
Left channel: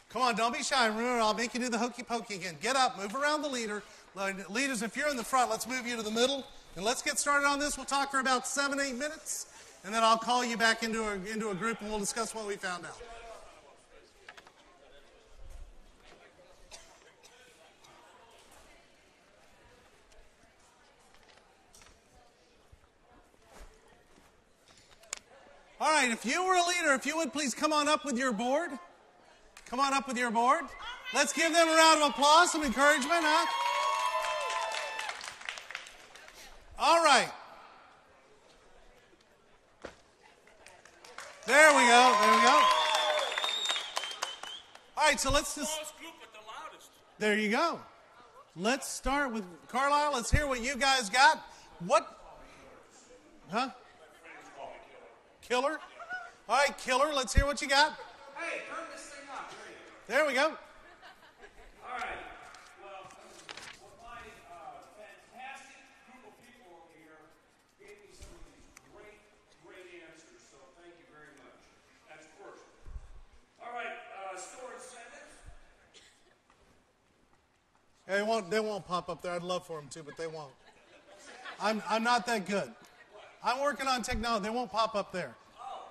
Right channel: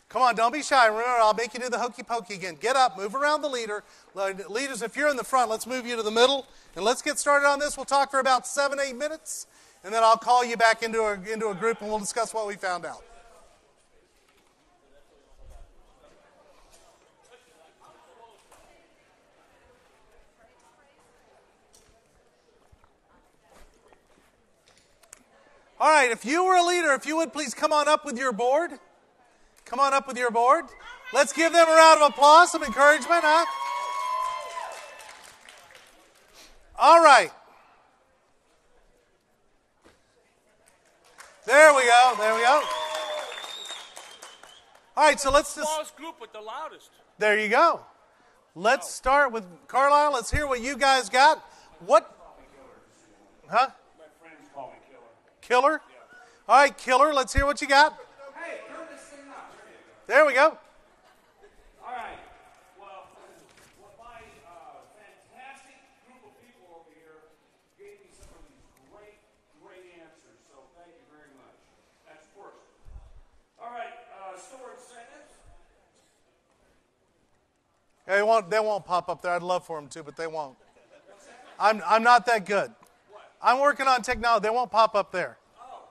Come on, don't be shy. Remember, I'll make you do the hokey pokey again. Get up, move around the leader. Leaders, if you're in the front, let's move you to the middle. And let's get started on this. We'll talk for about 7-8 minutes. And then I'll call you back into a group and we'll discuss what we found out. All right, if you were a leader, if you would please come on up with your board. Come on up with your board. Let's give them a round of applause, some encouragement, huh? All right. There we go. There we go. All right, so let's just... Smallest group, but the loudest. There you go. Let's start with Carlisle. Let's hear what you guys got. What? Huh? My friends call me Killer? Killer. Yeah. All right, Killer, let's hear what you got. Hey, turn this thing up. There we go. All right. Well, what my fantastic group of people over here gave me some of these great answers. So thank you very much. That's first. All right. Storage sentence. They won't pop up there. I'd love for them to, but they won't. I'm not that good. I'm working on technology. They won't pop up there. Oh. All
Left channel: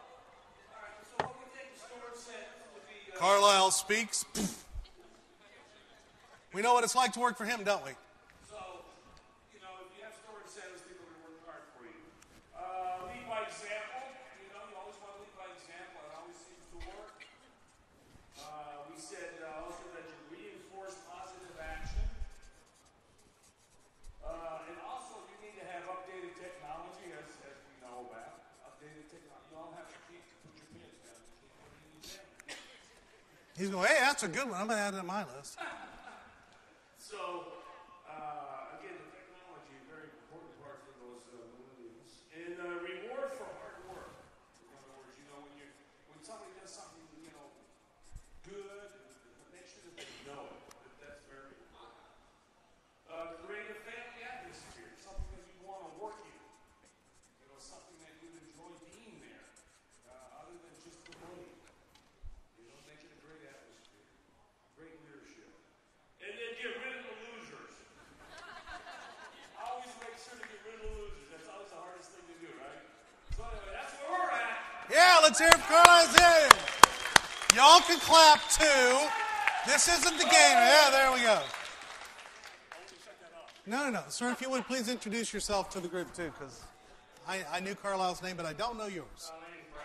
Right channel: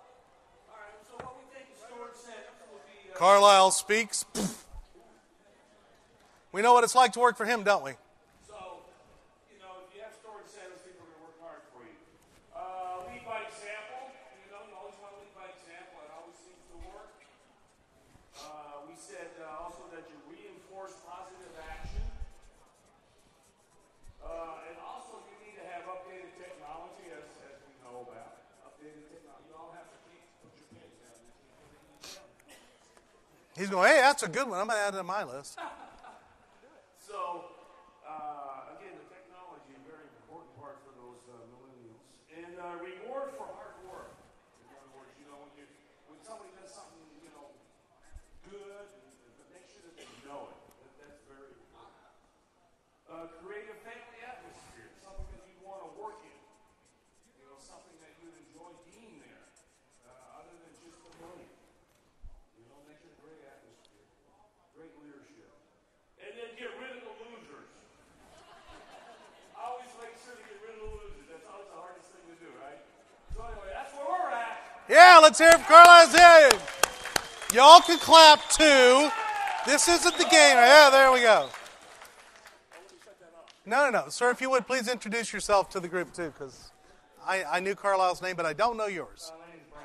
right. So what we think the storage sentence would be. Carlisle speaks. We know what it's like to work for him, don't we? So, if you have storage centers, people are going to work hard for you. Lead by example. You always want to lead by example. It always seems to work. We said also that you reinforce positive action. And also you need to have updated technology, as we know about. Updated technology. You all have to put your pins down and keep putting these in. He's going, hey, that's a good one. I'm going to add it to my list. So, again, the technology, a very important part for those millennials. And reward for hard work. In other words, when somebody does something, good, make sure that they know it. That's very important. Create a family atmosphere, something that you want to work in. Something that you'd enjoy being there, other than just the money. Make it a great atmosphere, great leadership. And then get rid of the losers. Always make sure to get rid of the losers. That's always the hardest thing to do, right? So anyway, that's where we're at. Yeah, let's hear it for Carlisle's head. Y'all can clap too. This isn't the game. Yeah, there we go. Oh, we set that up. No. Sir, if you would, please introduce yourself to the group, too, because I knew Carlisle's name, but I don't know yours. My name's Brad.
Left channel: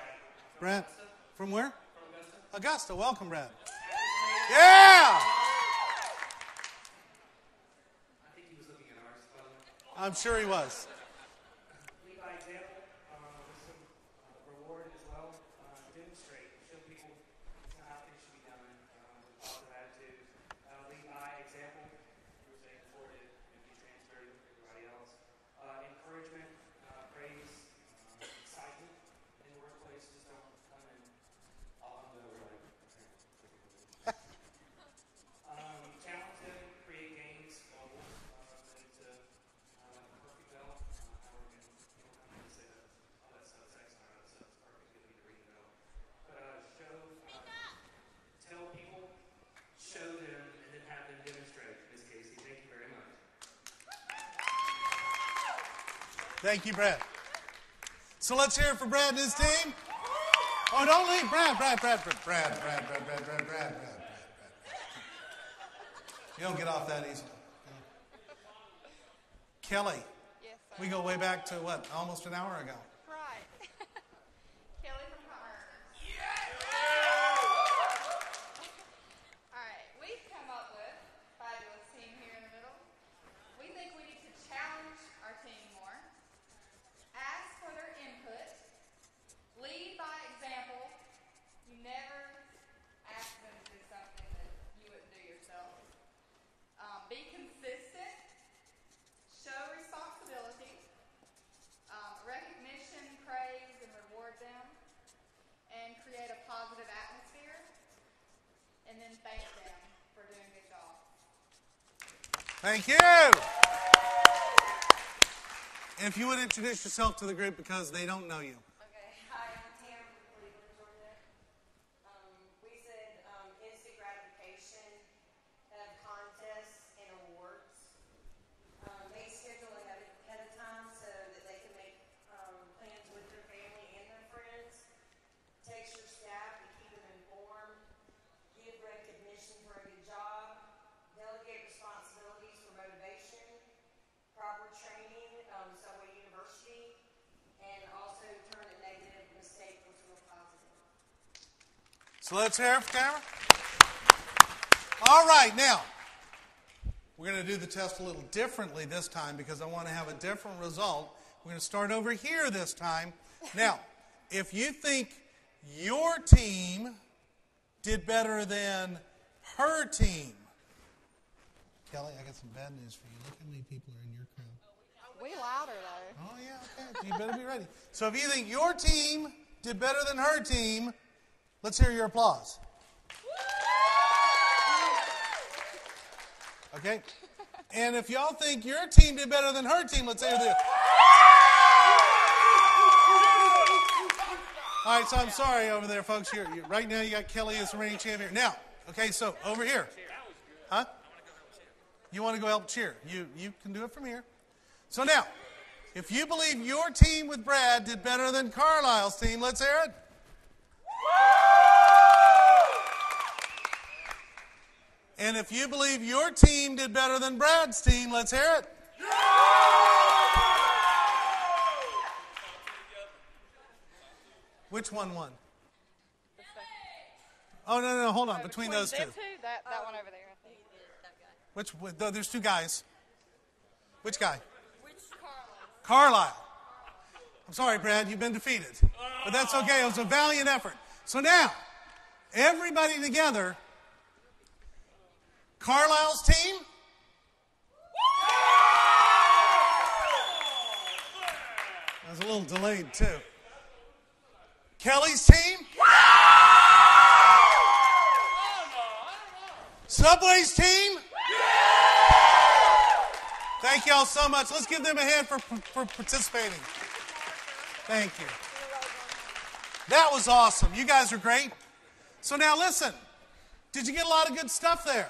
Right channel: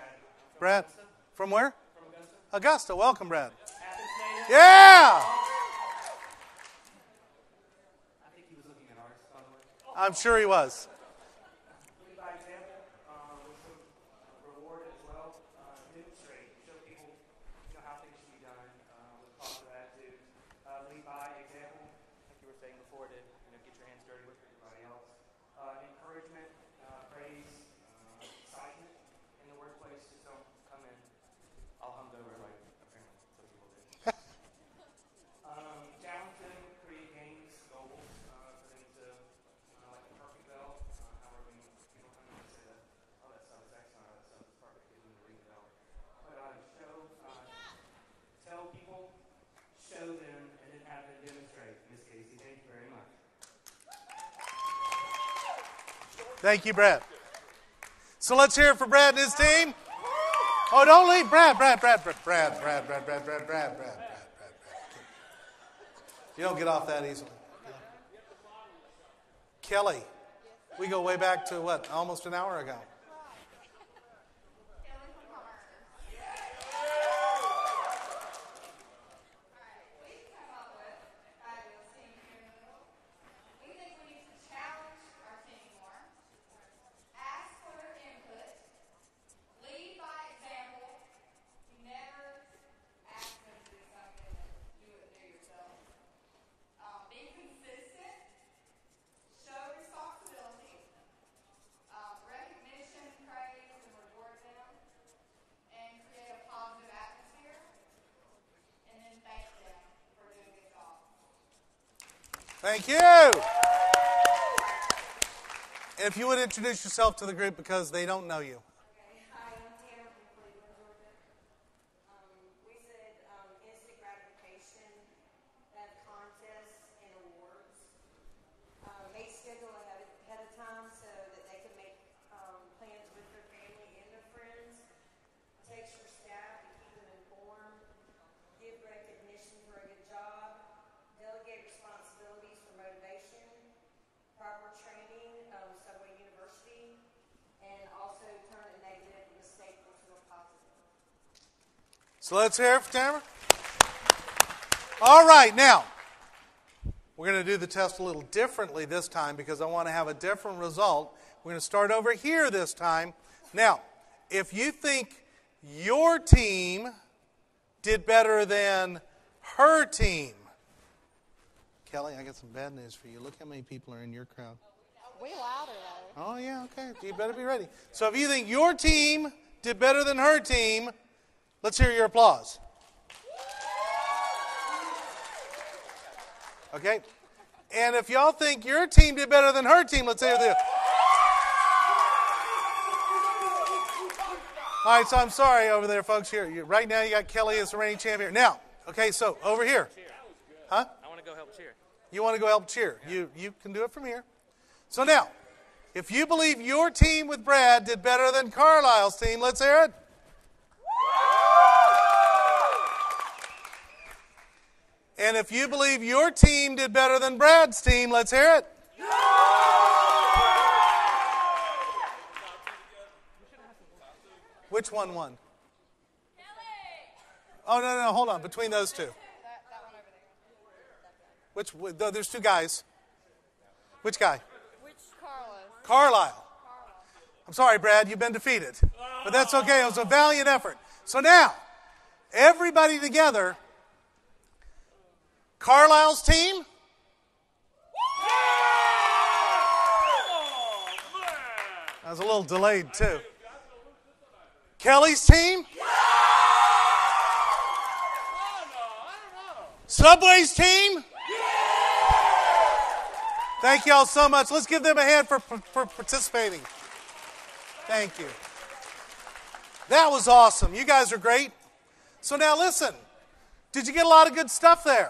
Brad, from where? From Augusta. Augusta. Welcome, Brad. Yeah! I think he was looking at ours, by the way. I'm sure he was. Lead by example, with some reward as well. Demonstrate, show people how things should be done with a positive attitude. Lead by example, like you were saying before, to get your hands dirty with everybody else. Encouragement, praise, excitement in the workplace. Just don't come in all hungover like apparently other people do. Challenge them, create games, goals, things to perfect bell. However, people come in and say that, oh, that stuff is excellent, or that stuff is perfect, we need to read it out. But tell people, show them, and then have them demonstrate. Ms. Casey, thank you very much. Thank you, Brad. So let's hear it for Brad and his team. Oh, don't leave. Brad. You don't get off that easily. Kelly, we go way back to what, almost an hour ago. Right. Kelly from Harvard. All right, we've come up with a fabulous team here in the middle. We think we need to challenge our team more, ask for their input, lead by example. You never ask them to do something that you wouldn't do yourself. Be consistent, show responsibility, recognition, praise, and reward them, and create a positive atmosphere, and then thank them for doing a good job. Thank you. And if you would introduce yourself to the group because they don't know you. Okay, hi, I'm Tam from Cleveland, Georgia. We said instant gratification, have contests and awards. They schedule ahead of time so that they can make plans with their family and their friends. Text your staff and keep them informed. Give recognition for a good job. Delegate responsibilities for motivation. Proper training, Subway University. And also turn a negative mistake into a positive. So let's hear it for Tamara. All right, now, we're going to do the test a little differently this time because I want to have a different result. We're going to start over here this time. Now, if you think your team did better than her team, Kelly, I got some bad news for you. Look how many people are in your crowd. We louder though. Oh, yeah, okay. You better be ready. So if you think your team did better than her team, let's hear your applause. Okay? And if y'all think your team did better than her team, let's hear the... All right, so I'm sorry over there, folks. Here, right now you got Kelly as the reigning champion. Now, okay, so over here. Huh? I want to go help cheer. You want to go help cheer. You can do it from here. So now, if you believe your team with Brad did better than Carlisle's team, let's hear it. And if you believe your team did better than Brad's team, let's hear it. Which one won? Oh, no, hold on. Between those two. That one over there. There's two guys. Which guy? Which Carlos? Carlisle. I'm sorry, Brad, you've been defeated. But that's okay. It was a valiant effort. So now, everybody together, Carlisle's team. That was a little delayed, too. Kelly's team. Subway's team. Thank you all so much. Let's give them a hand for participating. Thank you. That was awesome. You guys are great. So now listen. Did you get a lot of good stuff there?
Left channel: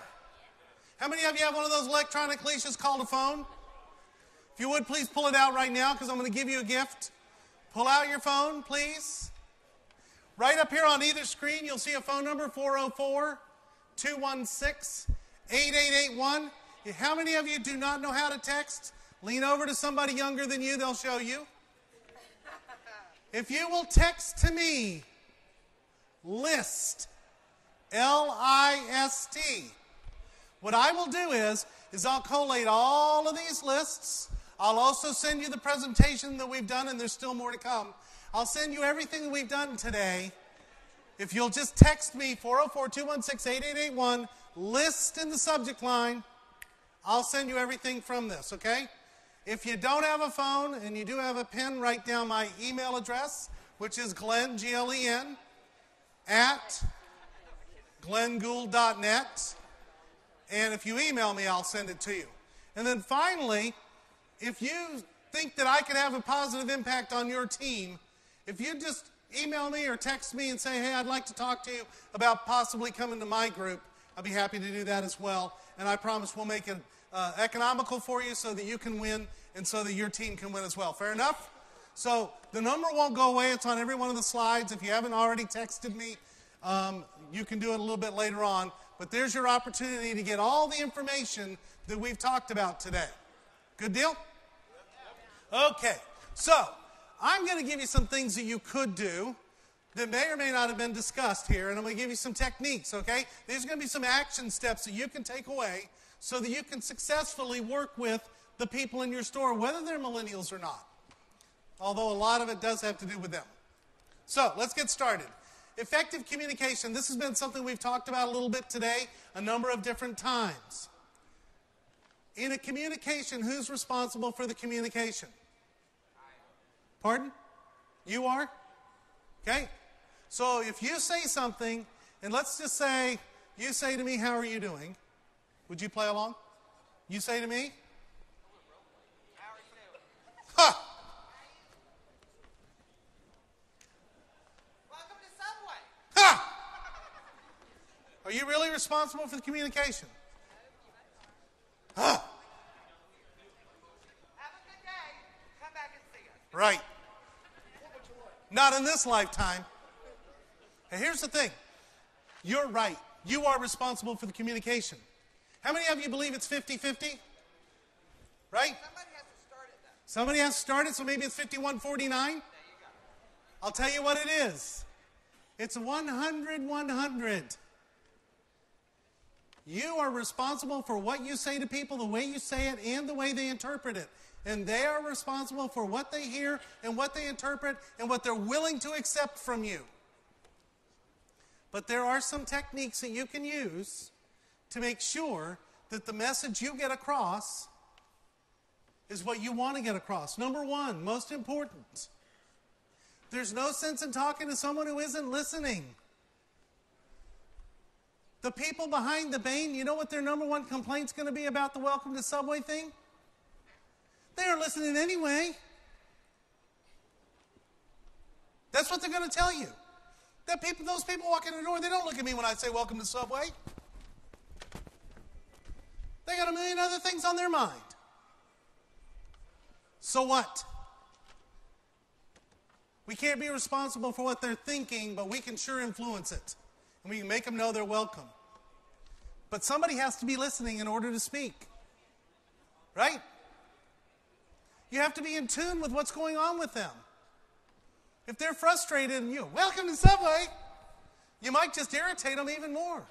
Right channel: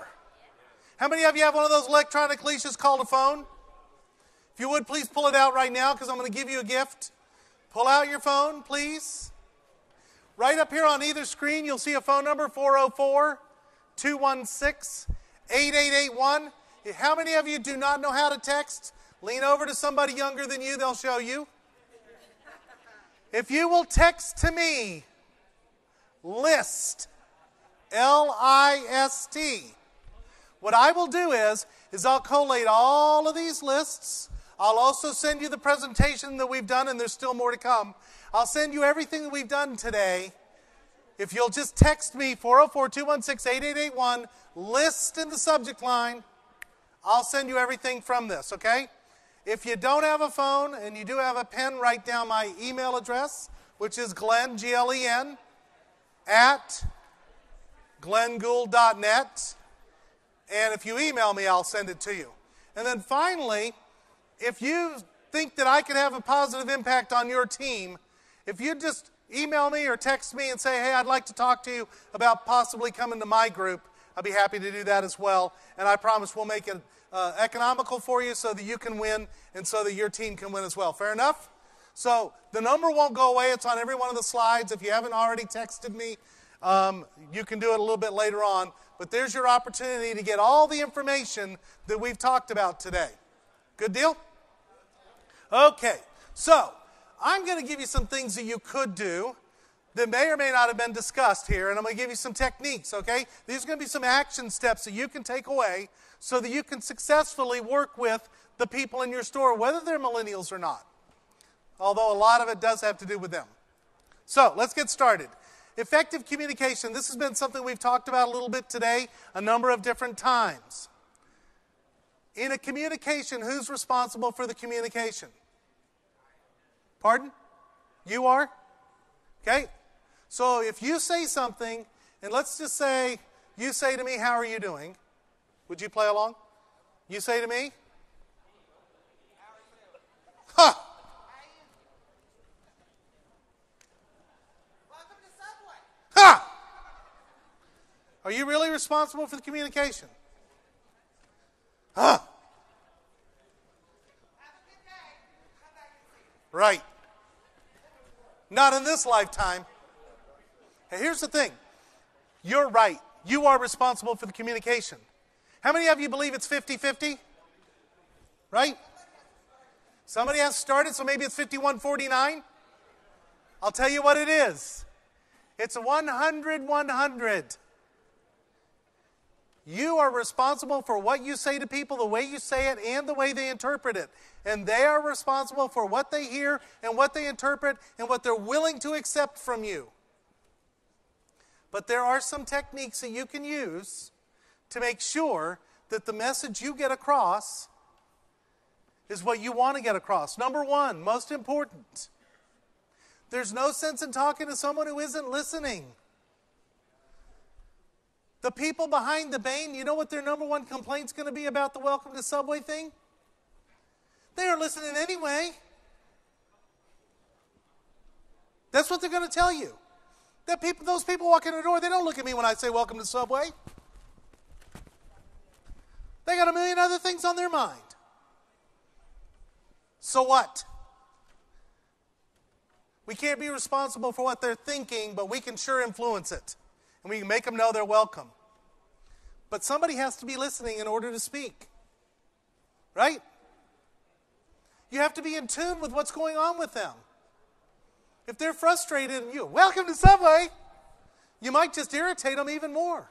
How many of you have one of those electronic leashes called a phone? If you would, please pull it out right now because I'm going to give you a gift. Pull out your phone, please. Right up here on either screen, you'll see a phone number, 404-216-8881. How many of you do not know how to text? Lean over to somebody younger than you, they'll show you. If you will text to me, LIST, L-I-S-T. What I will do is I'll collate all of these lists. I'll also send you the presentation that we've done, and there's still more to come. I'll send you everything that we've done today. If you'll just text me, 404-216-8881, LIST in the subject line, I'll send you everything from this, okay? If you don't have a phone and you do have a pen, write down my email address, which is Glenn, G-L-E-N, at glenngould.net. And if you email me, I'll send it to you. And then finally, if you think that I could have a positive impact on your team, if you just email me or text me and say, hey, I'd like to talk to you about possibly coming to my group, I'll be happy to do that as well. And I promise we'll make it economical for you so that you can win and so that your team can win as well. Fair enough? So the number won't go away. It's on every one of the slides. If you haven't already texted me, you can do it a little bit later on. But there's your opportunity to get all the information that we've talked about today. Good deal? Okay. So I'm going to give you some things that you could do that may or may not have been discussed here, and I'm going to give you some techniques, okay? These are going to be some action steps that you can take away so that you can successfully work with the people in your store, whether they're millennials or not. Although a lot of it does have to do with them. So let's get started. Effective communication. This has been something we've talked about a little bit today, a number of different times. In a communication, who's responsible for the communication? Pardon? You are? Okay. So if you say something, and let's just say, you say to me, how are you doing? Would you play along? You say to me? Huh. Welcome to Subway. Ha! Are you really responsible for the communication? Huh. Have a good day. Come back and see us. Right. Not in this lifetime. And here's the thing. You're right. You are responsible for the communication. How many of you believe it's 50-50? Right? Somebody has to start it, so maybe it's 51-49. I'll tell you what it is. It's 100-100. You are responsible for what you say to people, the way you say it, and the way they interpret it. And they are responsible for what they hear and what they interpret and what they're willing to accept from you. But there are some techniques that you can use to make sure that the message you get across is what you want to get across. Number one, most important, there's no sense in talking to someone who isn't listening. The people behind the Bain, you know what their number one complaint's going to be about the Welcome to Subway thing? They aren't listening anyway. That's what they're going to tell you. Those people walk in the door, they don't look at me when I say welcome to Subway. They got a million other things on their mind. So what? We can't be responsible for what they're thinking, but we can sure influence it. And we can make them know they're welcome. But somebody has to be listening in order to speak. Right? You have to be in tune with what's going on with them. If they're frustrated and you, welcome to Subway, you might just irritate them even more.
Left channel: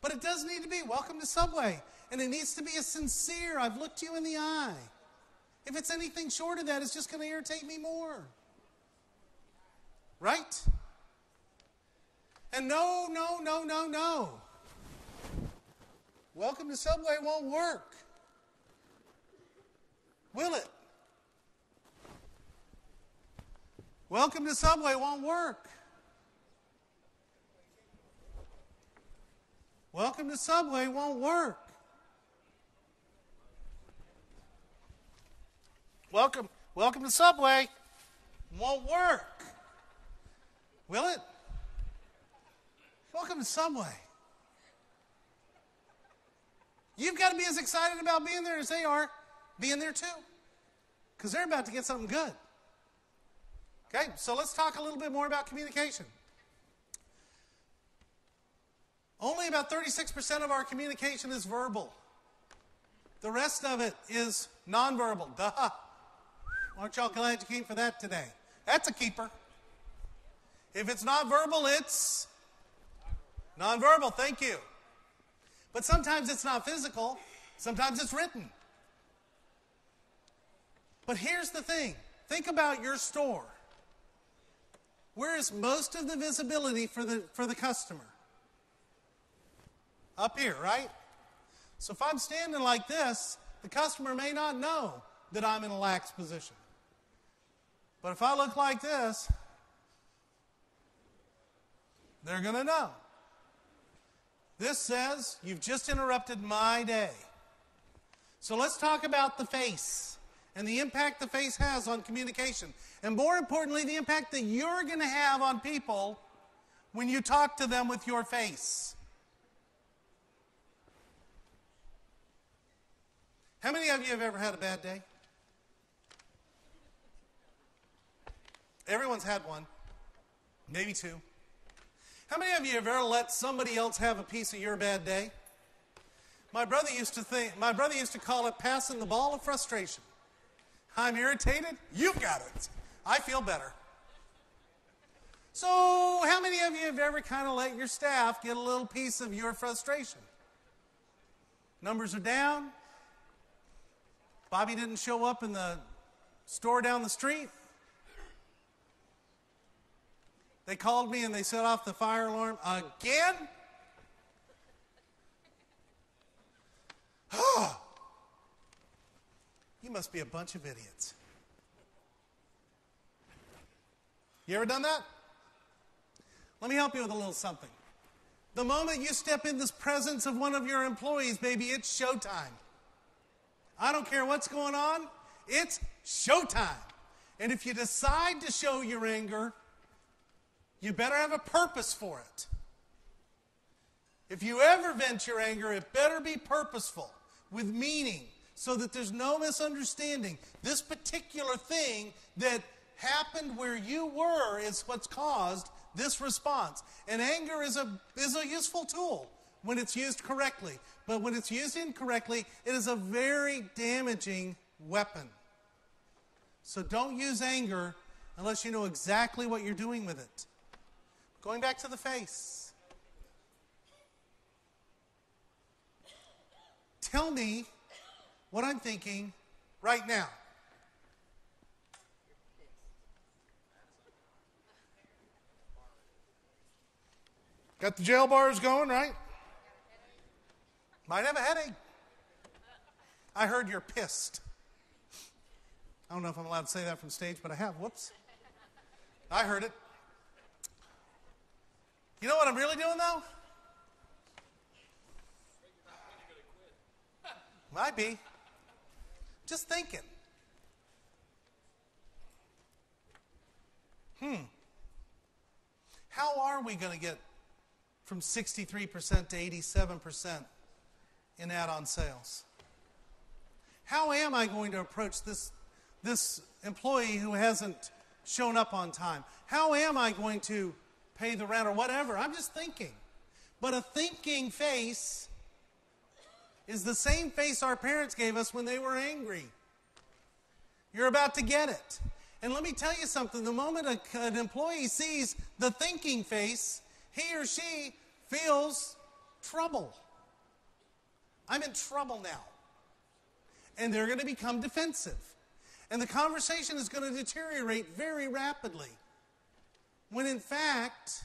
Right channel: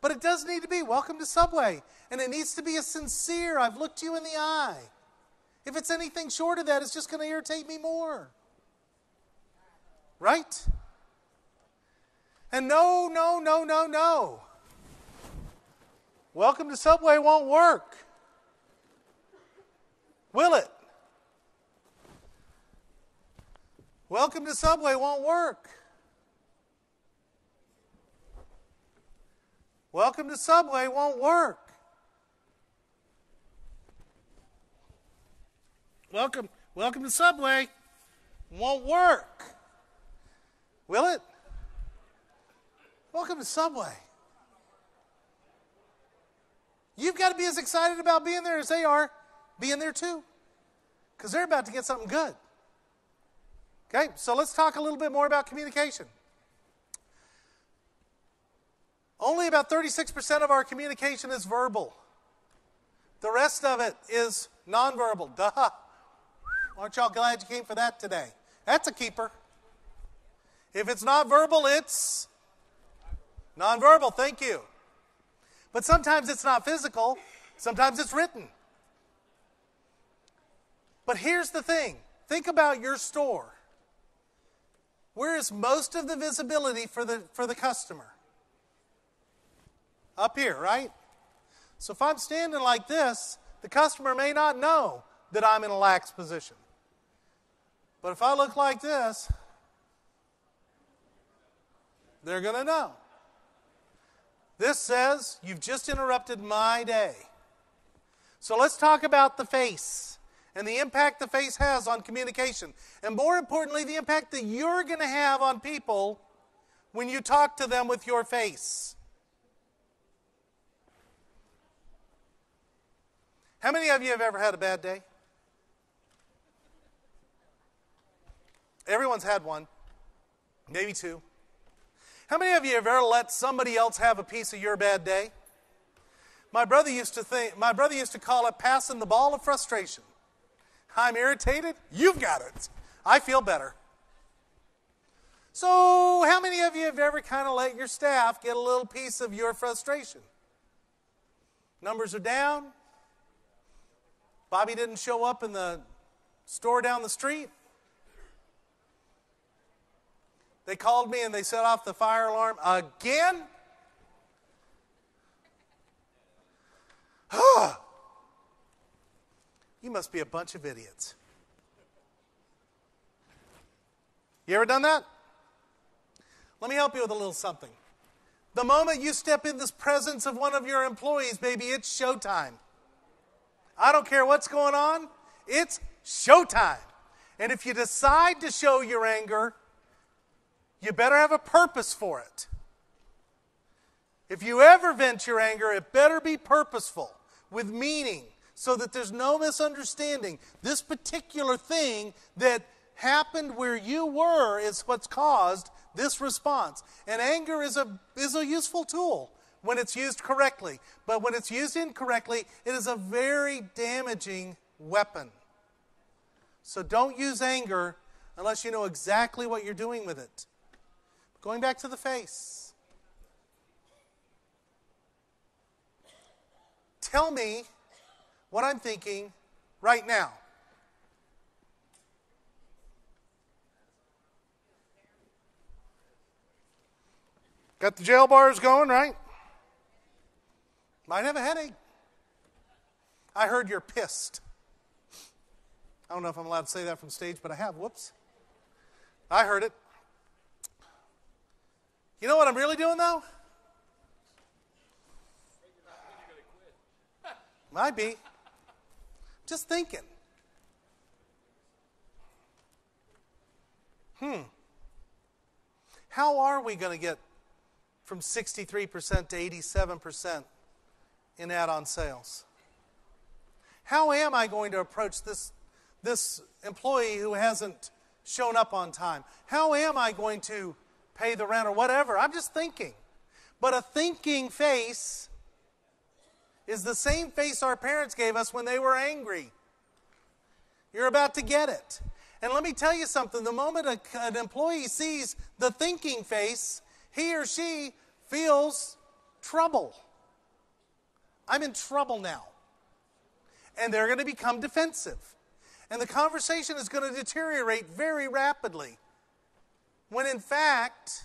But it does need to be, welcome to Subway. And it needs to be a sincere, I've looked you in the eye. If it's anything short of that, it's just going to irritate me more. Right? And no. Welcome to Subway won't work. Will it? Welcome to Subway won't work. Welcome to Subway won't work. Welcome to Subway won't work. Will it? Welcome to Subway. You've got to be as excited about being there as they are being there too. Because they're about to get something good. Okay, so let's talk a little bit more about communication. Only about 36% of our communication is verbal. The rest of it is nonverbal. Duh. Aren't y'all glad you came for that today? That's a keeper. If it's not verbal, it's nonverbal. Thank you. But sometimes it's not physical. Sometimes it's written. But here's the thing. Think about your store. Where is most of the visibility for the customer? Up here, right? So if I'm standing like this, the customer may not know that I'm in a lax position. But if I look like this, they're going to know. This says, you've just interrupted my day. So let's talk about the face and the impact the face has on communication. And more importantly, the impact that you're going to have on people when you talk to them with your face. How many of you have ever had a bad day? Everyone's had one, maybe two. How many of you have ever let somebody else have a piece of your bad day? My brother used to call it passing the ball of frustration. I'm irritated, you've got it. I feel better. So how many of you have ever kind of let your staff get a little piece of your frustration? Numbers are down. Bobby didn't show up in the store down the street. They called me and they set off the fire alarm again. You must be a bunch of idiots. You ever done that? Let me help you with a little something. The moment you step in this presence of one of your employees, baby, it's showtime. I don't care what's going on, it's showtime. And if you decide to show your anger, you better have a purpose for it. If you ever vent your anger, it better be purposeful, with meaning, so that there's no misunderstanding. This particular thing that happened where you were is what's caused this response. And anger is a useful tool when it's used correctly. But when it's used incorrectly, it is a very damaging weapon. So don't use anger unless you know exactly what you're doing with it. Going back to the face. Tell me what I'm thinking right now. Got the jail bars going, right? Might have a headache. I heard you're pissed. I don't know if I'm allowed to say that from stage, but I have. Whoops. I heard it. You know what I'm really doing, though? Might be. Just thinking. How are we going to get from 63% to 87% in add-on sales? How am I going to approach this employee who hasn't shown up on time? How am I going to pay the rent or whatever? I'm just thinking. But a thinking face is the same face our parents gave us when they were angry. You're about to get it. And let me tell you something. The moment an employee sees the thinking face, he or she feels trouble. I'm in trouble now. And they're going to become defensive. And the conversation is going to deteriorate very rapidly. When in fact,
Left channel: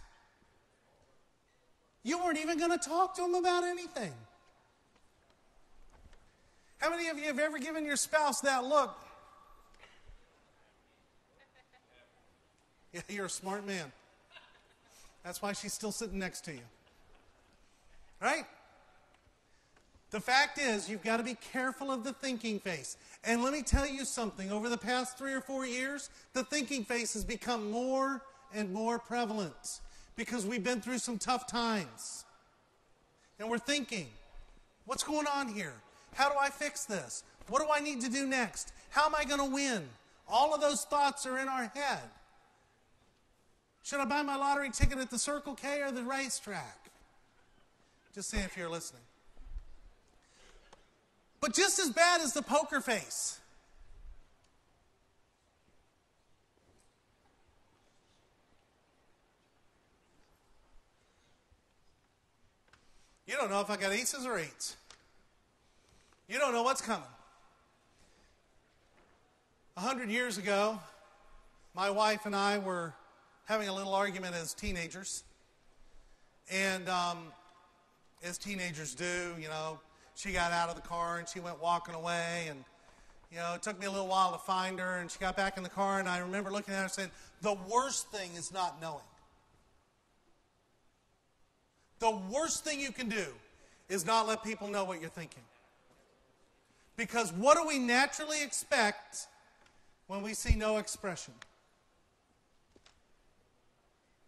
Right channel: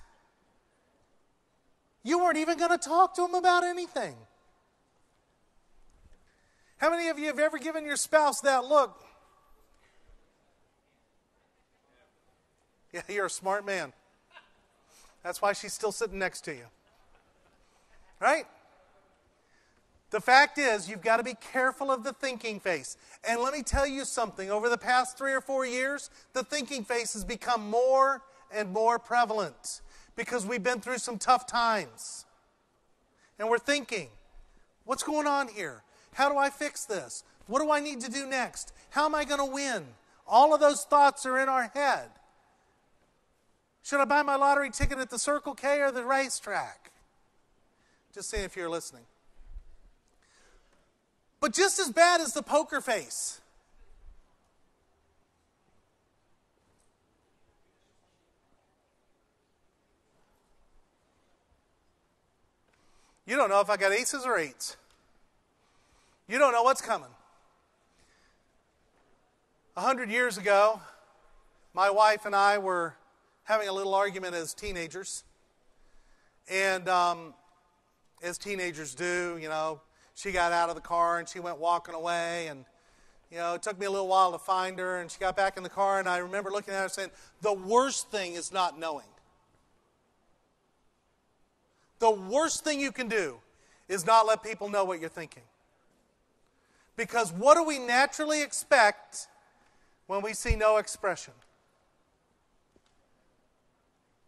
you weren't even going to talk to them about anything. How many of you have ever given your spouse that look? Yeah, you're a smart man. That's why she's still sitting next to you. Right? The fact is, you've got to be careful of the thinking face. And let me tell you something. Over the past 3 or 4 years, the thinking face has become more and more prevalent because we've been through some tough times. And we're thinking, what's going on here? How do I fix this? What do I need to do next? How am I going to win? All of those thoughts are in our head. Should I buy my lottery ticket at the Circle K or the racetrack? Just seeing if you're listening. But just as bad as the poker face. You don't know if I got aces or eights. You don't know what's coming. 100 years ago, my wife and I were having a little argument as teenagers. And as teenagers do, she got out of the car and she went walking away. And, it took me a little while to find her. And she got back in the car, and I remember looking at her saying, the worst thing is not knowing. The worst thing you can do is not let people know what you're thinking. Because what do we naturally expect when we see no expression?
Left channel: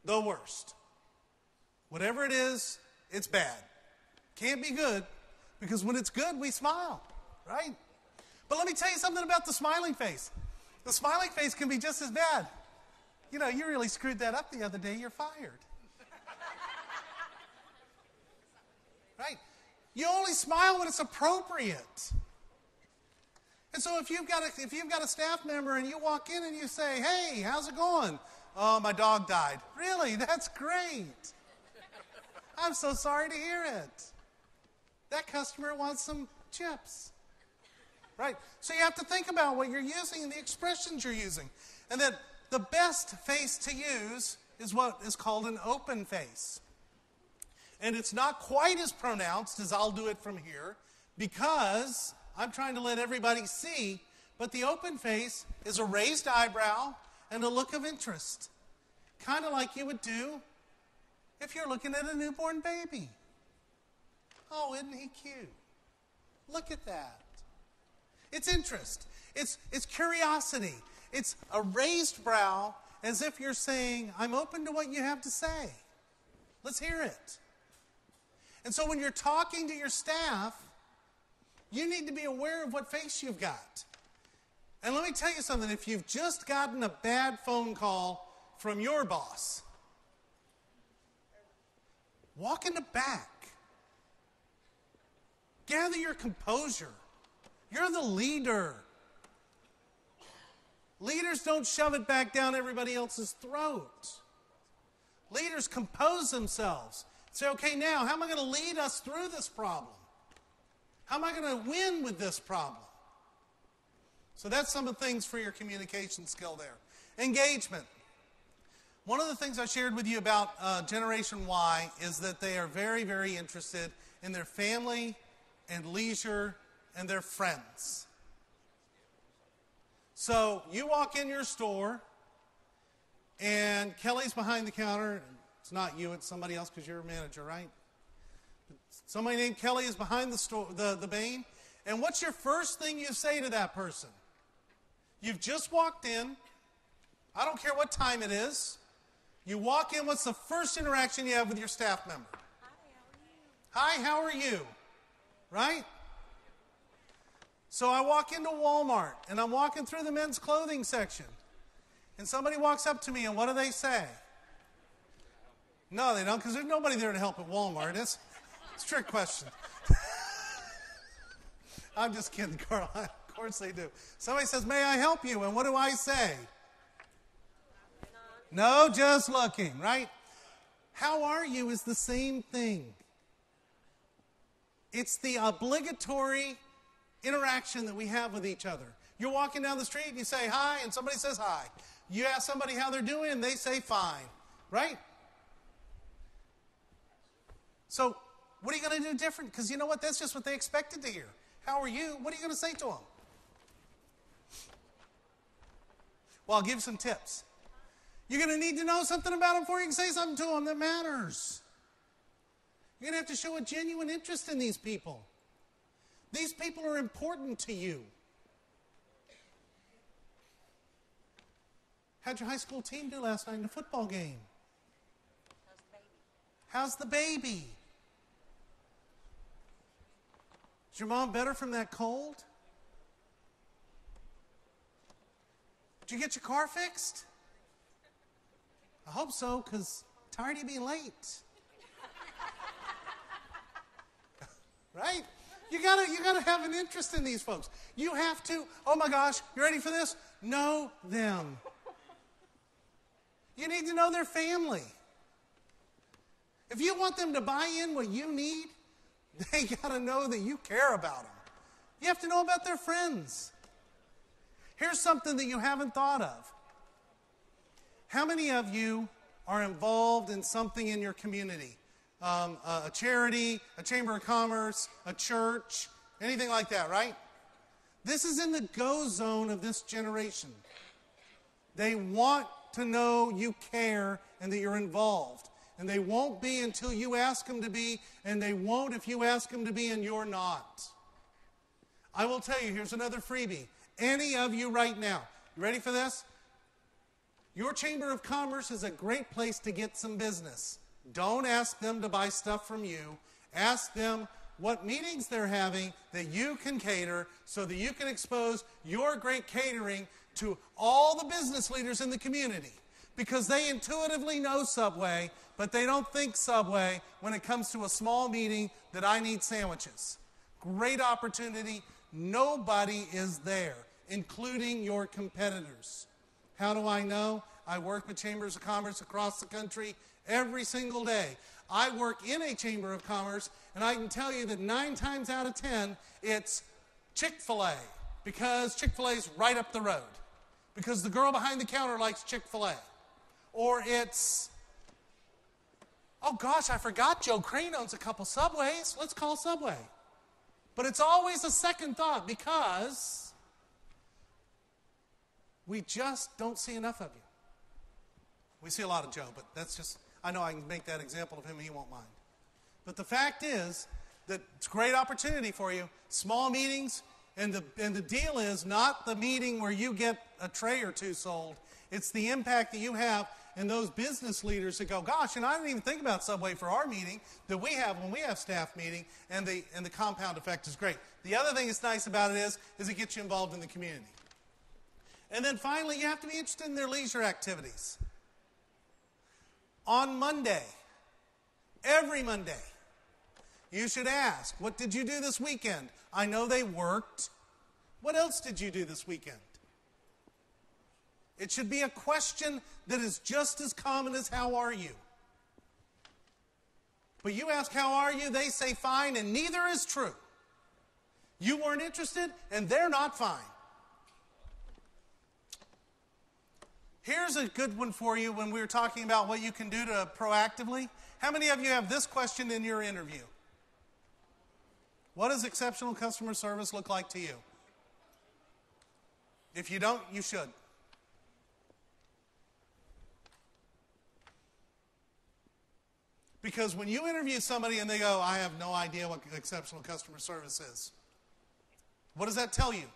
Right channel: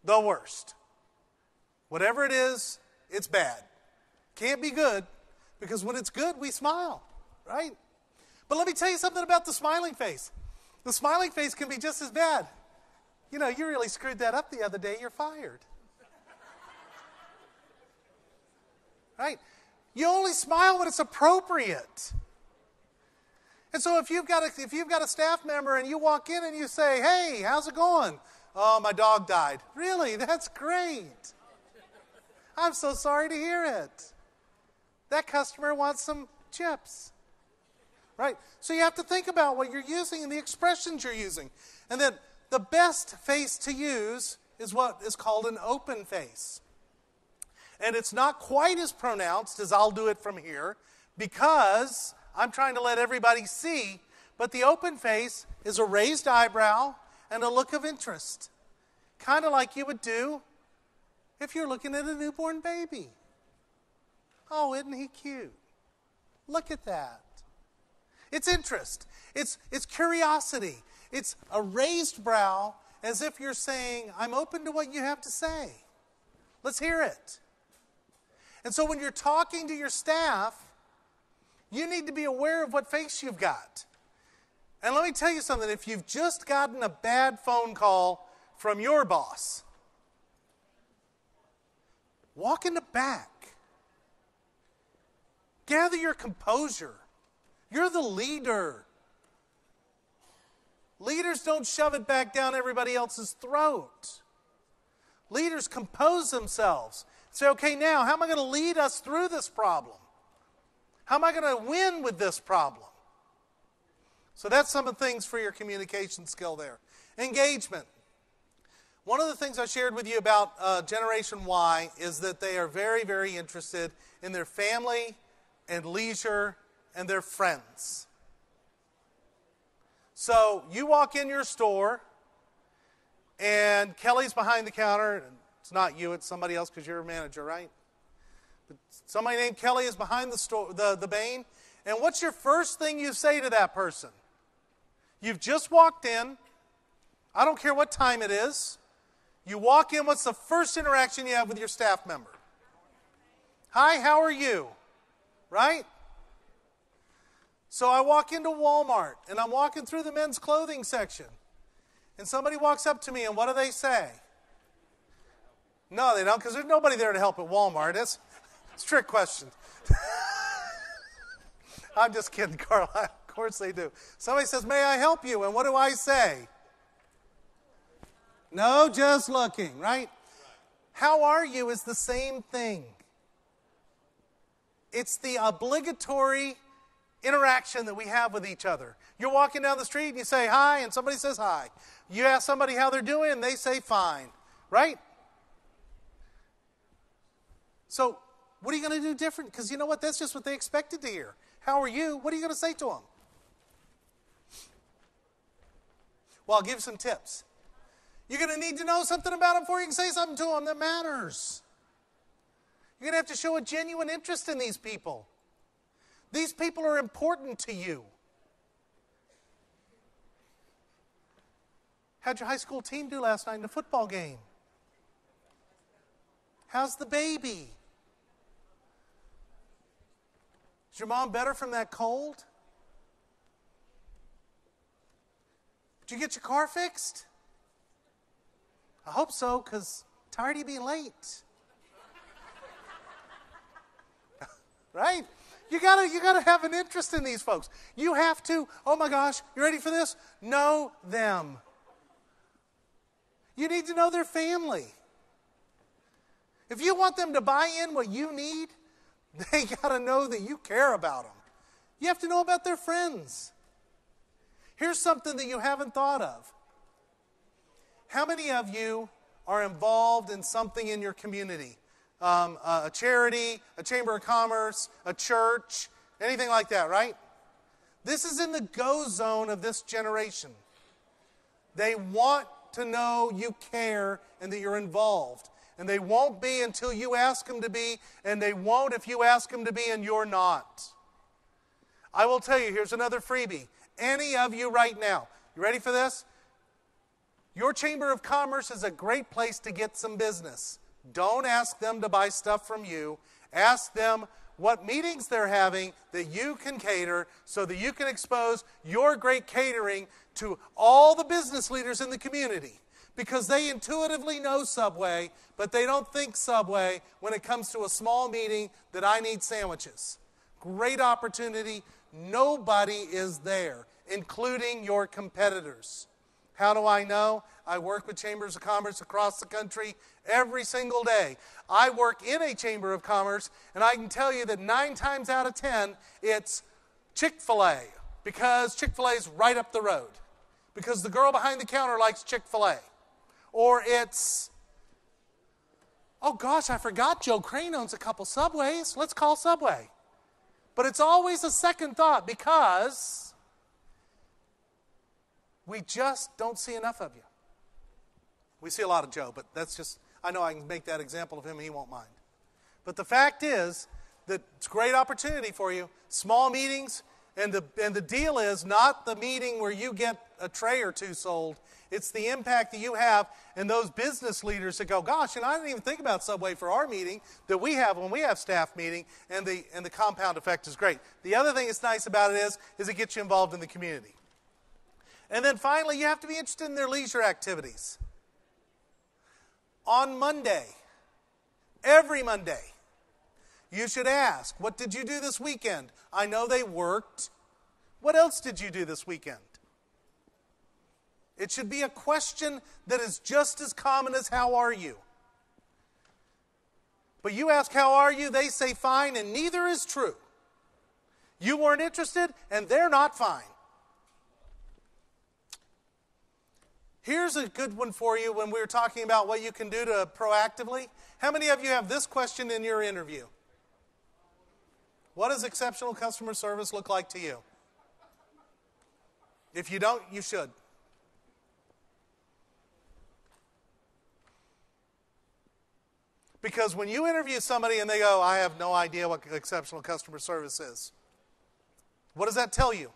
The worst. Whatever it is, it's bad. Can't be good, because when it's good, we smile, right? But let me tell you something about the smiling face. The smiling face can be just as bad. You really screwed that up the other day, you're fired. Right? You only smile when it's appropriate. And so if you've got a staff member and you walk in and you say, hey, how's it going? Oh, my dog died. Really? That's great. I'm so sorry to hear it. That customer wants some chips. Right? So you have to think about what you're using and the expressions you're using. And then the best face to use is what is called an open face. And it's not quite as pronounced as I'll do it from here, because I'm trying to let everybody see, but the open face is a raised eyebrow and a look of interest. Kind of like you would do if you're looking at a newborn baby. Oh, isn't he cute? Look at that. It's interest. It's curiosity. It's a raised brow, as if you're saying, I'm open to what you have to say. Let's hear it. And so when you're talking to your staff, you need to be aware of what face you've got. And let me tell you something. If you've just gotten a bad phone call from your boss, walk in the back. Gather your composure. You're the leader. Leaders don't shove it back down everybody else's throat. Leaders compose themselves. Say, okay, now, how am I going to lead us through this problem? How am I going to win with this problem? So that's some of the things for your communication skill there. Engagement. One of the things I shared with you about Generation Y is that they are very, very interested in their family and leisure and their friends. So you walk in your store, and Kelly's behind the counter. It's not you, it's somebody else, because you're a manager, right? But somebody named Kelly is behind the store, the Bain. And what's your first thing you say to that person? You've just walked in. I don't care what time it is. You walk in, what's the first interaction you have with your staff member? Hi, how are you? Right? So I walk into Walmart, and I'm walking through the men's clothing section. And somebody walks up to me, and what do they say? No, they don't, because there's nobody there to help at Walmart. It's a trick question. I'm just kidding, Carl. Of course they do. Somebody says, may I help you? And what do I say? No, just looking, right? How are you is the same thing. It's the obligatory interaction that we have with each other. You're walking down the street and you say hi, and somebody says hi. You ask somebody how they're doing, and they say fine, right? So what are you going to do different? Because you know what? That's just what they expected to hear. How are you? What are you going to say to them? Well, I'll give you some tips. You're going to need to know something about them before you can say something to them that matters. You're going to have to show a genuine interest in these people. These people are important to you. How'd your high school team do last night in the football game? How's the baby? Is your mom better from that cold? Did you get your car fixed? I hope so, because I'm tired of you being late. right? You gotta have an interest in these folks. You have to, oh my gosh, you ready for this? Know them. You need to know their family. If you want them to buy in what you need, they gotta know that you care about them. You have to know about their friends. Here's something that you haven't thought of. How many of you are involved in something in your community? A charity, a chamber of commerce, a church, anything like that, right? This is in the go zone of this generation. They want to know you care and that you're involved. And they won't be until you ask them to be, and they won't if you ask them to be and you're not. I will tell you, here's another freebie. Any of you right now, you ready for this? Your Chamber of Commerce is a great place to get some business. Don't ask them to buy stuff from you. Ask them what meetings they're having that you can cater so that you can expose your great catering to all the business leaders in the community. Because they intuitively know Subway, but they don't think Subway when it comes to a small meeting that I need sandwiches. Great opportunity. Nobody is there, including your competitors. How do I know? I work with chambers of commerce across the country every single day. I work in a chamber of commerce, and I can tell you that 9 times out of 10, it's Chick-fil-A, because Chick-fil-A is right up the road, because the girl behind the counter likes Chick-fil-A. Or it's, oh gosh, I forgot Joe Crane owns a couple Subways. Let's call Subway. But it's always a second thought because we just don't see enough of you. We see a lot of Joe, but that's just, I know I can make that example of him and he won't mind. But the fact is that it's a great opportunity for you. Small meetings, and the deal is not the meeting where you get a tray or two sold. It's the impact that you have and those business leaders that go, gosh, and I didn't even think about Subway for our meeting that we have when we have staff meeting, and the compound effect is great. The other thing that's nice about it is it gets you involved in the community. And then finally, you have to be interested in their leisure activities. On Monday, every Monday, you should ask, what did you do this weekend? I know they worked. What else did you do this weekend? It should be a question that is just as common as how are you? But you ask how are you, they say fine, and neither is true. You weren't interested, and they're not fine. Here's a good one for you when we were talking about what you can do to proactively. How many of you have this question in your interview? What does exceptional customer service look like to you? If you don't, you should. Because when you interview somebody and they go, I have no idea what exceptional customer service is, what does that tell you?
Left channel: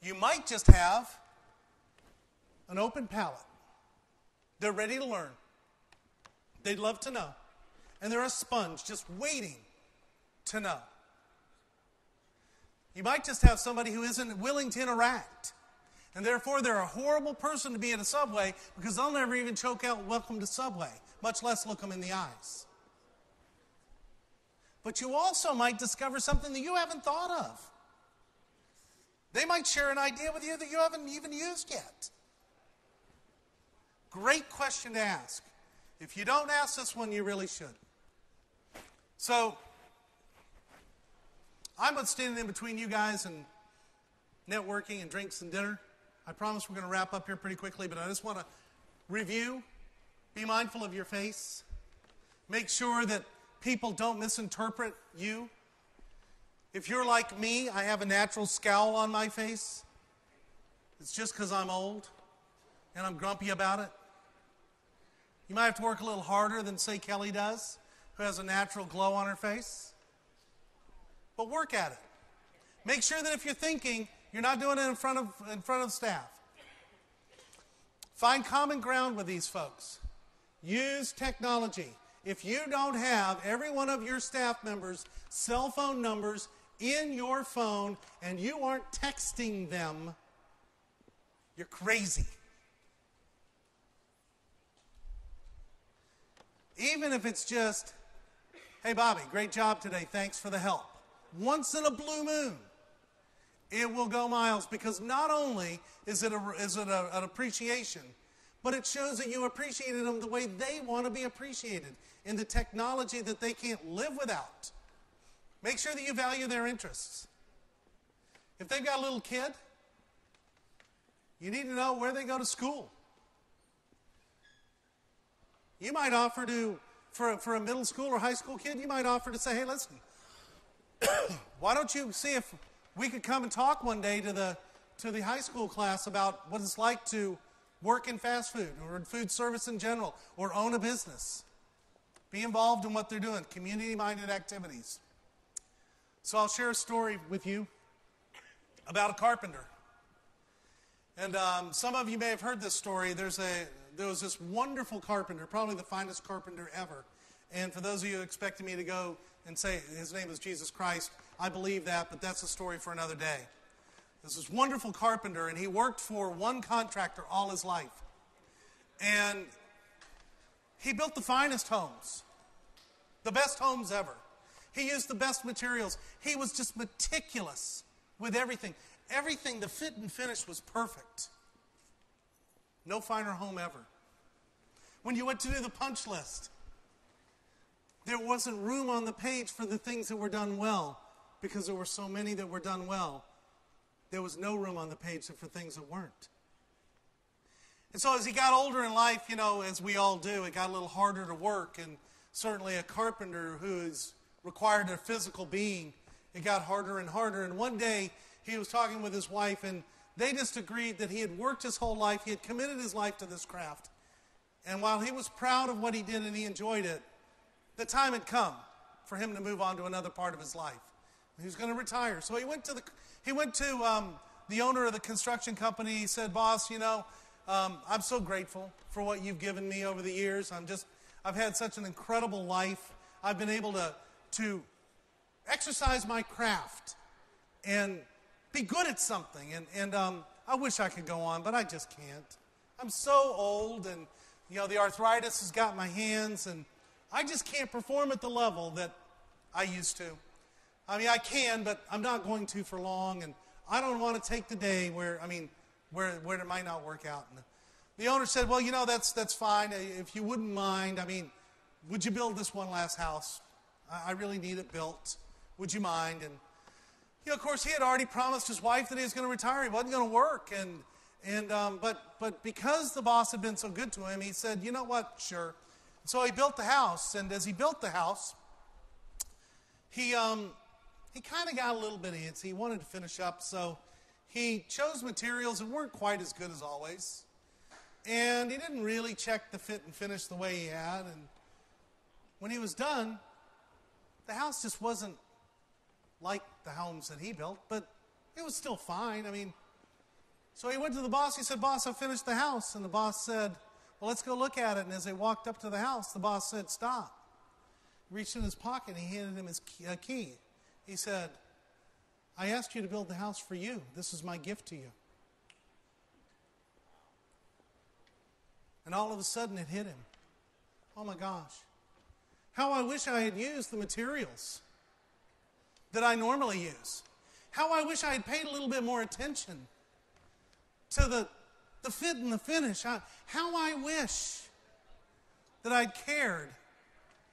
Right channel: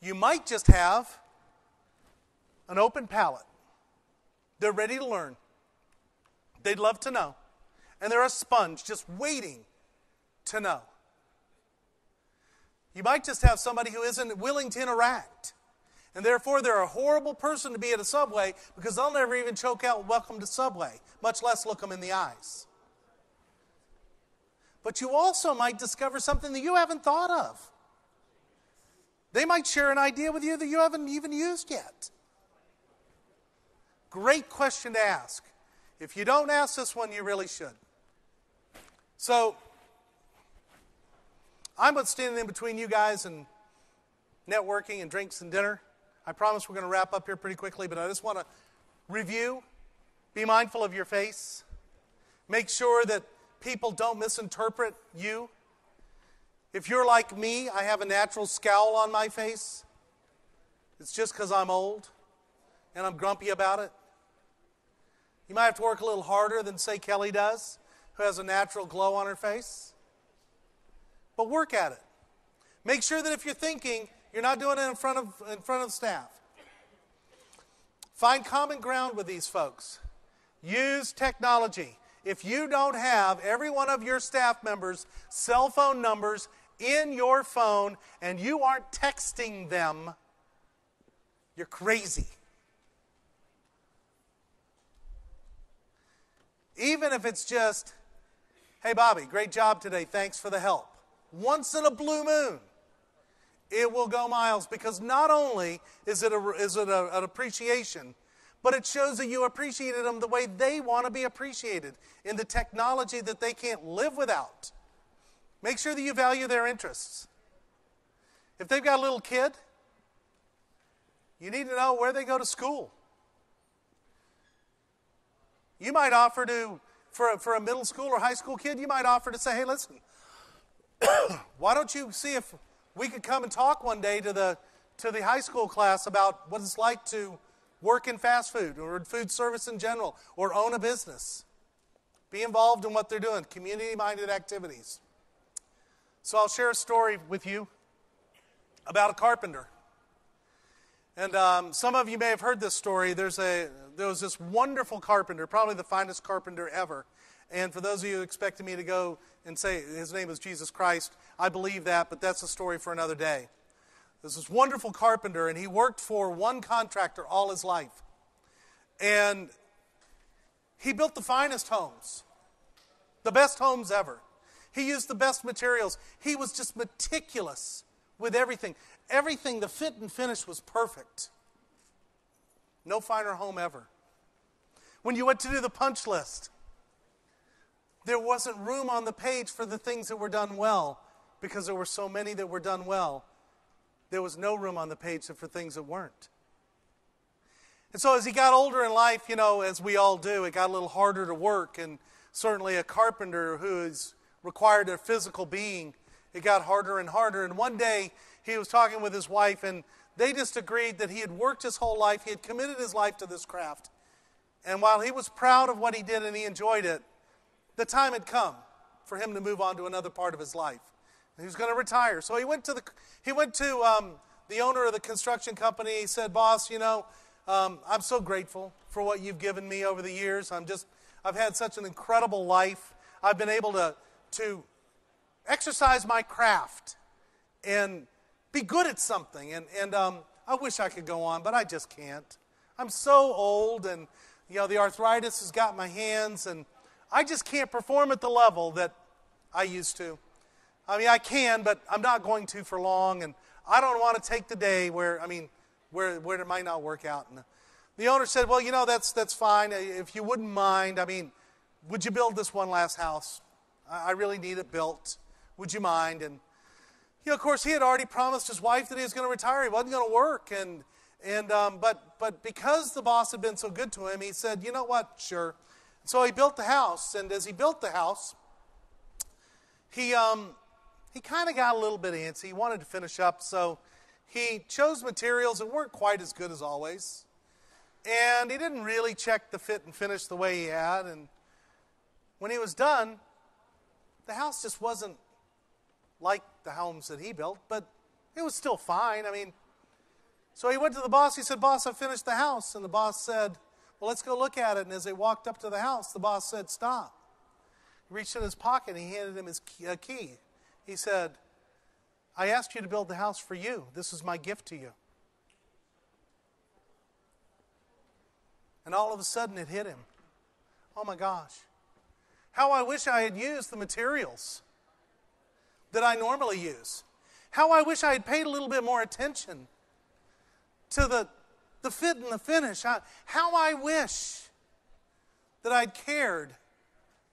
You might just have an open palate. They're ready to learn. They'd love to know. And they're a sponge just waiting to know. You might just have somebody who isn't willing to interact. And therefore, they're a horrible person to be at a Subway because they'll never even choke out welcome to Subway, much less look them in the eyes. But you also might discover something that you haven't thought of. They might share an idea with you that you haven't even used yet. Great question to ask. If you don't ask this one, you really should. So, I'm what's standing in between you guys and networking and drinks and dinner. I promise we're going to wrap up here pretty quickly, but I just want to review. Be mindful of your face. Make sure that people don't misinterpret you. If you're like me, I have a natural scowl on my face. It's just because I'm old and I'm grumpy about it. You might have to work a little harder than, say, Kelly does, who has a natural glow on her face. But work at it. Make sure that if you're thinking, you're not doing it in front of staff. Find common ground with these folks. Use technology. If you don't have every one of your staff members' cell phone numbers in your phone and you aren't texting them, you're crazy. Even if it's just, Hey, Bobby, great job today. Thanks for the help. Once in a blue moon, it will go miles, because not only is it an appreciation, but it shows that you appreciated them the way they want to be appreciated, in the technology that they can't live without. Make sure that you value their interests. If they've got a little kid, you need to know where they go to school. You might offer to, for a middle school or high school kid, you might offer to say, hey, listen, why don't you see if we could come and talk one day to the high school class about what it's like to work in fast food or food service in general, or own a business. Be involved in what they're doing, community-minded activities. So I'll share a story with you about a carpenter. And some of you may have heard this story. There was this wonderful carpenter, probably the finest carpenter ever. And for those of you expecting me to go and say his name is Jesus Christ, I believe that, but that's a story for another day. There's this wonderful carpenter, and he worked for one contractor all his life. And he built the finest homes, the best homes ever. He used the best materials. He was just meticulous with everything. Everything, the fit and finish was perfect. No finer home ever. When you went to do the punch list, there wasn't room on the page for the things that were done well, because there were so many that were done well. There was no room on the page for things that weren't. And so as he got older in life, as we all do, it got a little harder to work. And certainly a carpenter who is required a physical being, it got harder and harder. And one day he was talking with his wife, and they just agreed that he had worked his whole life. He had committed his life to this craft. And while he was proud of what he did and he enjoyed it, the time had come for him to move on to another part of his life. He was going to retire. So he went to the owner of the construction company. He said, boss, I'm so grateful for what you've given me over the years. I've had such an incredible life. I've been able to exercise my craft and be good at something. And I wish I could go on, but I just can't. I'm so old, and the arthritis has got my hands, and I just can't perform at the level that I used to. I mean, I can, but I'm not going to for long, and I don't want to take the day where it might not work out. And the owner said, well, that's fine. If you wouldn't mind, would you build this one last house? I really need it built. Would you mind? And, of course, he had already promised his wife that he was going to retire. He wasn't going to work. But because the boss had been so good to him, he said, you know what, sure. So he built the house, and as he built the house, he kind of got a little bit antsy. He wanted to finish up, so he chose materials that weren't quite as good as always. And he didn't really check the fit and finish the way he had. And when he was done, the house just wasn't like the homes that he built, but it was still fine. So he went to the boss. He said, boss, I finished the house. And the boss said, well, let's go look at it. And as they walked up to the house, the boss said, stop. He reached in his pocket and he handed him his key. He said, I asked you to build the house for you. This is my gift to you. And all of a sudden it hit him. Oh my gosh. How I wish I had used the materials that I normally use. How I wish I had paid a little bit more attention to the fit and the finish. How I wish that I'd cared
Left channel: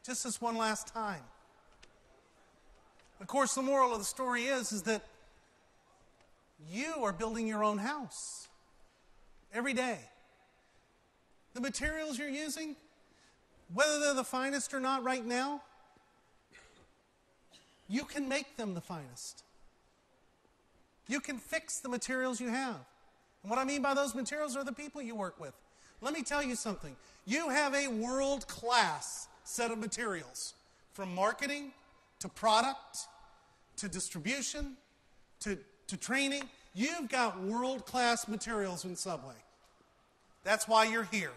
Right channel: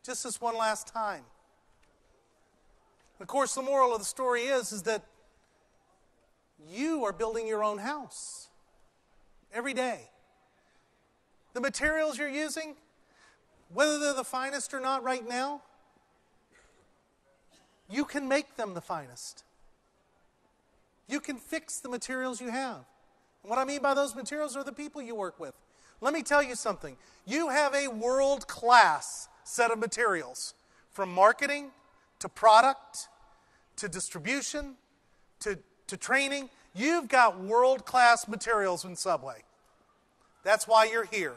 just this one last time. Of course, the moral of the story is that you are building your own house every day. The materials you're using, whether they're the finest or not right now, you can make them the finest. You can fix the materials you have. And what I mean by those materials are the people you work with. Let me tell you something. You have a world-class set of materials, from marketing to product, to distribution, to training. You've got world-class materials in Subway. That's why you're here.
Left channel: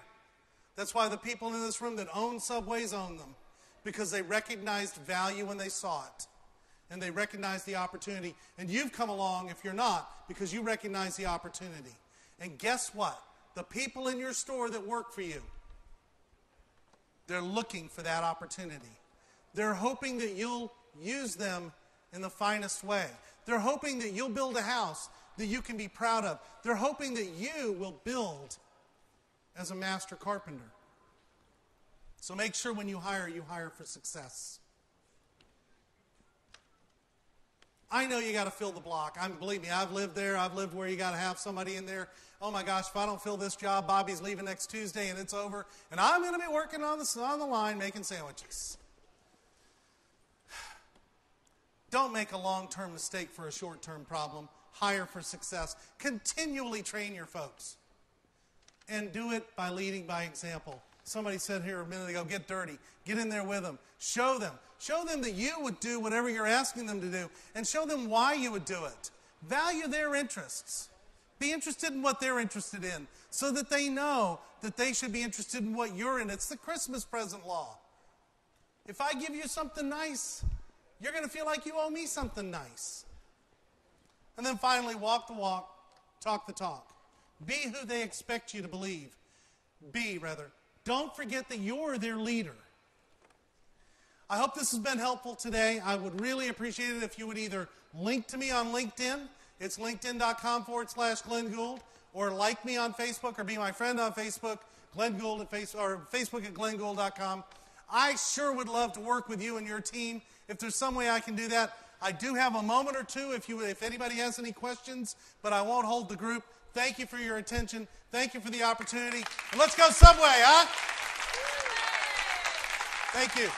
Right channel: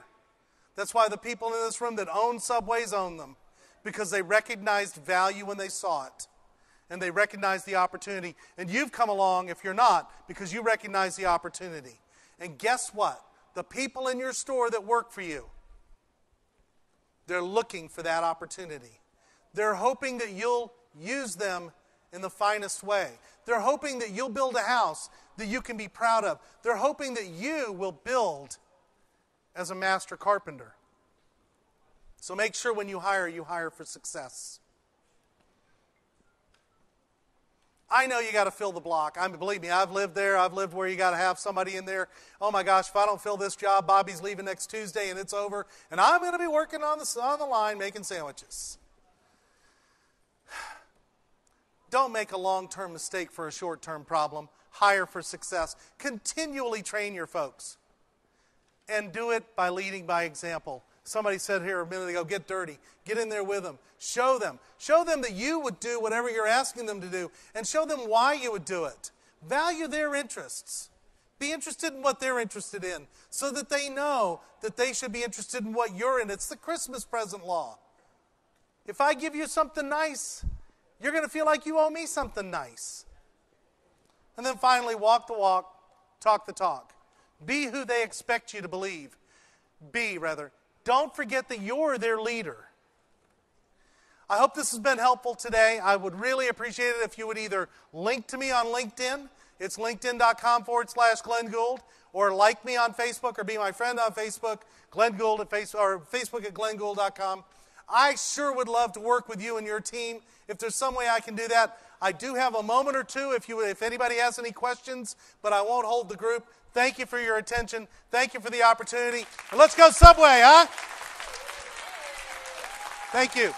That's why the people in this room that own Subways own them, because they recognized value when they saw it, and they recognized the opportunity. And you've come along, if you're not, because you recognize the opportunity. And guess what? The people in your store that work for you, they're looking for that opportunity. They're hoping that you'll use them in the finest way. They're hoping that you'll build a house that you can be proud of. They're hoping that you will build as a master carpenter. So make sure when you hire for success. I know you got to fill the block. Believe me, I've lived there. I've lived where you got to have somebody in there. Oh my gosh, if I don't fill this job, Bobby's leaving next Tuesday and it's over. And I'm going to be working on the line making sandwiches. Don't make a long-term mistake for a short-term problem. Hire for success. Continually train your folks. And do it by leading by example. Somebody said here a minute ago, get dirty. Get in there with them. Show them. Show them that you would do whatever you're asking them to do. And show them why you would do it. Value their interests. Be interested in what they're interested in. So that they know that they should be interested in what you're in. It's the Christmas present law. If I give you something nice, you're going to feel like you owe me something nice. And then finally, walk the walk, talk the talk. Be who they expect you to believe. Don't forget that you're their leader. I hope this has been helpful today. I would really appreciate it if you would either link to me on LinkedIn. It's linkedin.com/Glenn Gould. Or like me on Facebook or be my friend on Facebook, Glenn Gould at Facebook at glenngould.com. I sure would love to work with you and your team. If there's some way I can do that, I do have a moment or two if anybody has any questions, but I won't hold the group. Thank you for your attention. Thank you for the opportunity. And let's go Subway, huh? Thank you.